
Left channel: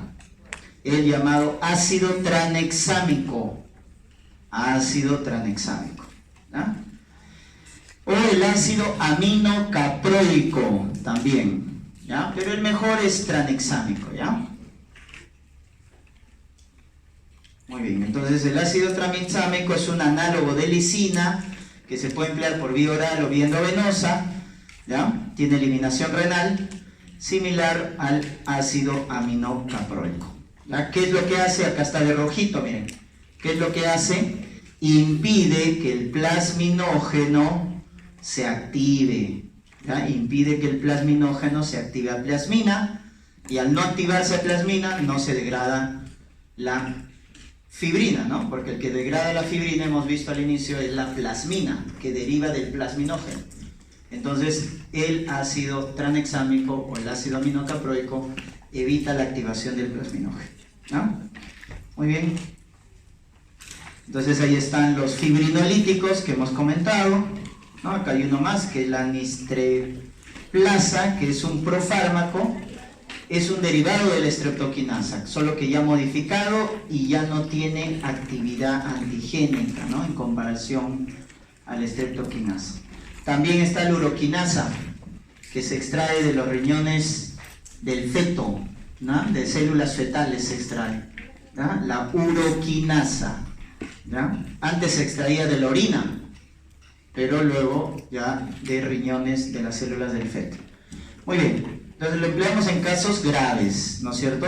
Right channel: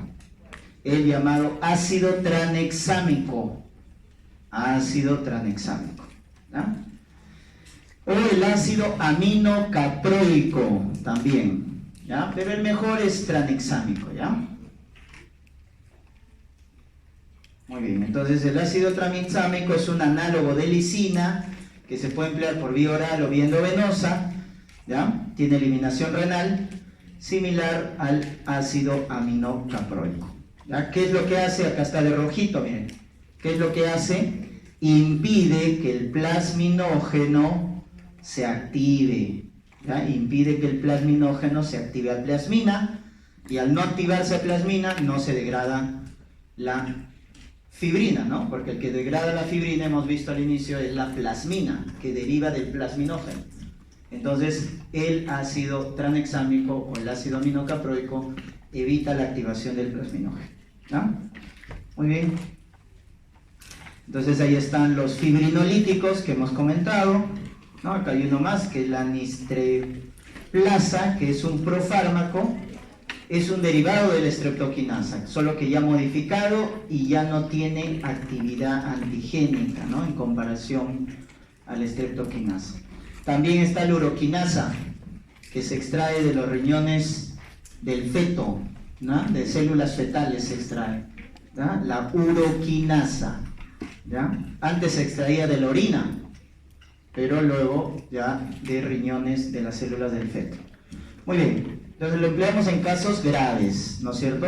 el llamado ácido tranexámico. Ácido tranexámico, ¿no? O el ácido aminocaproico también, ¿ya? Pero el mejor es tranexámico, ¿ya? Muy bien, entonces el ácido tranexámico es un análogo de lisina que se puede emplear por vía oral o vía endovenosa, ¿ya? Tiene eliminación renal, similar al ácido aminocaproico, ¿ya? ¿Qué es lo que hace? Acá está de rojito, miren. ¿Qué es lo que hace? impide que el plasminógeno se active, ¿ya? Impide que el plasminógeno se active a plasmina, y al no activarse a plasmina no se degrada la fibrina, ¿no? Porque el que degrada la fibrina, hemos visto al inicio, es la plasmina, que deriva del plasminógeno. Entonces, el ácido tranexámico o el ácido aminocaproico evita la activación del plasminógeno, ¿ya? Muy bien. Entonces ahí están los fibrinolíticos que hemos comentado, ¿no? Acá hay uno más, que es la nistreplasa, que es un profármaco, es un derivado de la streptokinasa, solo que ya modificado y ya no tiene actividad antigénica, ¿no? En comparación a la streptokinasa. También está la uroquinasa, que se extrae de los riñones del feto, ¿no? De células fetales se extrae, ¿no? La uroquinasa, ¿ya? Antes se extraía de la orina, pero luego ya de riñones de las células del feto. Muy bien. Entonces lo empleamos en casos graves, ¿no es cierto?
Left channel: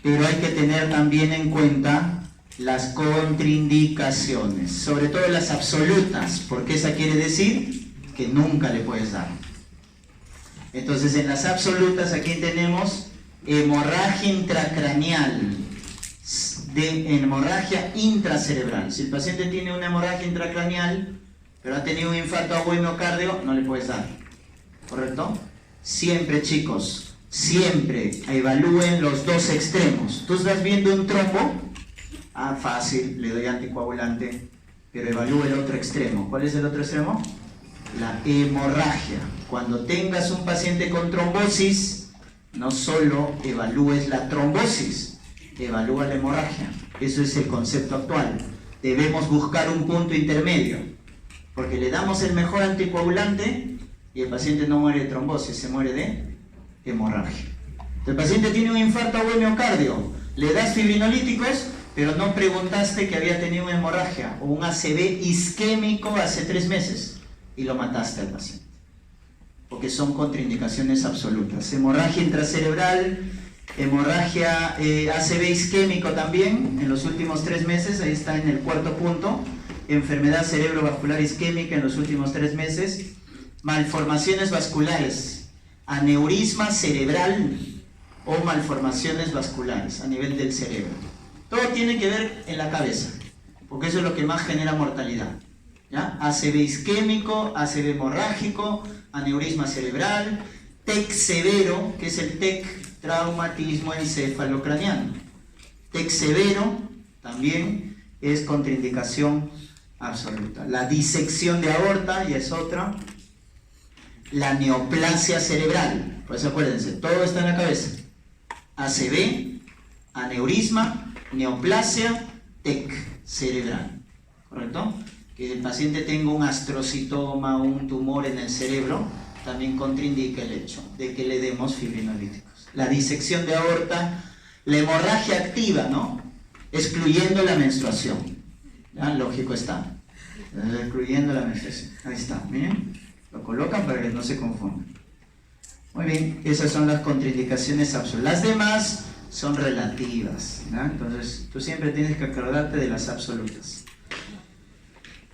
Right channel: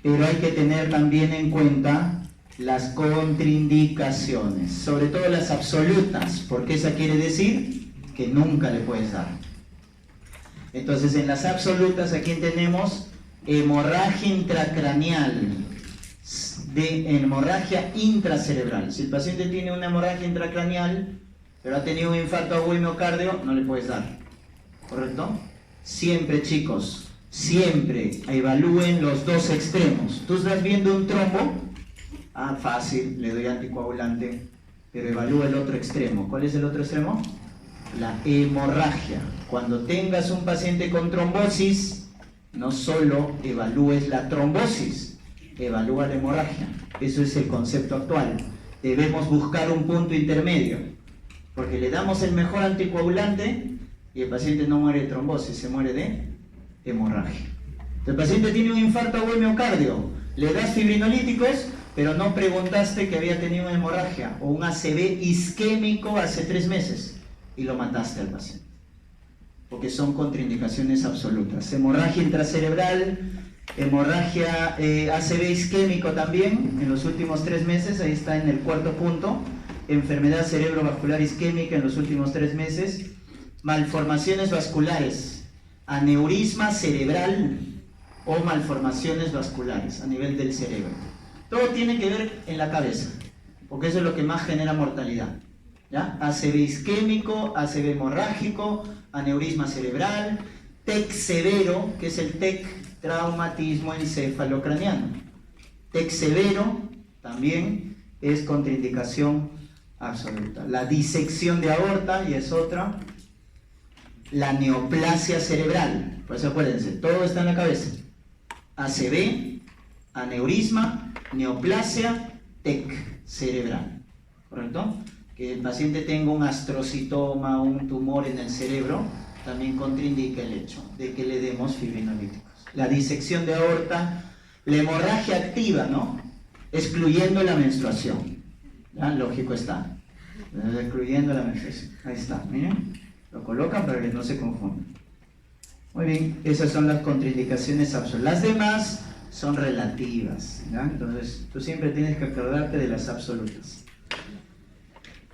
Pero hay que tener también en cuenta las contraindicaciones, sobre todo las absolutas, porque esa quiere decir que nunca le puedes dar. Entonces en las absolutas aquí tenemos hemorragia intracraneal, de hemorragia intracerebral. Si el paciente tiene una hemorragia intracraneal, pero ha tenido un infarto agudo de miocardio, no le puedes dar, ¿correcto? Siempre, chicos, siempre evalúen los dos extremos. Tú estás viendo un trombo, fácil, le doy anticoagulante, pero evalúa el otro extremo. ¿Cuál es el otro extremo? La hemorragia. Cuando tengas un paciente con trombosis, no solo evalúes la trombosis, evalúa la hemorragia. Eso es el concepto actual. Debemos buscar un punto intermedio, porque le damos el mejor anticoagulante y el paciente no muere de trombosis, se muere de hemorragia. El paciente tiene un infarto agudo de miocardio, le das fibrinolíticos, pero no preguntaste que había tenido una hemorragia o un ACV isquémico hace 3 meses y lo mataste al paciente, porque son contraindicaciones absolutas. Hemorragia intracerebral, hemorragia ACV isquémico también en los últimos 3 meses, ahí está en el 4., punto. Enfermedad cerebrovascular isquémica en los últimos 3 meses. Malformaciones vasculares, aneurisma cerebral o malformaciones vasculares a nivel del cerebro. Todo tiene que ver en la cabeza, porque eso es lo que más genera mortalidad, ¿ya? ACV isquémico, ACV hemorrágico, aneurisma cerebral, TEC severo, que es el TEC, traumatismo encefalocraneano. TEC severo también es contraindicación absoluta. La disección de aorta ya es otra. La neoplasia cerebral, pues acuérdense, todo está en la cabeza. ACV, aneurisma, neoplasia, TEC cerebral, ¿correcto? Que el paciente tenga un astrocitoma, un tumor en el cerebro, también contraindica el hecho de que le demos fibrinolíticos. La disección de aorta, la hemorragia activa, ¿no? Excluyendo la menstruación, ¿ya? Lógico está, excluyendo la menstruación, ahí está, miren. Lo colocan para que no se confundan. Muy bien, esas son las contraindicaciones absolutas. Las demás son relativas, ¿no? Entonces tú siempre tienes que acordarte de las absolutas.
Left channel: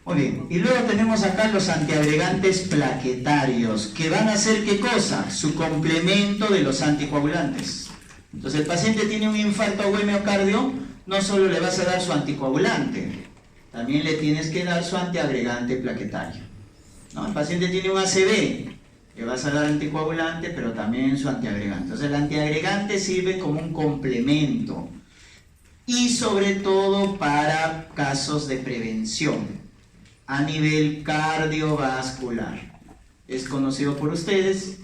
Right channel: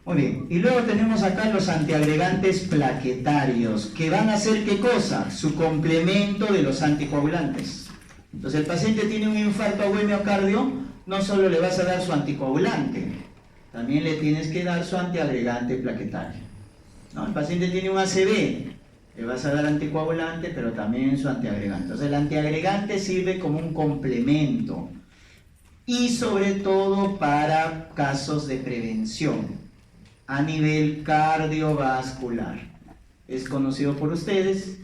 Muy bien, y luego tenemos acá los antiagregantes plaquetarios, que van a hacer ¿qué cosa? Su complemento de los anticoagulantes. Entonces el paciente tiene un infarto agudo de miocardio, no solo le vas a dar su anticoagulante, también le tienes que dar su antiagregante plaquetario. ¿No? El paciente tiene un ACV, le vas a dar anticoagulante, pero también su antiagregante. Entonces el antiagregante sirve como un complemento y sobre todo para casos de prevención a nivel cardiovascular. Es conocido por ustedes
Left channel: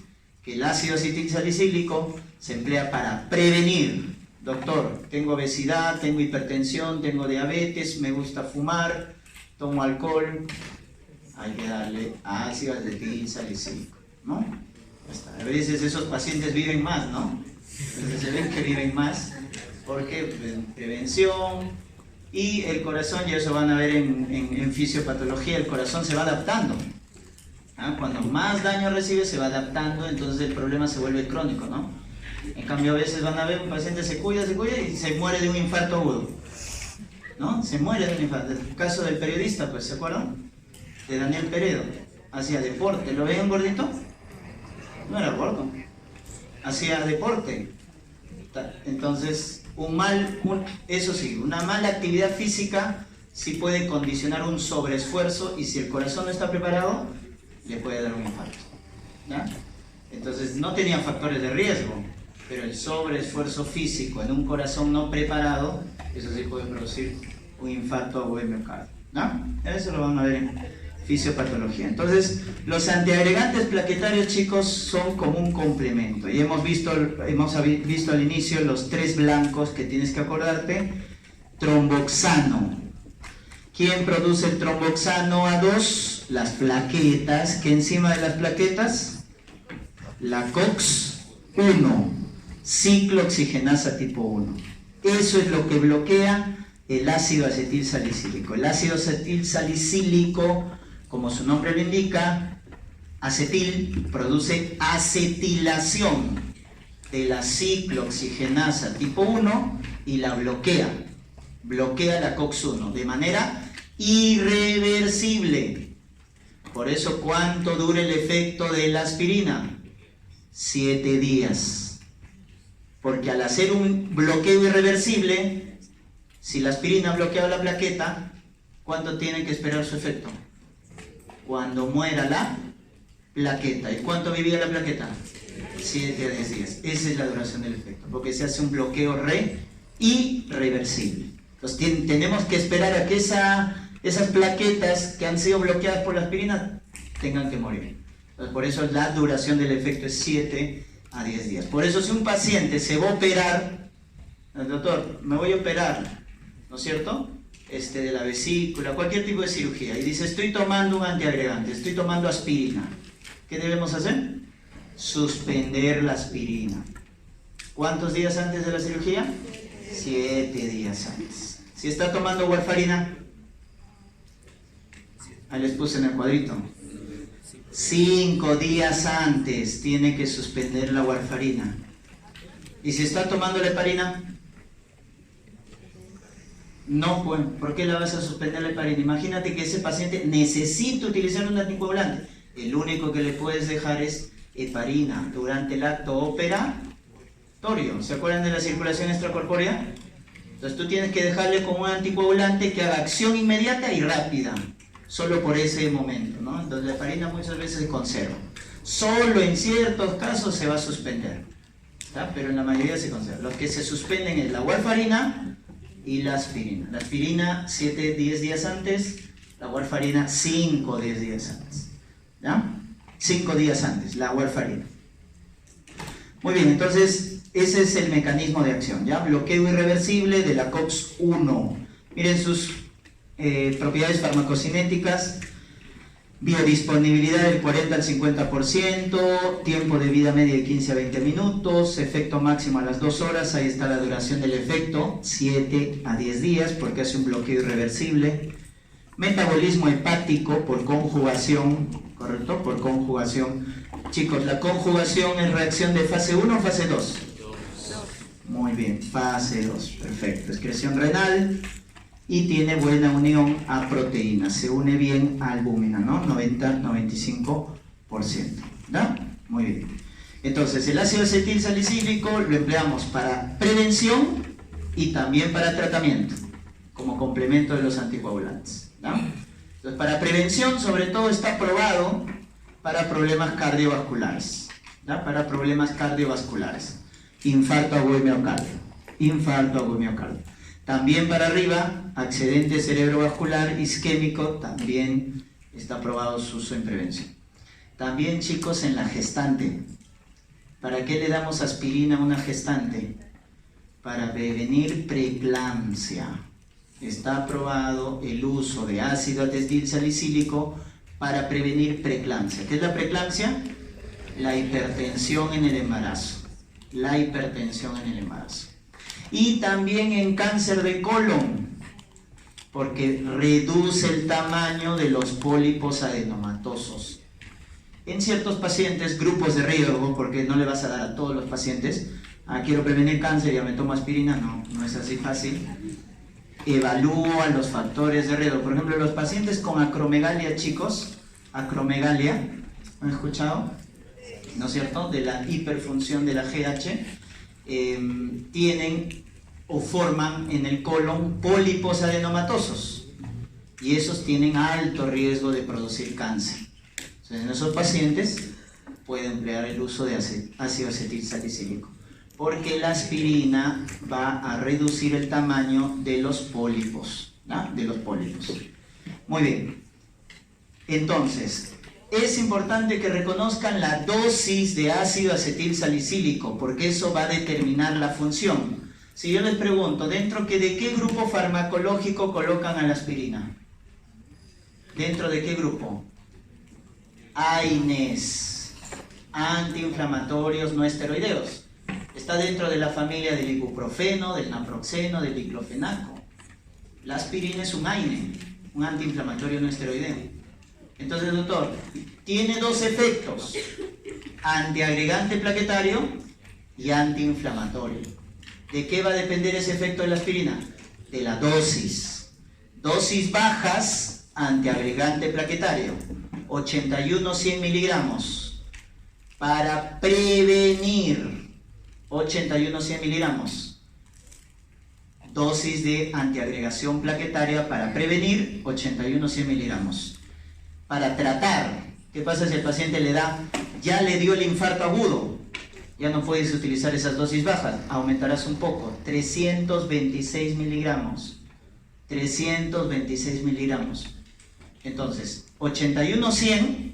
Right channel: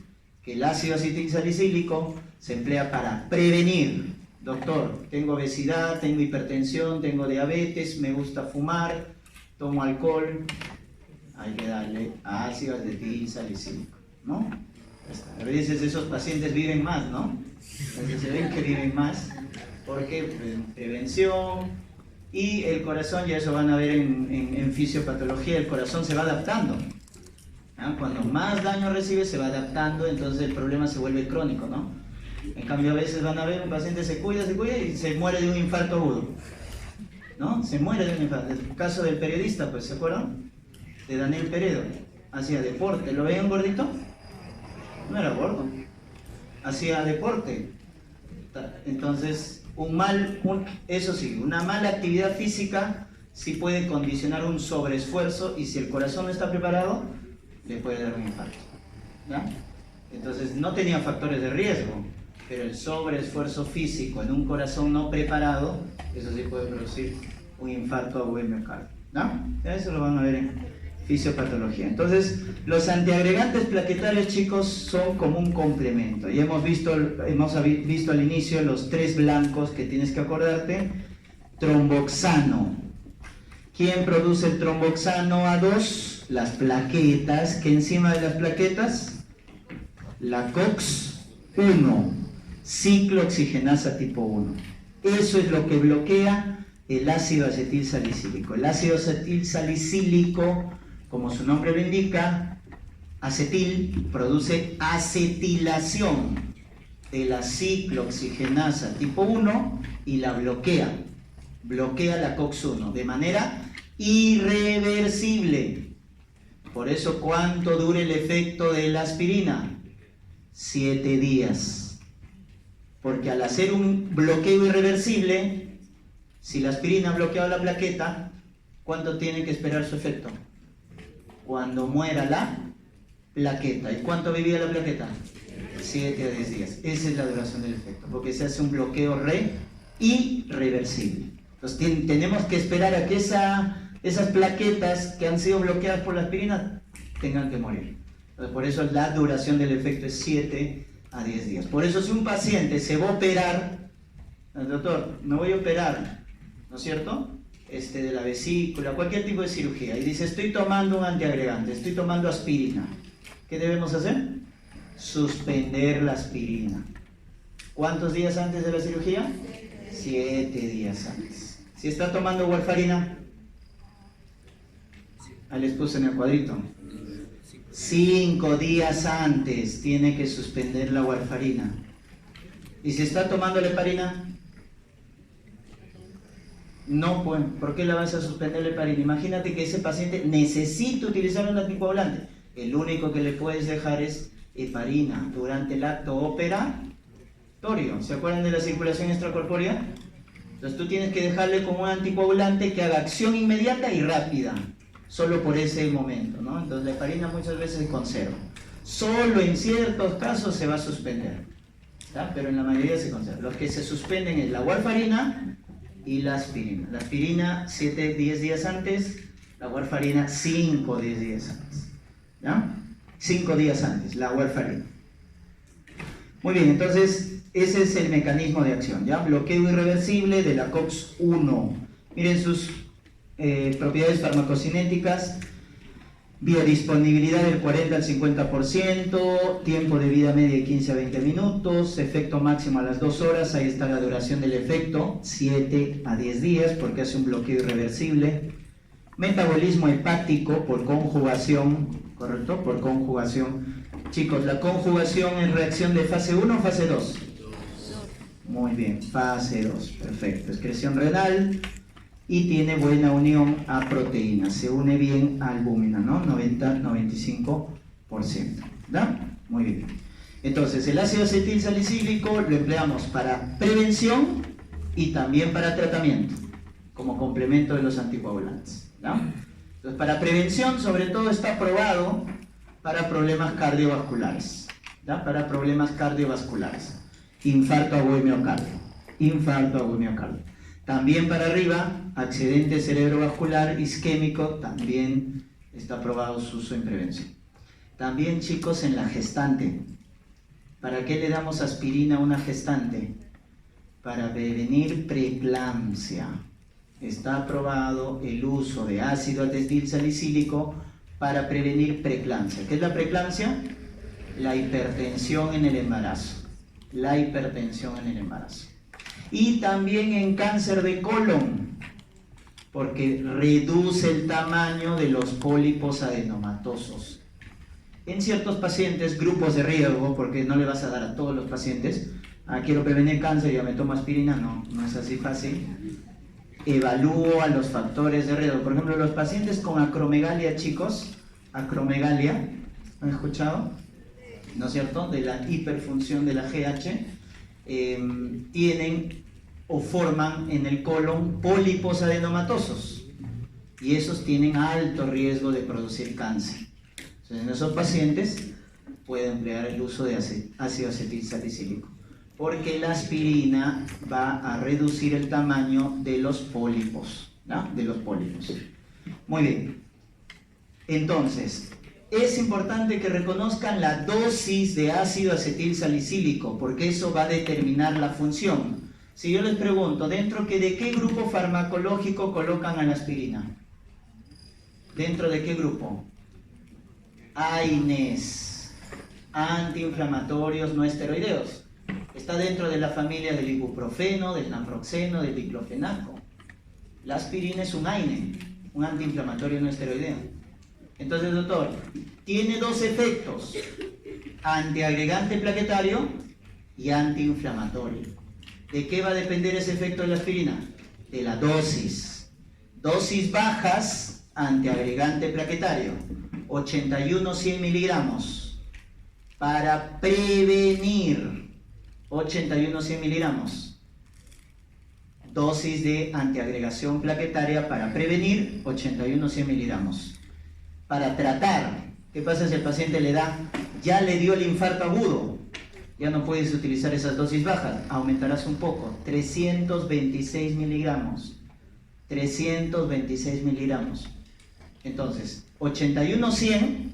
que el ácido acetilsalicílico se emplea para prevenir. Doctor, tengo obesidad, tengo hipertensión, tengo diabetes, me gusta fumar, tomo alcohol. Hay que darle ácido acetilsalicílico, ¿no? A veces esos pacientes viven más, ¿no? Entonces se ven que viven más porque prevención y el corazón, y eso van a ver en fisiopatología, el corazón se va adaptando. Cuando más daño recibe se va adaptando, entonces el problema se vuelve crónico, ¿no? En cambio a veces van a ver un paciente se cuida y se muere de un infarto agudo. ¿no? Se muere de un infarto. El caso del periodista, pues, ¿se acuerdan? De Daniel Peredo. Hacía deporte. ¿Lo veían gordito? No era gordo. Hacía deporte. Entonces, eso sí, una mala actividad física sí puede condicionar un sobreesfuerzo, y si el corazón no está preparado, le puede dar un infarto, ¿ya? Entonces, no tenía factores de riesgo, pero el sobreesfuerzo físico en un corazón no preparado, eso sí puede producir un infarto agudo de miocardio, ¿no? Eso lo van a ver en fisiopatología. Entonces, los antiagregantes plaquetarios, chicos, son como un complemento. Y hemos visto al inicio los 3 blancos que tienes que acordarte. Tromboxano. ¿Quién produce el tromboxano A2? Las plaquetas. ¿Qué enzima de las plaquetas? La COX-1, ciclooxigenasa tipo 1. Eso es lo que bloquea el ácido acetil salicílico. El ácido acetil salicílico, como su nombre lo indica, acetil produce acetilación de la ciclooxigenasa tipo 1 y la bloquea la COX-1 de manera irreversible. Por eso, ¿cuánto dura el efecto de la aspirina? 7 días. Porque al hacer un bloqueo irreversible, si la aspirina ha bloqueado la plaqueta, ¿cuánto tiene que esperar su efecto? Cuando muera la plaqueta. ¿Y cuánto vivía la plaqueta? 7 a 10 días. Esa es la duración del efecto, porque se hace un bloqueo irreversible. Entonces tenemos que esperar a que esas plaquetas que han sido bloqueadas por la aspirina tengan que morir. Entonces, por eso la duración del efecto es 7 a 10 días. Por eso, si un paciente se va a operar, el doctor, me voy a operar, ¿no es cierto?, de la vesícula, cualquier tipo de cirugía, y dice, estoy tomando un antiagregante, estoy tomando aspirina. ¿Qué debemos hacer? Suspender la aspirina. ¿Cuántos días antes de la cirugía? 7 días antes. Si está tomando warfarina, ahí les puse en el cuadrito, 5 días antes tiene que suspender la warfarina. ¿Y si está tomando la heparina? No, pues, ¿por qué la vas a suspender la heparina? Imagínate que ese paciente necesita utilizar un anticoagulante. El único que le puedes dejar es heparina durante el acto operatorio. ¿Se acuerdan de la circulación extracorpórea? Entonces tú tienes que dejarle como un anticoagulante que haga acción inmediata y rápida, solo por ese momento, ¿no? Entonces la heparina muchas veces se conserva. Solo en ciertos casos se va a suspender, ¿está? Pero en la mayoría se conserva. Los que se suspenden es la warfarina y la aspirina. La aspirina 7-10 días antes, la warfarina 5-10 días antes, ¿ya? 5 días antes, la warfarina. Muy bien, entonces ese es el mecanismo de acción, ¿ya? Bloqueo irreversible de la COX-1. Miren sus propiedades farmacocinéticas: biodisponibilidad del 40 al 50%, tiempo de vida media de 15 a 20 minutos, efecto máximo a las 2 horas, ahí está la duración del efecto, 7 a 10 días, porque hace un bloqueo irreversible. Metabolismo hepático por conjugación, ¿correcto? Por conjugación. Chicos, ¿la conjugación es reacción de fase 1 o fase 2? Muy bien, fase 2, perfecto. Excreción renal y tiene buena unión a proteínas, se une bien a albúmina, ¿no? 90-95%, ¿no? Muy bien. Entonces, el ácido acetil salicílico lo empleamos para prevención y también para tratamiento, como complemento de los anticoagulantes, ¿no? Entonces, para prevención, sobre todo, está probado para problemas cardiovasculares, ¿ya? Para problemas cardiovasculares, infarto agudo de miocardio. También para arriba, accidente cerebrovascular isquémico, también está probado su uso en prevención. También, chicos, en la gestante. ¿Para qué le damos aspirina a una gestante? Para prevenir preeclampsia. Está aprobado el uso de ácido acetil salicílico para prevenir preeclampsia. ¿Qué es la preeclampsia? La hipertensión en el embarazo. Y también en cáncer de colon, porque reduce el tamaño de los pólipos adenomatosos. En ciertos pacientes, grupos de riesgo, porque no le vas a dar a todos los pacientes, quiero prevenir cáncer, ya me tomo aspirina, no es así fácil. evalúo a los factores de riesgo. Por ejemplo, los pacientes con acromegalia, chicos, acromegalia, ¿han escuchado? ¿No es cierto? De la hiperfunción de la GH, tienen o forman en el colon pólipos adenomatosos y esos tienen alto riesgo de producir cáncer. Entonces, en esos pacientes puede emplear el uso de ácido acetilsalicílico, porque la aspirina va a reducir el tamaño de los pólipos, ¿no? De los pólipos. Muy bien. Entonces, es importante que reconozcan la dosis de ácido acetilsalicílico, porque eso va a determinar la función. Si yo les pregunto, ¿de qué grupo farmacológico colocan a la aspirina? ¿Dentro de qué grupo? AINES, antiinflamatorios no esteroideos. Está dentro de la familia del ibuprofeno, del naproxeno, del diclofenaco. La aspirina es un AINE, un antiinflamatorio no esteroideo. Entonces, doctor, tiene dos efectos: antiagregante plaquetario y antiinflamatorio. ¿De qué va a depender ese efecto de la aspirina? De la dosis. Dosis bajas, antiagregante plaquetario, 81-100 miligramos. Para prevenir, 81-100 miligramos. Dosis de antiagregación plaquetaria para prevenir, 81-100 miligramos. Para tratar, ¿qué pasa si el paciente ya le dio el infarto agudo? Ya no puedes utilizar esas dosis bajas, aumentarás un poco, 326 miligramos. 326 miligramos. Entonces, 81-100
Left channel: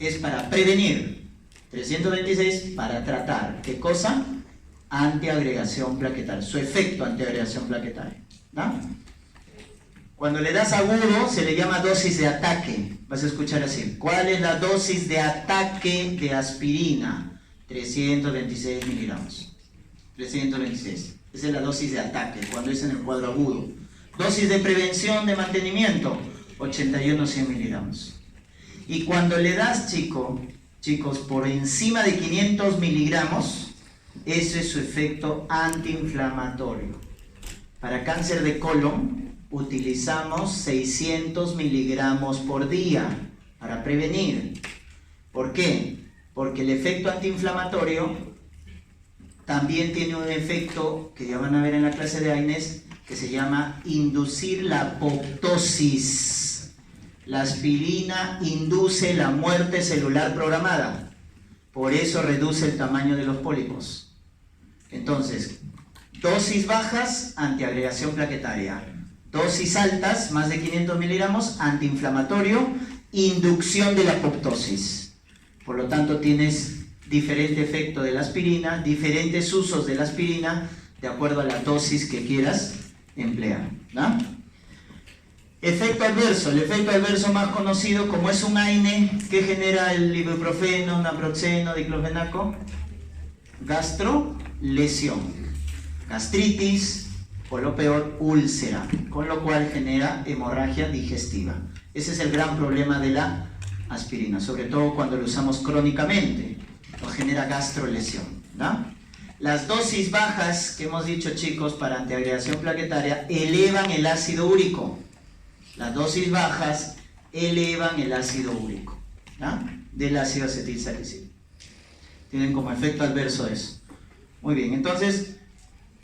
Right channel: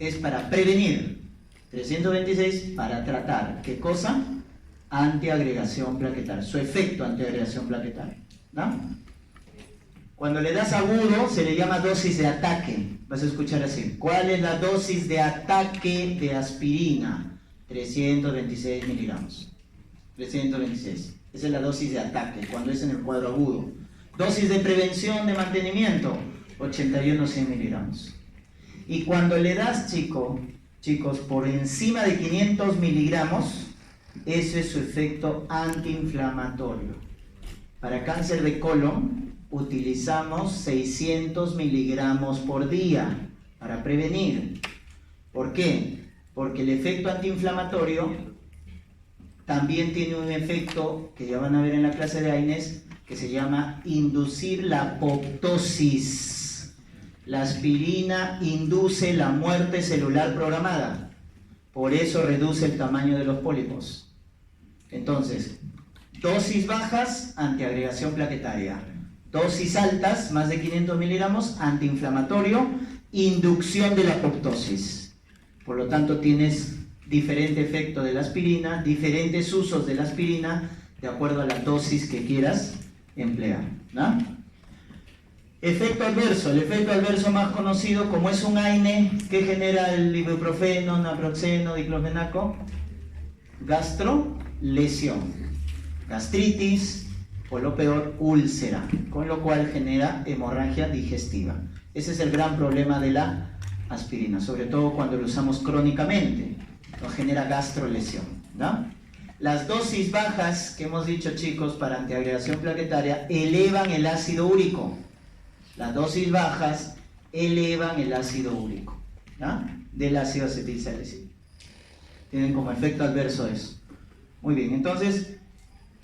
es para prevenir, 326 para tratar. ¿Qué cosa? Antiagregación plaquetaria, su efecto antiagregación plaquetaria, ¿no? Cuando le das agudo se le llama dosis de ataque. Vas a escuchar así: ¿cuál es la dosis de ataque de aspirina? 326 miligramos. 326. Esa es la dosis de ataque cuando es en el cuadro agudo. Dosis de prevención, de mantenimiento, 81-100 miligramos. Y cuando le das, chicos, por encima de 500 miligramos, ese es su efecto antiinflamatorio. Para cáncer de colon utilizamos 600 miligramos por día para prevenir. ¿Por qué? Porque el efecto antiinflamatorio también tiene un efecto que ya van a ver en la clase de AINES, que se llama inducir la apoptosis. La aspirina induce la muerte celular programada, por eso reduce el tamaño de los pólipos. Entonces, dosis bajas, antiagregación plaquetaria. Dosis altas, más de 500 miligramos, antiinflamatorio, inducción de la apoptosis. Por lo tanto, tienes diferente efecto de la aspirina, diferentes usos de la aspirina, de acuerdo a la dosis que quieras emplear, ¿no? Efecto adverso. El efecto adverso más conocido, como es un AINE, que genera el ibuprofeno, naproxeno, diclofenaco, gastrolesión, gastritis o lo peor, úlcera, con lo cual genera hemorragia digestiva. Ese es el gran problema de la aspirina, sobre todo cuando lo usamos crónicamente, nos genera gastrolesión, ¿no? Las dosis bajas que hemos dicho, chicos, para antiagregación plaquetaria elevan el ácido úrico. Las dosis bajas elevan el ácido úrico, ¿no? Del ácido acetilsalicílico. Tienen como efecto adverso eso. Muy bien, entonces,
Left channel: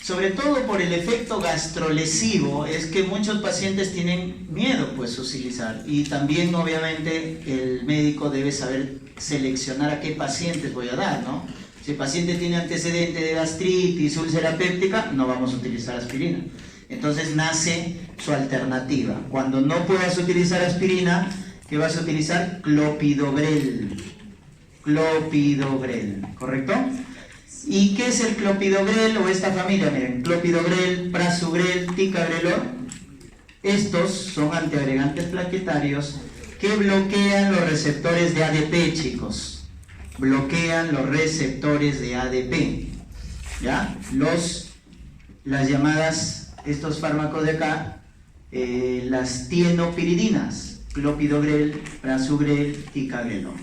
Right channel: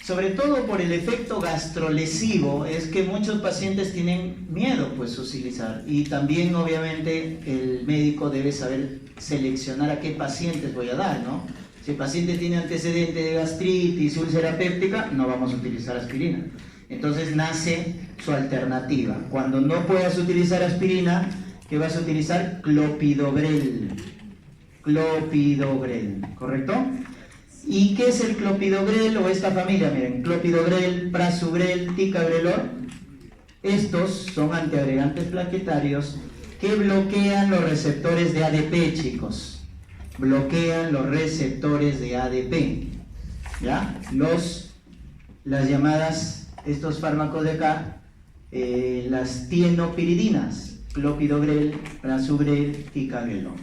sobre todo por el efecto gastrolesivo, es que muchos pacientes tienen miedo, pues, utilizar. Y también, obviamente, el médico debe saber seleccionar a qué pacientes voy a dar, ¿no? Si el paciente tiene antecedente de gastritis, úlcera péptica, no vamos a utilizar aspirina. Entonces nace su alternativa. Cuando no puedas utilizar aspirina, ¿qué vas a utilizar? Clopidogrel. Clopidogrel, ¿correcto? ¿Y qué es el clopidogrel o esta familia? Miren, clopidogrel, prasugrel, ticagrelor. Estos son antiagregantes plaquetarios que bloquean los receptores de ADP, chicos. Bloquean los receptores de ADP. ¿Ya? Las llamadas, estos fármacos de acá, las tienopiridinas. Clopidogrel, prasugrel, ticagrelor.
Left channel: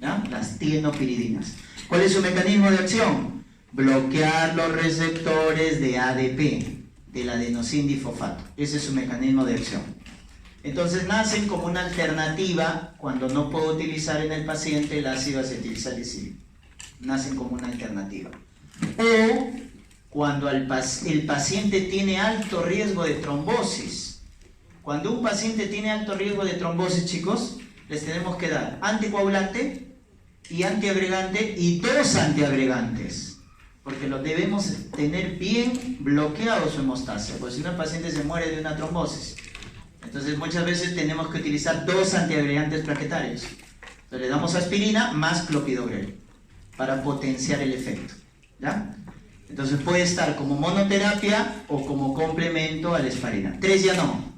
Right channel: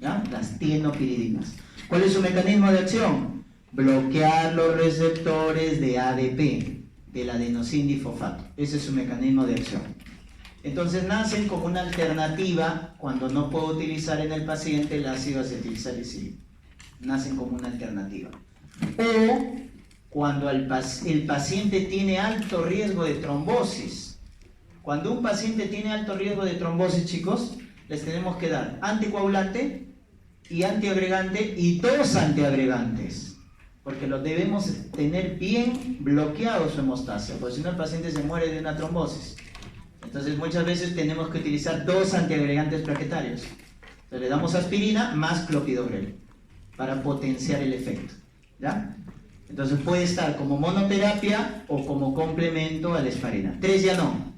¿Ya? Las tienopiridinas. ¿Cuál es su mecanismo de acción? Bloquear los receptores de ADP. del adenosindifosfato. Ese es su mecanismo de acción. Entonces nacen como una alternativa cuando no puedo utilizar en el paciente el ácido acetilsalicílico. Nacen como una alternativa. O cuando el paciente tiene alto riesgo de trombosis. Cuando un paciente tiene alto riesgo de trombosis, chicos, les tenemos que dar anticoagulante y antiagregante y 2 antiagregantes, porque lo debemos tener bien bloqueado su hemostasia, porque si no el paciente se muere de una trombosis. Entonces muchas veces tenemos que utilizar 2 antiagregantes plaquetarios. Entonces le damos aspirina más clopidogrel para potenciar el efecto, ¿ya? Entonces puede estar como monoterapia o como complemento a la aspirina. 3 ya no.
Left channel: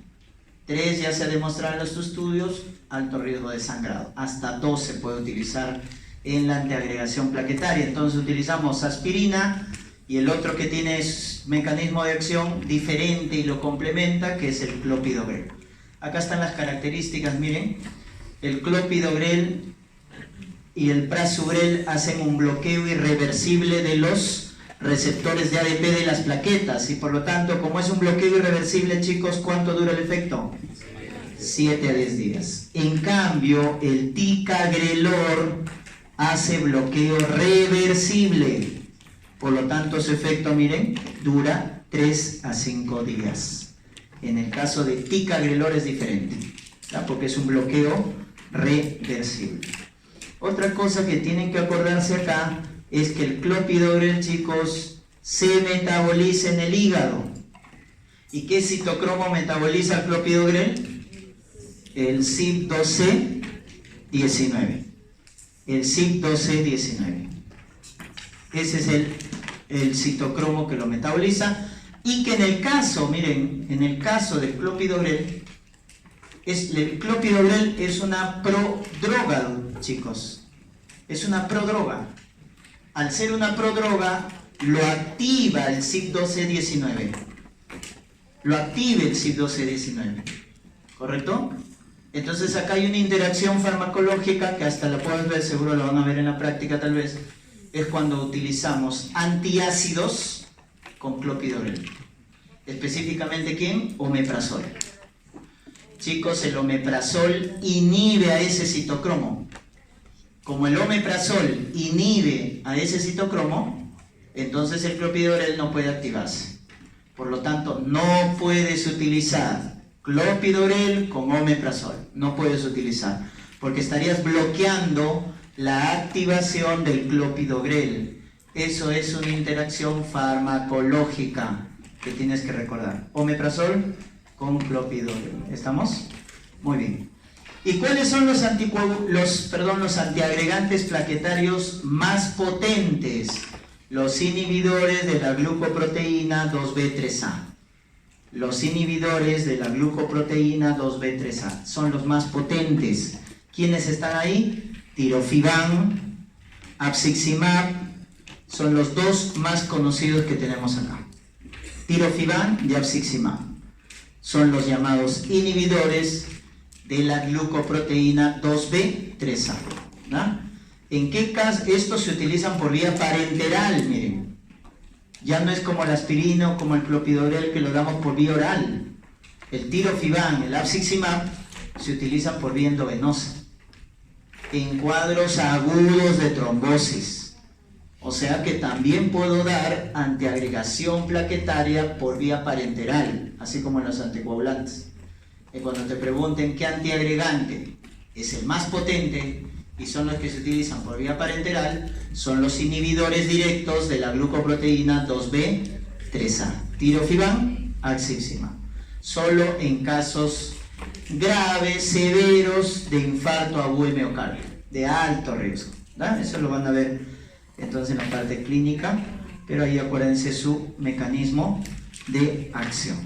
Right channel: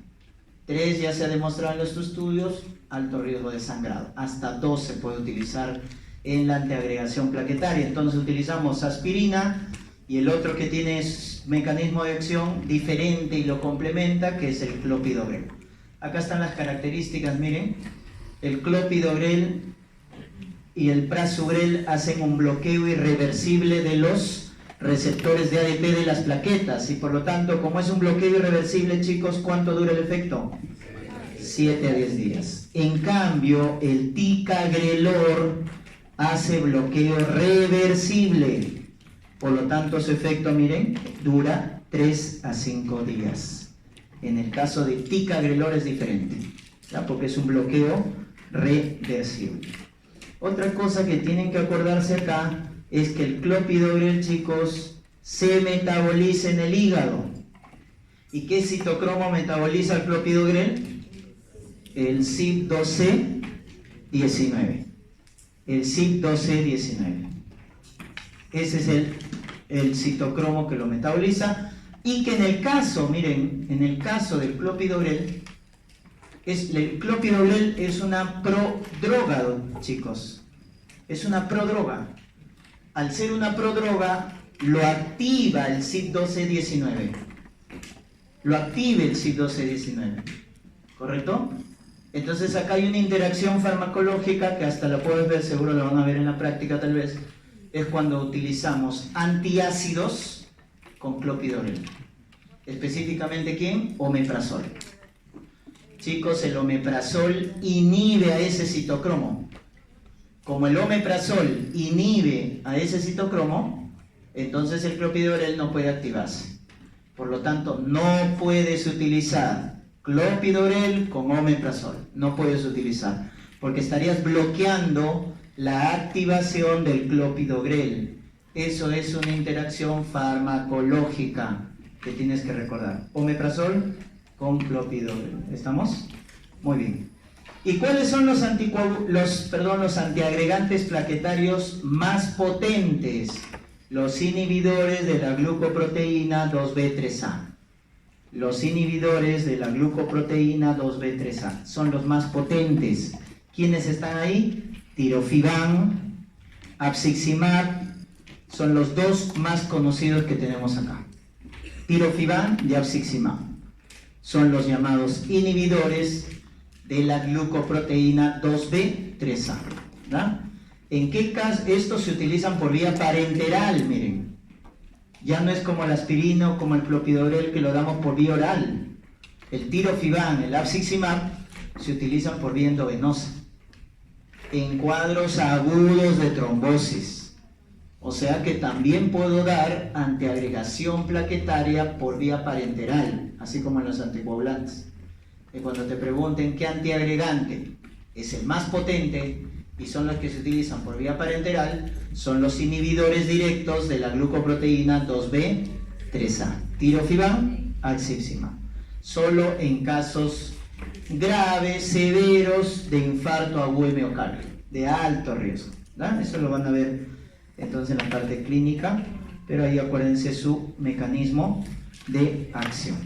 3 ya se ha demostrado en los estudios alto riesgo de sangrado. Hasta 2 se puede utilizar en la antiagregación plaquetaria. Entonces utilizamos aspirina y el otro que tiene mecanismo de acción diferente y lo complementa, que es el clopidogrel. Acá están las características, miren. El clopidogrel y el prasugrel hacen un bloqueo irreversible de los receptores de ADP de las plaquetas y por lo tanto, como es un bloqueo irreversible, chicos, ¿cuánto dura el efecto? 7 a 10 días. En cambio, el ticagrelor hace bloqueo reversible. Por lo tanto, su efecto, miren, dura 3 a 5 días. En el caso de ticagrelor es diferente, ¿ya? Porque es un bloqueo reversible. Otra cosa que tienen que acordarse acá es que el clopidogrel, chicos, se metaboliza en el hígado. ¿Y qué citocromo metaboliza el clopidogrel? El CYP12C19. El CYP12C19. Ese es el citocromo que lo metaboliza. Y que en el caso, miren, en el caso del clopidogrel, el clopidogrel es una prodroga, chicos. Es una prodroga. Al ser una prodroga, lo activa el CYP12C19. Lo activa el CYP12C19. ¿Correcto? Entonces acá hay una interacción farmacológica que hasta la pueden ver, seguro la van a ver en la práctica tal vez. Es cuando utilizamos antiácidos con clopidogrel. Específicamente, ¿quién? Omeprazol. Chicos, el omeprazol inhibe a ese citocromo. Como el omeprazol inhibe a ese citocromo, entonces el clopidogrel no puede activarse. Por lo tanto, no puedes utilizar clopidogrel con omeprazol. No puedes utilizar, porque estarías bloqueando la activación del clopidogrel. Eso es una interacción farmacológica que tienes que recordar. Omeprazol con clopidogrel. ¿Estamos? Muy bien. ¿Y cuáles son los antiagregantes plaquetarios más potentes? Los inhibidores de la glucoproteína 2B3A. Los inhibidores de la glucoproteína 2B3A son los más potentes. ¿Quiénes están ahí? Tirofiban, abciximab, son los 2 más conocidos que tenemos acá. Tirofiban y abciximab son los llamados inhibidores de la glucoproteína 2B3A. ¿No? ¿En qué caso? Estos se utilizan por vía parenteral, miren. Ya no es como la aspirina o como el clopidogrel que lo damos por vía oral. El tirofiban, el abciximab se utilizan por vía endovenosa en cuadros agudos de trombosis. O sea que también puedo dar antiagregación plaquetaria por vía parenteral, así como en los anticoagulantes. Y cuando te pregunten qué antiagregante es el más potente y son los que se utilizan por vía parenteral, son los inhibidores directos de la glucoproteína 2B3A. Tirofiban, abciximab. Solo en casos graves, severos de infarto agudo de miocardio, de alto riesgo. ¿No? Eso lo van a ver entonces en la parte clínica, pero ahí acuérdense su mecanismo de acción.